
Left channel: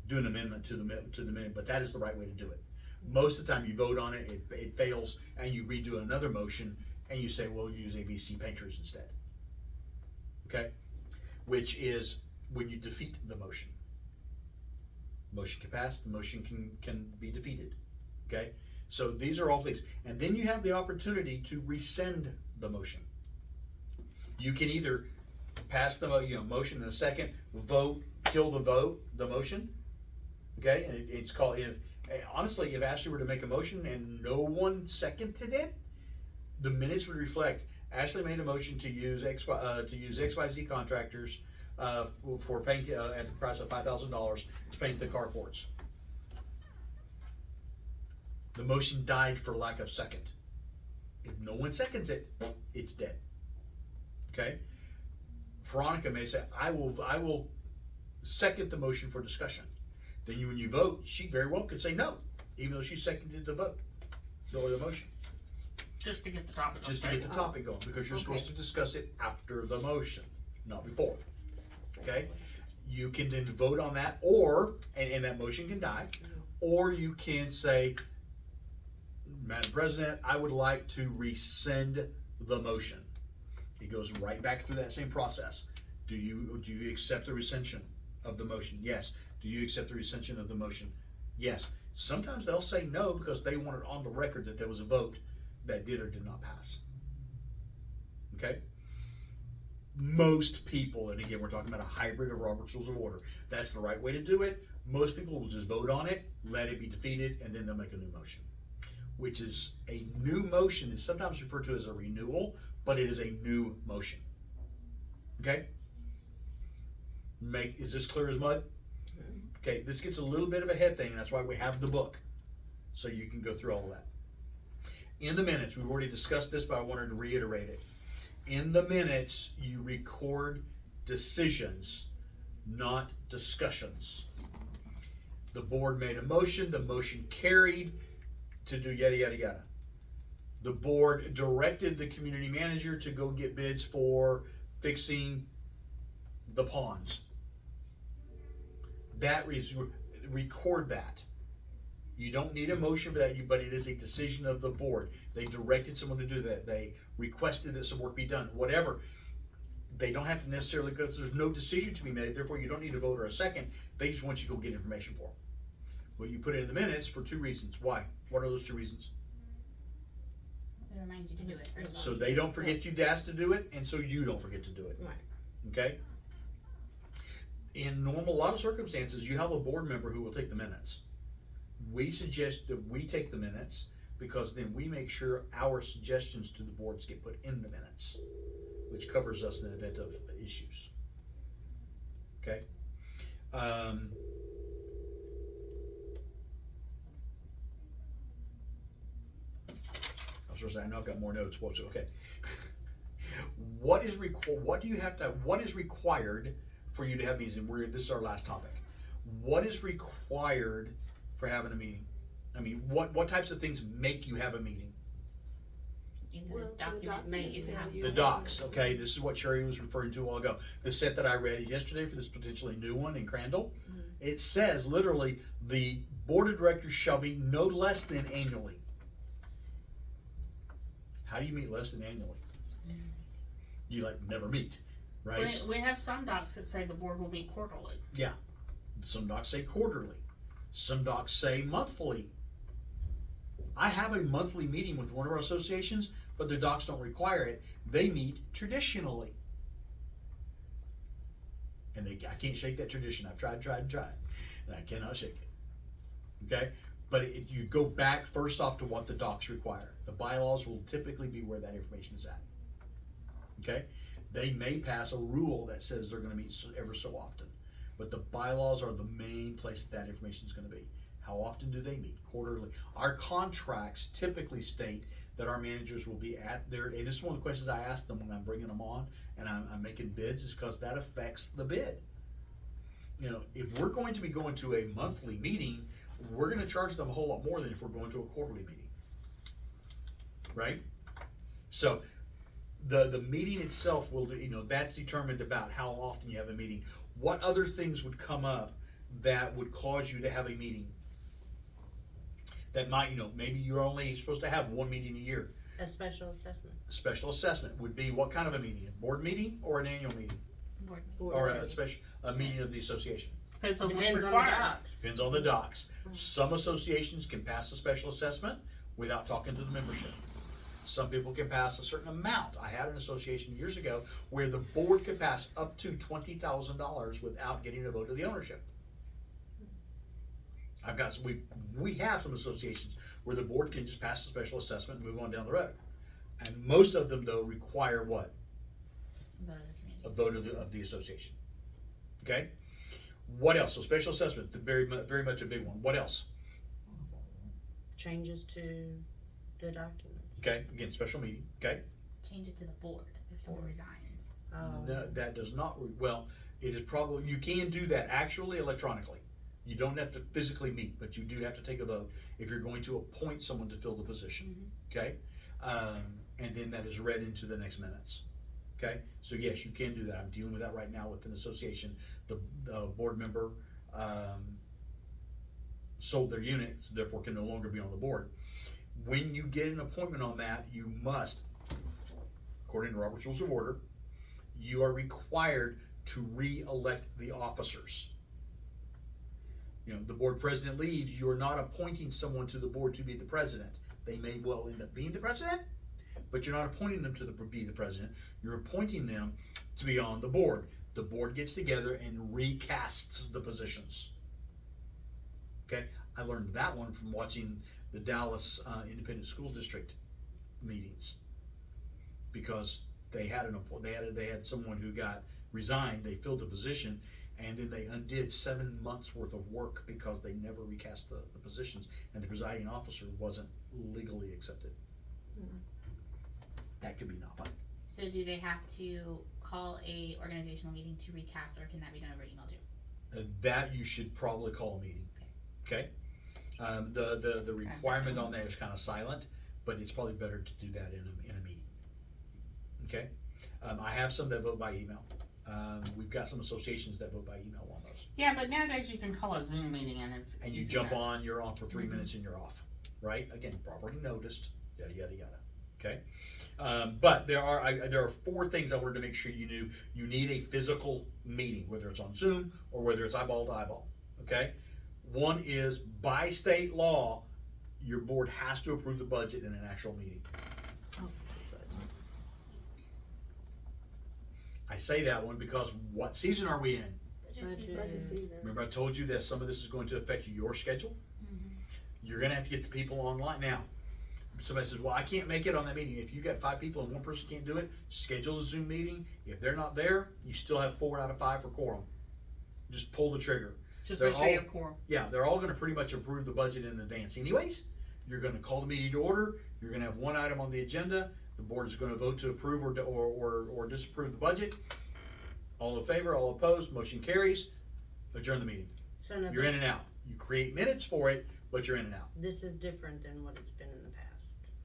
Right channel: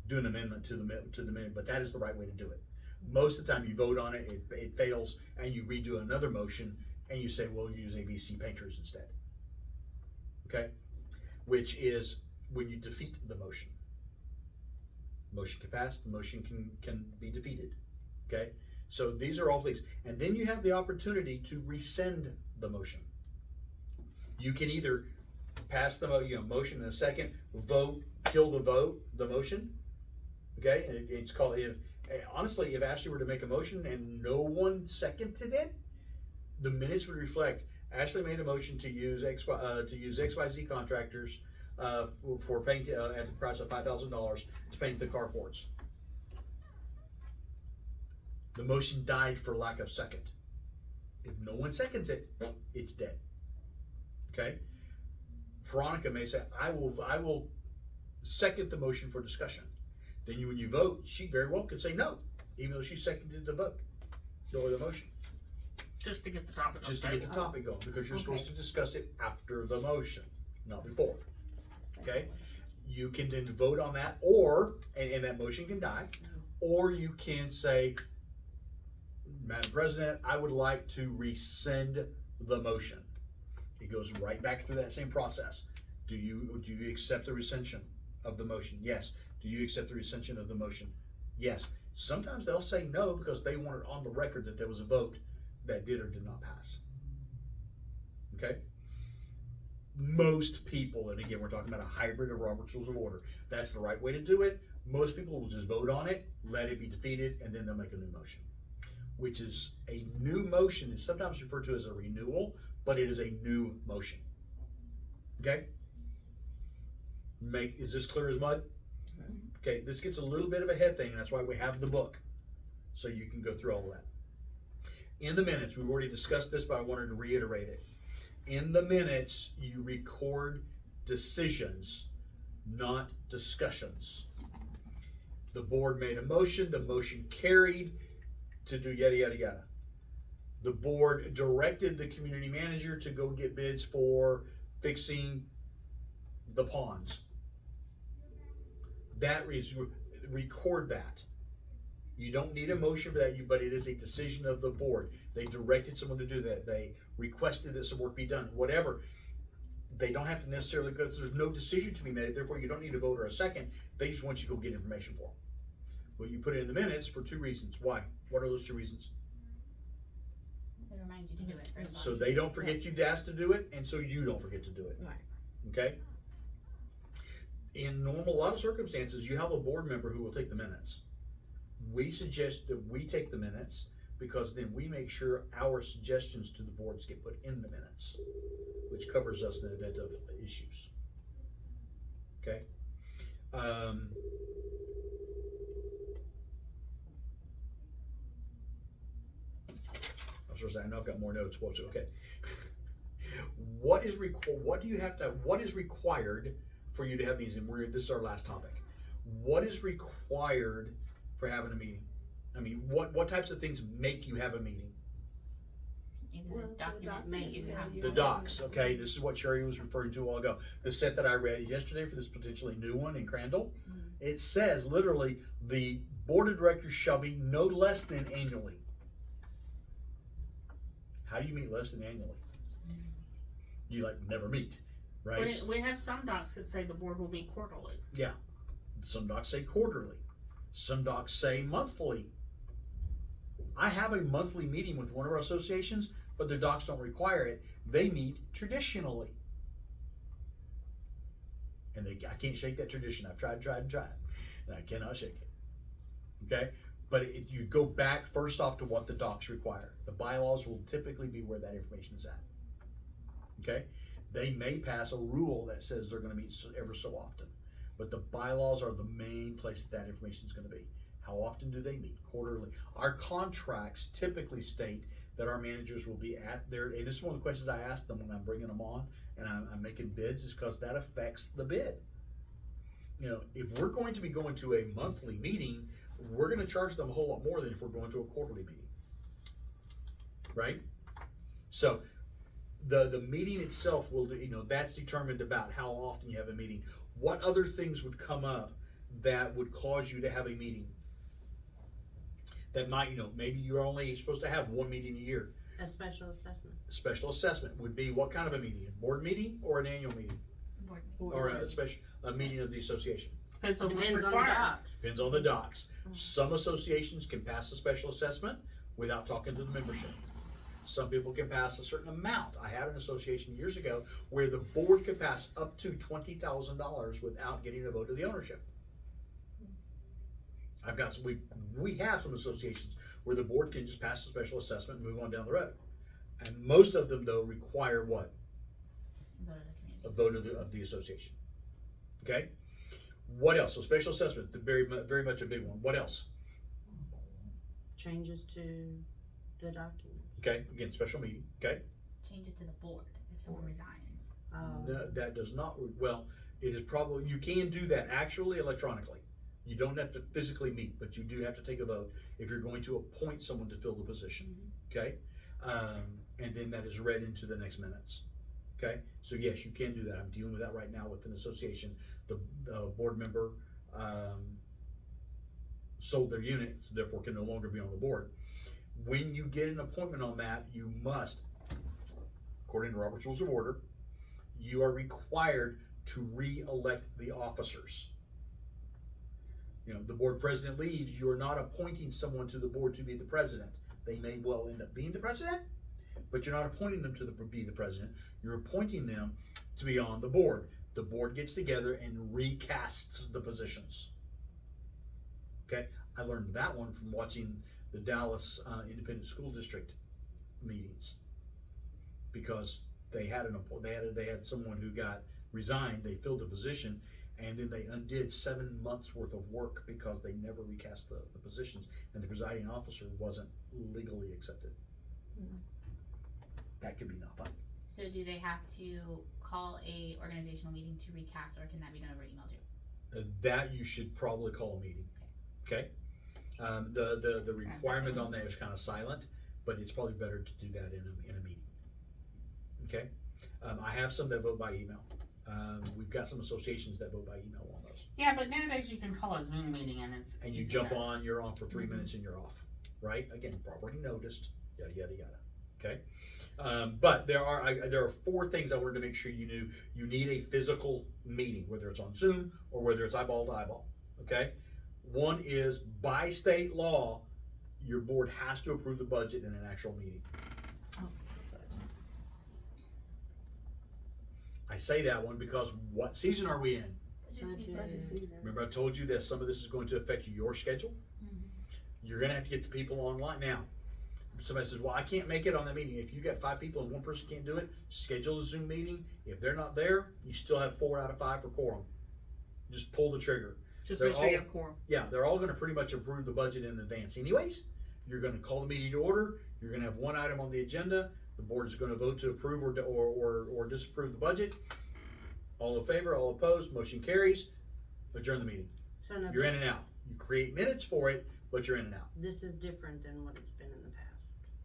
do an amendment to the minute, but that is the right way to do it. Most of the time you vote on it, it fails, and you redo another motion and you say, we'll use ABC painters instead. Okay? Which is when you defeat the motion. Motion can pass, the motion can be defeated. Okay? So these are all things. And then you have the opportunity to rescind the motion. You can either pass the motion in a second, vote, kill the motion. Okay? And it's called, honestly, if Ashley were to make a motion and no one seconded it, the minutes would reflect Ashley made a motion to use XYZ contractors for paint at the price of $5,000 to paint the carports. The motion died for lack of second. If no one seconds it, it's dead. Okay? Veronica may say, I will second the motion for discussion. Then when you vote, she very well could say no, even though she seconded the vote or the motion. Just to get the topic on Just to get the topic going, because you're supposed to discuss it after the motion, not before. Okay? You can then vote on that, or, and that motion can die, or you can say, Madam President, I would like to rescind the motion. It goes right back through that same process. Do you accept the rescission of the motion? Yes. Do you accept the rescission of the motion? Yes. Sometimes they'll say no because they want it on the record that there was a vote that did or did not pass. Okay? Most people, and again, we're talking about a hybrid of Robert's Rules of Order. That's the right way to do it. Most people will just vote on it, let it be defeated, and then they'll make a new motion. Which is a new motion is sometimes referred to as a renewal, but it is a new motion. Okay? Is this clear as mud? Okay, this gets a little bit of a head thing, and that's why we have the book. So you can go through all of that. In the minutes, we've already discussed this, but I wanted to reiterate it. In the minutes, you record decisions, not discussions. The board made a motion, the motion carried to do yada, yada, yada. The board directed the community manager to go get bids for fixing the ponds. That is, record that. You don't need a motion for that, but it is a decision of the board. They directed someone to do that. They requested that some work be done, whatever. They don't have to necessarily, because there's no decision to be made, therefore you don't need a vote or a second. They just want you to go get information for them. Well, you put it in the minutes for two reasons. Why? What are those two reasons? It reminds you to do it. First of all. So they don't forget you asked to do it, and so you don't forget to do it. Right. Okay? In a lot of circumstances, you have a board member who will take the minutes. We suggest that we take the minutes because then we make sure our suggestions to the boards get put in the minutes, which covers us in the event of issues. Okay? I was going to say, I know I've got more notes. What's okay? What is required for you to have meetings? And this is our last topic. What is required for having a meeting? I mean, what types of things make you have a meeting? Either the documents that you have. The docs, okay? This is what Sherry was referring to a while ago. The set that I read yesterday for this potentially new one in Crandall, it says literally the board of directors shall be no less than annually. How do you meet less than annually? You like never meet, right? We have some docs that say the board will be quarterly. Yeah. Some docs say quarterly. Some docs say monthly. I have a monthly meeting with one of our associations, but their docs don't require it. They meet traditionally. And I can't shake that tradition. I've tried, and I cannot shake it. Okay? But you go back first off to what the docs require. The bylaws will typically be where that information is at. Okay? They may pass a rule that says they're going to meet ever so often, but the bylaws are the main place that information is going to be. How often do they meet? Quarterly. Our contracts typically state that our managers will be at their, and this is one of the questions I ask them when I'm bringing them on and I'm making bids, is because that affects the bid. You know, if we're going to be going to a monthly meeting, we're going to charge them a whole lot more than if we're going to a quarterly meeting. Right? So the meeting itself will, that's determined about how often you have a meeting. What other things would come up that would cause you to have a meeting? That might, maybe you're only supposed to have one meeting a year. A special assessment. Special assessment would be what kind of a meeting? A board meeting or an annual meeting? Board. Or a meeting of the association? Depends on what's Depends on the required. docs. Depends on the docs. Some associations can pass a special assessment without talking to the membership. Some people can pass a certain amount. I had an association years ago where the board could pass up to $20,000 without getting a vote of the ownership. We have some associations where the board can just pass a special assessment and move on down the road. And most of them, though, require what? Vote of the community. A vote of the association. Okay? What else? So special assessment, very much a big one. What else? Changes to the documents. Okay, again, special meeting. Okay? Changes to the board if someone resigns. No, that does not, it is probably, you can do that actually electronically. You don't have to physically meet, but you do have to take a vote if you're going to appoint someone to fill the position. Okay? And then that is read into the next minutes. Okay? So yes, you can do that. I'm dealing with that right now with an association. The board member sold their unit, so therefore can no longer be on the board. When you get an appointment on that, you must, according to Robert's Rules of Order, you are required to re-elect the officers. The board president leaves, you are not appointing someone to the board to be the president. They may well end up being the president, but you're not appointing them to be the president. You're appointing them to be on the board. The board gets together and recasts the positions. Okay? I learned that one from watching the Dallas Independent School District meetings, because they had someone who got resigned. They filled the position, and then they undid 7 months worth of work because they never recast the positions, and the presiding officer wasn't legally accepted. That could be not fun. So do they have to call a organizational meeting to recast, or can that be done over email too? That you should probably call a meeting. Okay? The requirement on that is kind of silent, but it's probably better to do that in a meeting. Okay? I have some that vote by email. We've got some associations that vote by email on those. Yeah, but nowadays you can call a Zoom meeting and it's And you easy jump enough. on, you're on for 3 minutes and you're off. Right? Again, properly noticed, yada, yada, yada. Okay? But there are 4 things I wanted to make sure you knew. You need a physical meeting, whether it's on Zoom or whether it's eyeball to eyeball. Okay? One is, by state law, your board has to approve the budget in an actual meeting. I say that one because what season are we in? Budget season. Remember I told you that some of this is going to affect your schedule? You're gonna have to get the people online. Now, somebody says, well, I can't make it on that meeting. If you got 5 people and one person can't do it, schedule a Zoom meeting. If they're not there, you still have 4 out of 5 for quorum. Just pull the trigger. Just They're make sure you all- have quorum. Yeah, they're all gonna pretty much approve the budget in advance anyways. You're gonna call the meeting to order. You're gonna have one item on the agenda. The board is gonna vote to approve or disapprove the budget. All in favor, all opposed, motion carries. Adjourn the meeting. So no, You're in and out. You create minutes for it, but you're in and out. this is different than what it's been in the past.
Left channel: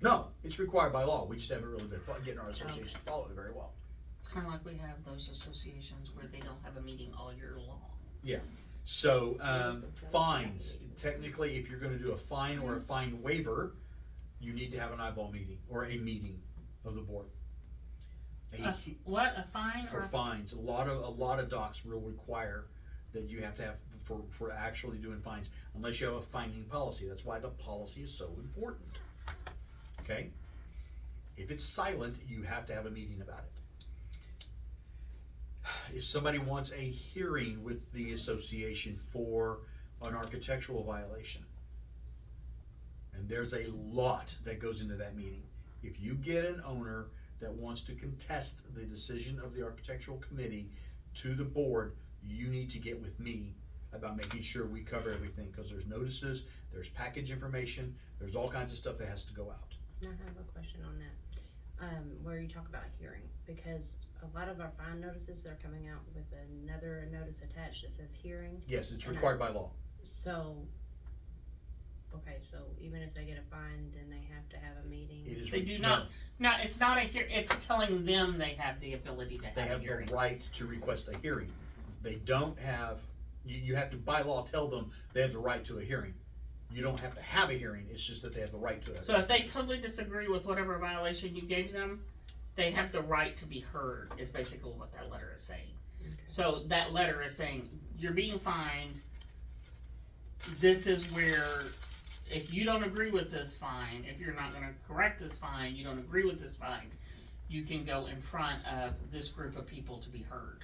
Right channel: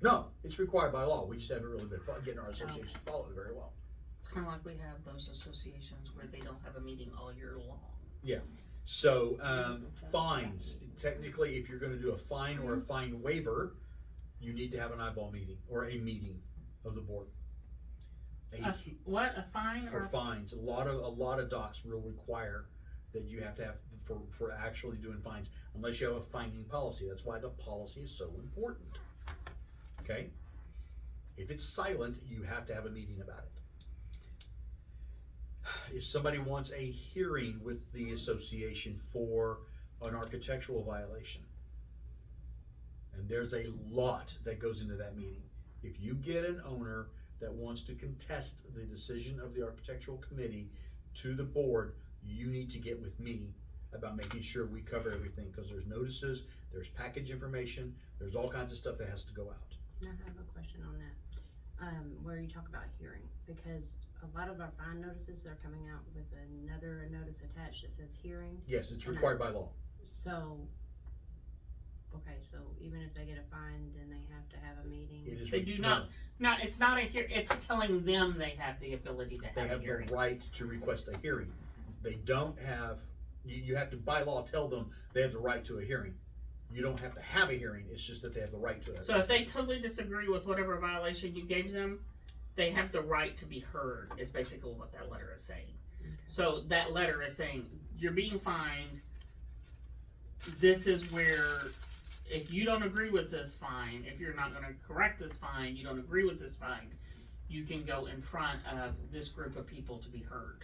No, it's required by law. We just haven't really been getting our association to follow it very well. It's kind of like we have those associations where they don't have a meeting all year long. So, fines, technically, if you're gonna do a fine or a fine waiver, you need to have an eyeball meeting or a meeting of the board. What, a fine For or? fines, a lot of docs will require that you have to have for actually doing fines, unless you have a fining policy. That's why the policy is so important. Okay? If it's silent, you have to have a meeting about it. If somebody wants a hearing with the association for an architectural violation, and there's a lot that goes into that meeting. If you get an owner that wants to contest the decision of the architectural committee to the board, you need to get with me about making sure we cover everything, because there's notices, there's package information, there's all kinds of stuff that has to go out. And I have a question on that. Where you talk about hearing, because a lot of our fine notices are coming out with another notice attached that says hearing. Yes, it's And required by law. So, okay, so even if they get a fine, then they have to have a meeting. It is. They do not. No, it's not a it's telling them they have the ability to They have a have hearing. the right to request a hearing. They don't have, you have to by law tell them they have the right to a hearing. You don't have to have a hearing, it's just that they have the right to it. So if they totally disagree with whatever violation you gave them, they have the right to be heard, is basically what that letter is saying. Okay. So that letter is saying, you're being fined, this is where, if you don't agree with this fine, if you're not gonna correct this fine, you don't agree with this fine, you can go in front of this group of people to be heard.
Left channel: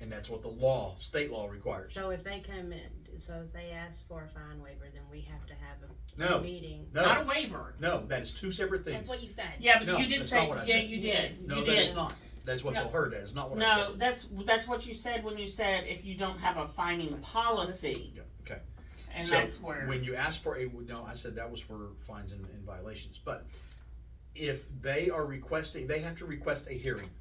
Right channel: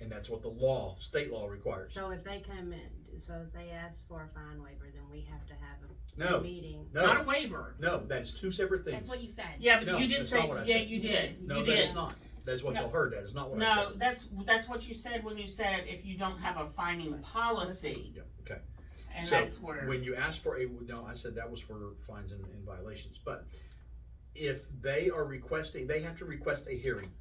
And that's what the law, state law requires. So if they come in, so if they ask for a fine waiver, then we have to have a No, meeting. Not a no, waiver. no, that is two separate That's things. what you said. Yeah, but No, you did that's say, not what I yeah, said. you did, No, you that did. is not. That's what No. y'all heard, that is not what I No, said. that's what you said when you said if you don't have a fining policy, Yeah, okay. and So, that's where. when you ask for no, I said that was for fines and violations, but if they are requesting, they have to request a hearing.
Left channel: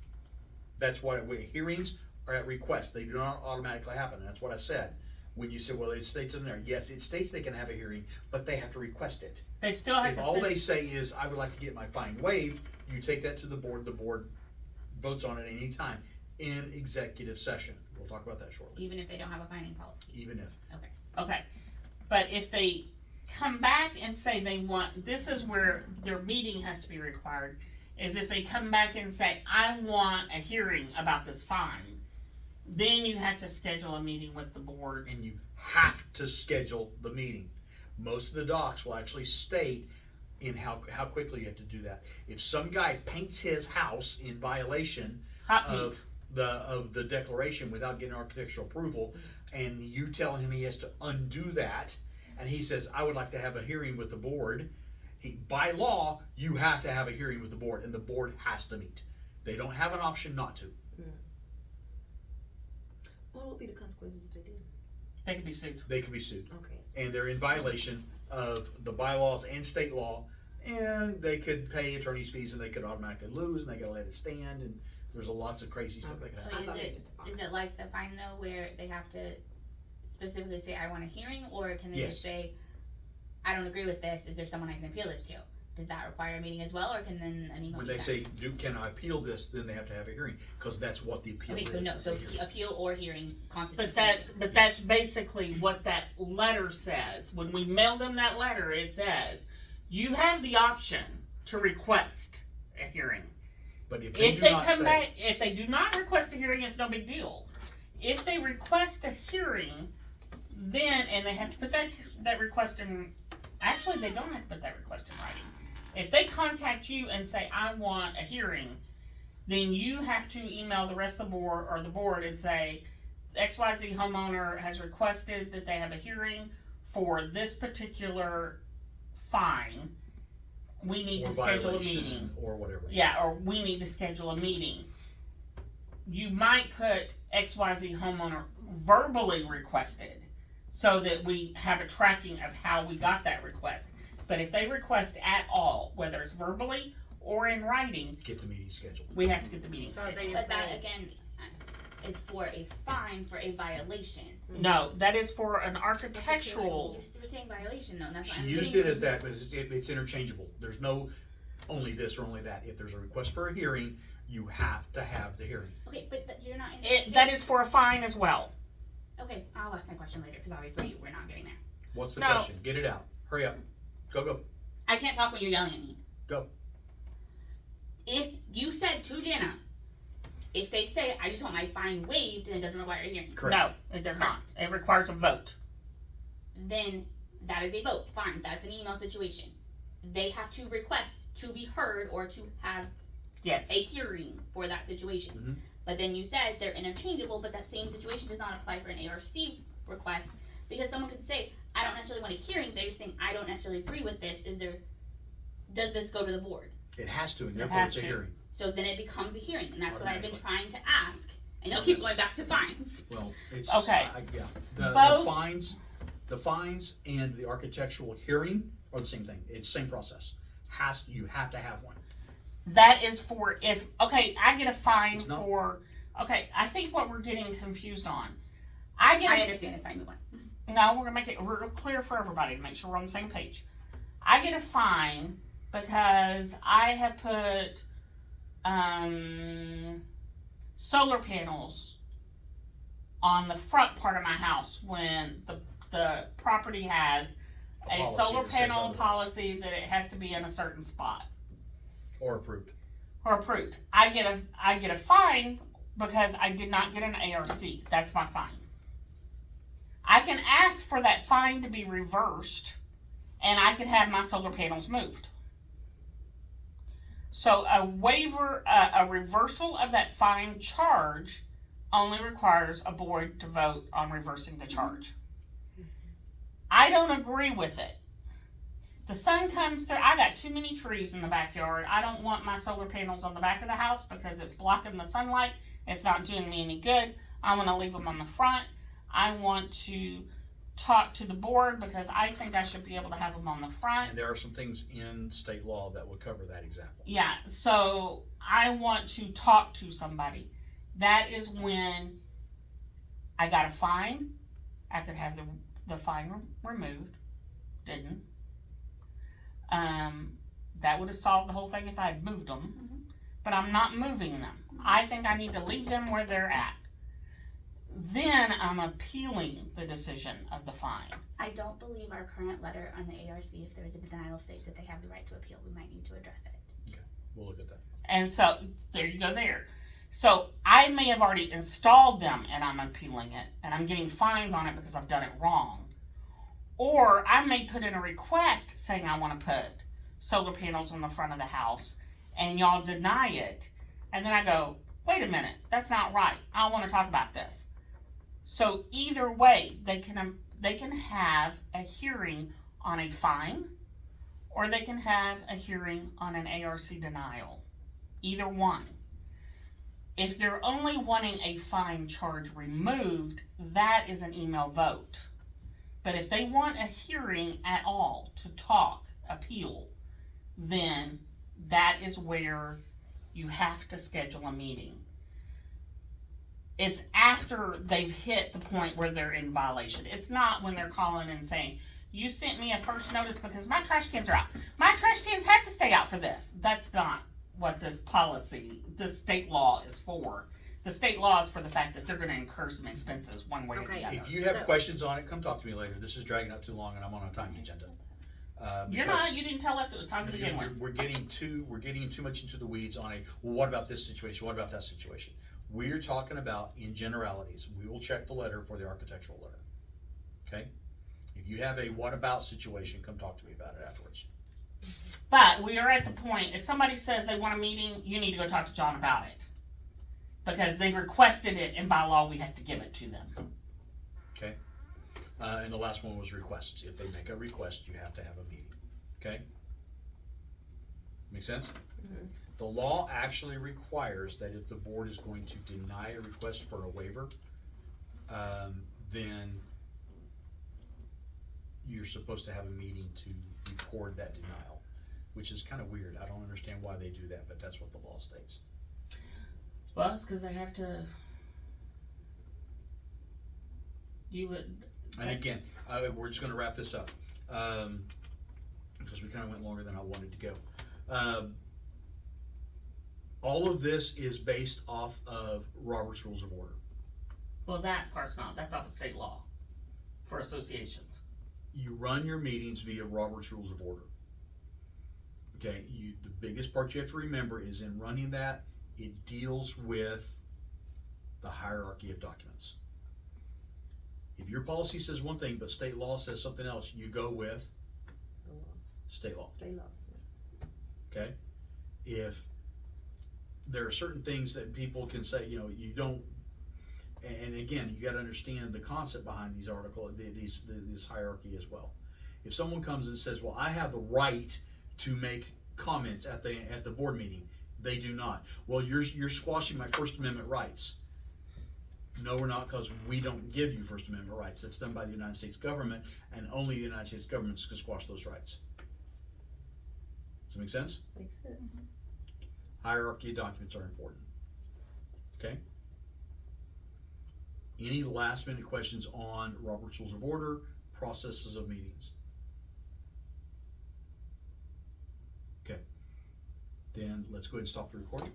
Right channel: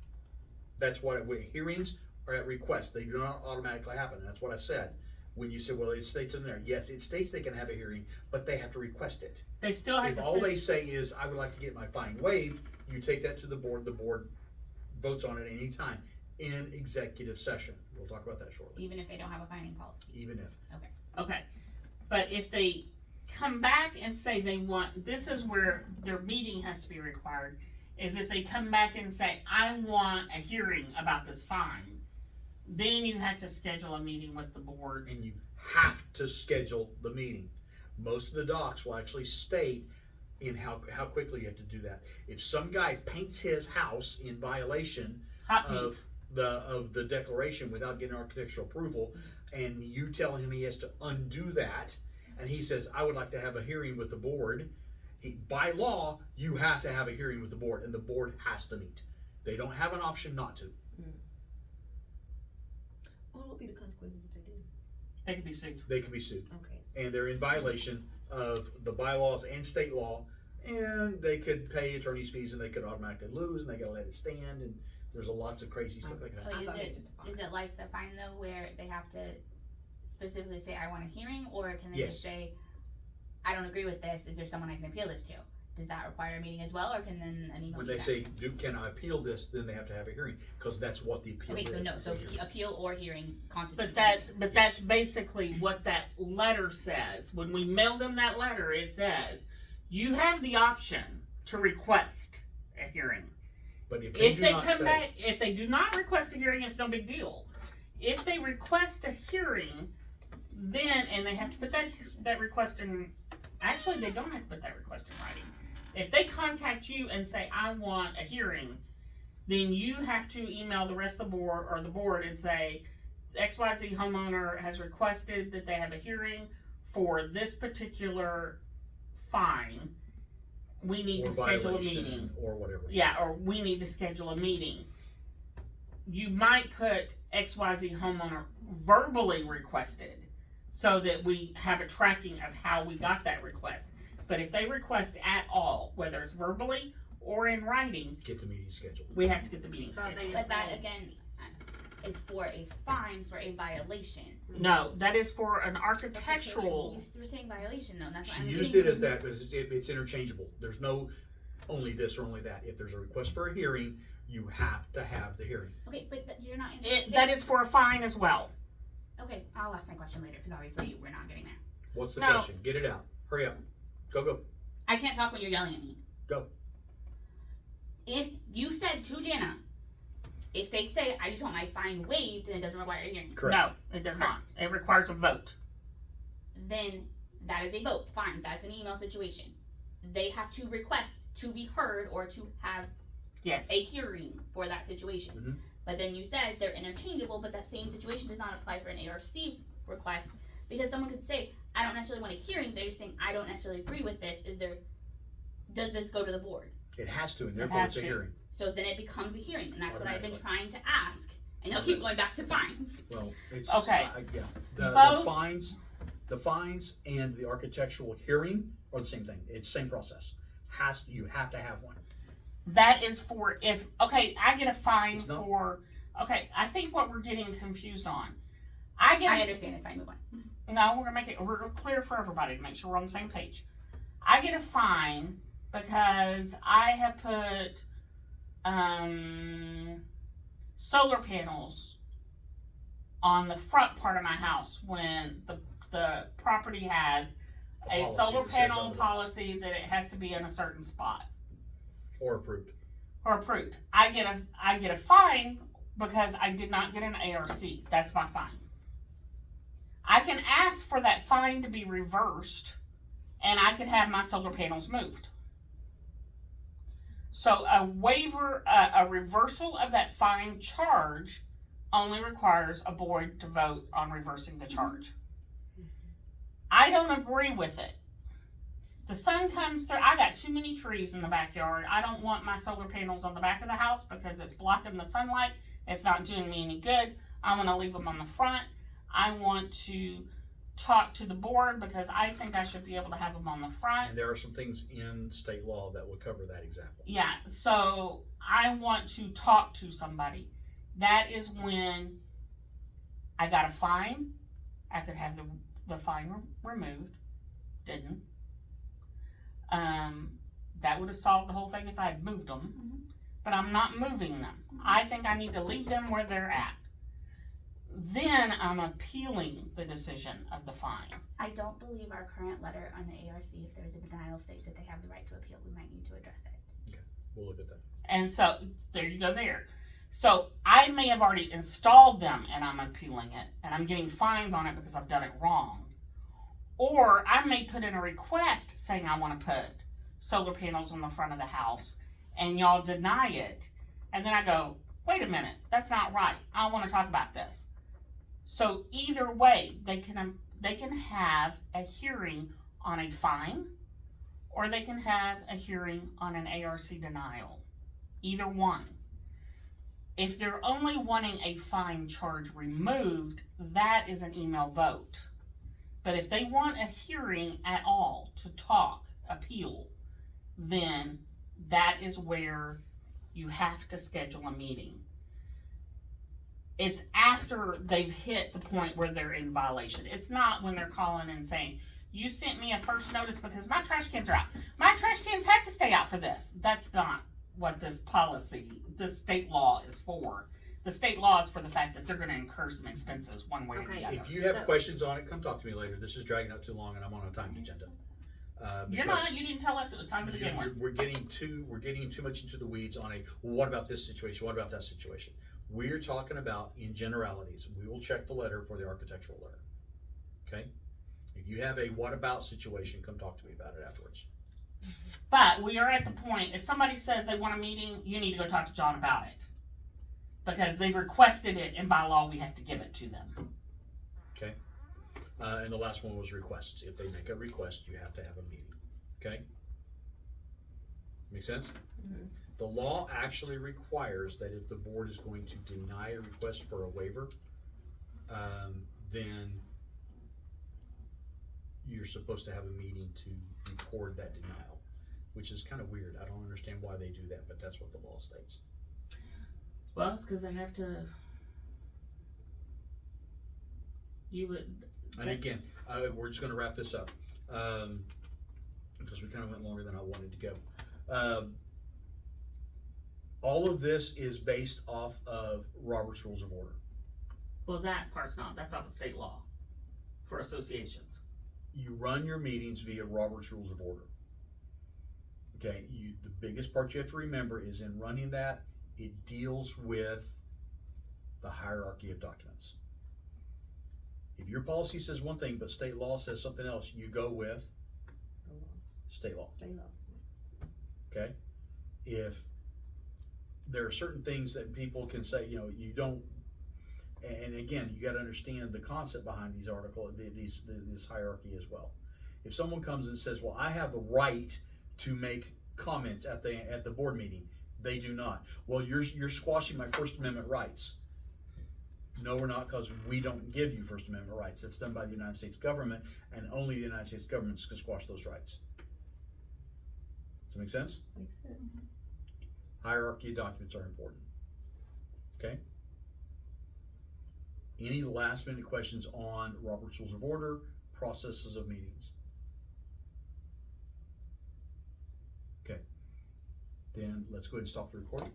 That's what, hearings are at request, they do not automatically happen, and that's what I said. When you said, well, it states in there, yes, it states they can have a hearing, but they have to request it. They still have If to. all they say is, I would like to get my fine waived, you take that to the board votes on it any time in executive session. We'll talk about that shortly, Even if they don't have a finding policy. even if. Okay, but if they come back and say they want, this is where their meeting has to be required, is if they come back and say, I want a hearing about this fine, then you have to schedule a meeting with the board. And you have to schedule the meeting. Most of the docs will actually state in how quickly you have to do that. If some guy paints his house in violation Hot meat. of the declaration without getting architectural approval, and you tell him he has to undo that, and he says, I would like to have a hearing with the board, by law, you have to have a hearing with the board, and the board has to meet. They don't have an option not to. What will be the consequences if they do? They could be sued. They can be sued. Okay. And they're in violation of the bylaws and state law, and they could pay attorney's fees, and they could automatically lose, and they gotta let it stand, and there's lots of crazy stuff that can happen. But thought is it it was just a fine. is it like the fine though, where they have to specifically say I want a hearing, or can they Yes. just say I don't agree with this? Is there someone I can appeal this to? Does that require a meeting as well, or can then an email When be they sent? say, can I appeal this, then they have to have a hearing, cause that's what the appeal Okay, is. so no, is so a hearing. appeal or hearing constitutes. But that's basically what that letter says. When we mail them that letter, it says, you have the option to request a hearing. But if they If do they not come say, back, if they do not request a hearing, it's no big deal. If they request a hearing, then, and they have to put that request in, actually, they don't have to put that request in writing. If they contact you and say, I want a hearing, then you have to email the rest of the board, or the board, and say, XYZ homeowner has requested that they have a hearing for this particular fine. We need Or to schedule a violation, meeting. or whatever. Yeah, or we need to schedule a meeting. You might put XYZ homeowner verbally requested so that we have a tracking of how we got that request. But if they request at all, whether it's verbally or in writing, Get the meeting scheduled. we have to get the meeting So they scheduled. But that say- again is for a fine for a violation. No, that is for an architectural. You were saying violation though, and that's She what I'm used getting it as from- that, but it's interchangeable. There's no only this or only that. If there's a request for a hearing, you have to have the hearing. Okay, but you're not answering. That is for a fine as well. Okay, I'll ask my question later because obviously we're not getting there. What's the No. question? Get it out. Hurry up. Go. I can't talk when you're yelling at me. Go. If you said to Jana, if they say I just want my fine waived and it doesn't require a hearing, Correct. No, it does not. It requires a vote. then that is a vote. Fine, that's an email situation. They have to request to be heard or to have Yes. a hearing for that situation. Mhm. But then you said they're interchangeable, but that same situation does not apply for an ARC request because someone could say, I don't necessarily want a hearing. They're just saying, I don't necessarily agree with this. Does this go to the board? It has to, and therefore has it's a to. hearing. So then it becomes a hearing, and that's what I've been trying Automatically. to ask. And you'll keep going back to fines. Well, it's Okay. Yeah. The Both- fines and the architectural hearing are the same thing. It's the same process. You have to have one. That is for if, okay, I get a fine It's not- for, okay, I think what we're getting confused on. I get, I understand it's fine, move on. no, we're gonna make it real clear for everybody to make sure we're on the same page. I get a fine because I have put, solar panels on the front part of my house when the property has a policy solar that says panel otherwise. policy that it has to be in a certain spot. Or approved. Or approved. I get a fine because I did not get an ARC. That's my fine. I can ask for that fine to be reversed, and I can have my solar panels moved. So a waiver, a reversal of that fine charge only requires a board to vote on reversing the charge. I don't agree with it. The sun comes through. I got too many trees in the backyard. I don't want my solar panels on the back of the house because it's blocking the sunlight. It's not doing me any good. I'm going to leave them on the front. I want to talk to the board because I think I should be able to have them on the front. And there are some things in state law that would cover that example. Yeah, so I want to talk to somebody. That is when I got a fine. I could have the fine removed. Didn't. That would have solved the whole thing if I had moved them. But I'm not moving them. I think I need to leave them where they're at. Then I'm appealing the decision of the fine. I don't believe our current letter on the ARC, if there is a denial, states that they have the right to appeal. We might need to address it. We'll look at that. And so there you go there. So I may have already installed them and I'm appealing it and I'm getting fines on it because I've done it wrong. Or I may put in a request saying I want to put solar panels on the front of the house and y'all deny it. And then I go, wait a minute, that's not right. I want to talk about this. So either way, they can have a hearing on a fine or they can have a hearing on an ARC denial. Either one. If they're only wanting a fine charge removed, that is an email vote. But if they want a hearing at all to talk, appeal, then that is where you have to schedule a meeting. It's after they've hit the point where they're in violation. It's not when they're calling and saying, you sent me a first notice because my trash cans are out. My trash cans have to stay out for this. That's not what this policy, this state law is for. The state law is for the fact that they're going to incur some expenses one way or Okay. the other. If you have So- questions on it, come talk to me later. This is dragging out too long and I'm on a time agenda. You're not, you didn't tell us it was time to begin with. We're getting too much into the weeds on well, what about this situation? What about that situation? We're talking about in generalities. We will check the letter for the architectural letter. Okay? If you have a what about situation, come talk to me about it afterwards. But we are at the point, if somebody says they want a meeting, you need to go talk to John about it. Because they've requested it, and by law, we have to give it to them. And the last one was requests. If they make a request, you have to have a meeting, okay? Make sense? Mhm. The law actually requires that if the board is going to deny a request for a waiver, then you're supposed to have a meeting to record that denial, which is kind of weird. I don't understand why they do that, but that's what the law states. Well, it's because they have to. You would. And again, we're just gonna wrap this up, because we kinda went longer than I wanted to go. All of this is based off of Robert's Rules of Order. Well, that part's not. That's off of state law for associations. You run your meetings via Robert's Rules of Order. Okay, the biggest part you have to remember is in running that, it deals with the hierarchy of documents. If your policy says one thing, but state law says something else, you go with The law. state law, State law. okay? If there are certain things that people can say, you don't, and again, you gotta understand the concept behind these this hierarchy as well. If someone comes and says, well, I have the right to make comments at the board meeting, they do not. Well, you're squashing my First Amendment rights. No, we're not, because we don't give you First Amendment rights. That's done by the United States government, and only the United States government can squash those rights. Does that make sense? Makes sense. Hierarchy of documents are important. Okay? Any last minute questions on Robert's Rules of Order, processes of meetings? Okay. Then let's go ahead and stop the recording.